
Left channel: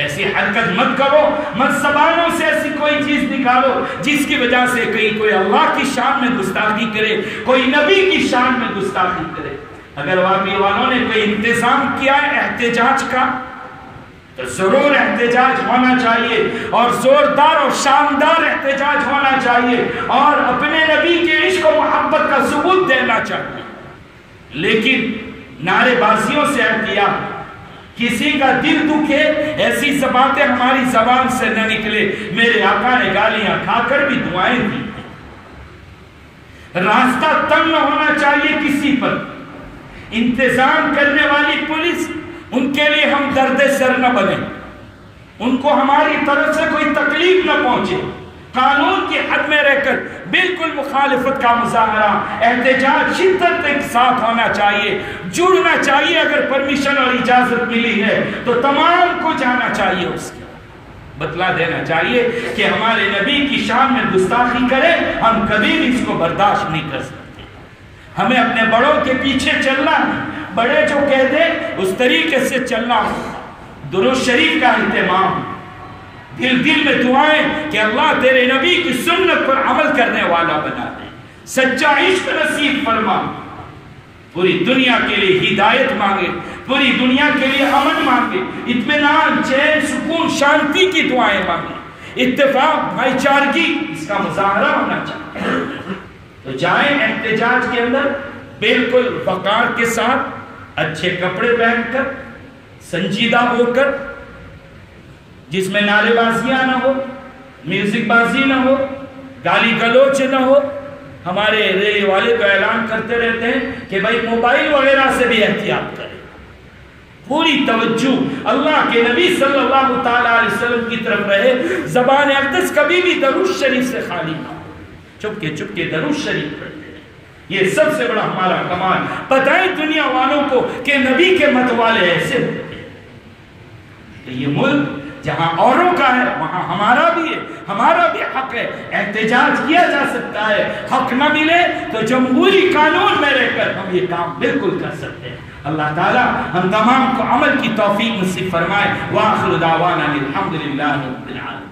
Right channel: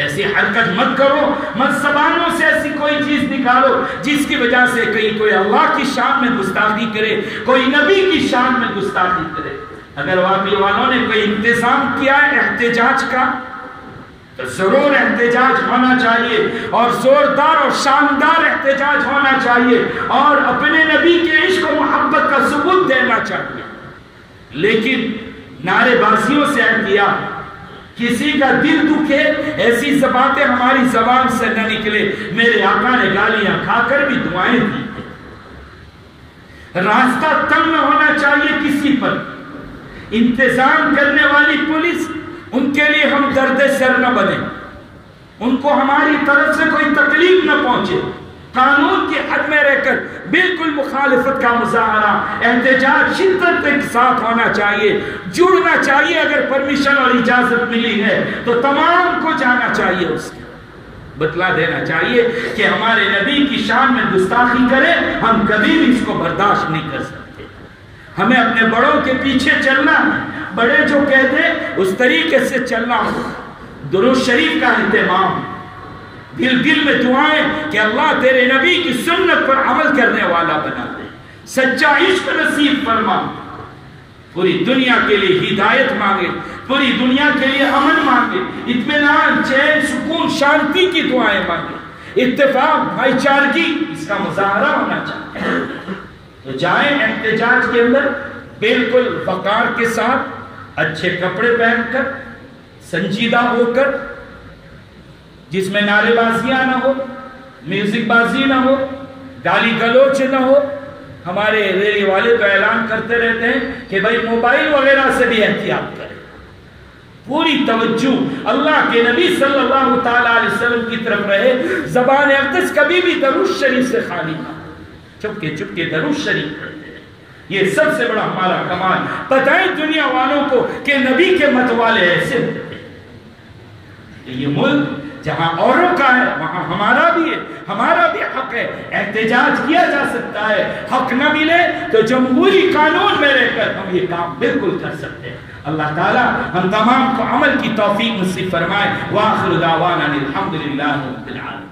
ایسی حرکت مت کرو، مت زبانوں سے ایسی کوئی چیز نکالو جس کی وجہ سے کہیں کوئی اللہ کی شان میں گستاخی کرے، کوئی نبی کی شان میں گستاخی کرے۔ اگر واقعی والوں نے کوئی انتظام کیا ہے احتجاج کا تو ضرور احتجاج ہونا چاہیے، اور زوردار اور شاندار احتجاج ہونا چاہیے، اور اپنے نبی کے عشق و محبت کا ثبوت دینا چاہیے، لیکن نعرے بازیوں سے احتیاط، کسی کا دل دکھے ایسی باتیں ہماری زبان سے نہ نکلے۔ میرے آقا نے گالیاں کھا کر بھی دعائیں دی۔ راستہ تنگ نہ ہونا چاہیے کسی پر، انتظام کرنے والی پولیس، ان کے لیے ہم درد سر نہ بنے، ان کو ہماری طرف سے کوئی تکلیف نہ پہنچے، قانون کی حد میں رہ کر بالکل مخالفت کا مظاہرہ، احتجاج شدت کے ساتھ ہونا چاہیے، جڑنا چاہیے، اگر پرمیشن اور اجازت ملی ہے تو تمام کو جانا چاہیے، اس کے بتلا دینا چاہیے کہ ہمارے نبی کی شان میں گستاخی کرے ہم کبھی بھی اس کو برداشت نہیں کر سکتے۔ ہمیں اپنے بڑوں کے پیچھے چلنا ہے، بڑے جو کہتے اس طریقے سے چلنا ہو، درود شریف کا اہتمام، دل دل میں دعائیں کہ اللہ تیرے نبی کی سنت پر عمل کرنے والا بنا دے، سچا عشق نصیب فرما، پوری دنیا کے لیے ہدایت مانگے، پوری دنیا کے لیے امن مانگے، اطمینان، چین، سکون، شانتی کی دعائیں مانگے، اتفاق، بھائی چارگی، اس کا مظاہرہ ہونا چاہیے۔ تو جائیں احتجاج کے اندر بالکل وقار کے ساتھ، اچھے کپڑے پہن کر، سنجیدہ ہو کر، جس میں نعرے بازیاں نہ ہو، میوزک بازی نہ ہو، گالی گلوچ نہ ہو۔ ہمارے ریلی والے تو اعلان کرتے رہتے ہیں کہ بھائی موبائل وغیرہ سے بھی احتیاط کریں، پوری توجہ اللہ کے نبی صلی اللہ تعالی علیہ وسلم کی طرف رہے، زبان اقدس کبھی بھی درود شریف سے خالی نہ ہو، چپکے چپکے درود شریف پڑھتے ہیں۔ یہ سب سے بڑا ہمارا کمال، بتائیں دنیا والوں کو کہ نبی کے مت والے ایسے ہوتے ہیں۔ یہ ملک جہاں اوروں کا ہے وہاں ہمارا بھی ہے، ہمارا بھی حق ہے، احتجاج کیا جا سکتا ہے، حق نہ ملے تو جمہوری قانون میں رہ کر ہم یہ کام بالکل کر سکتے ہیں۔ اللہ تعالیٰ ہم تمام کو عمل کی توفیق نصیب فرمائے۔ وآخر دعوانا الحمدللہ رب العالمین۔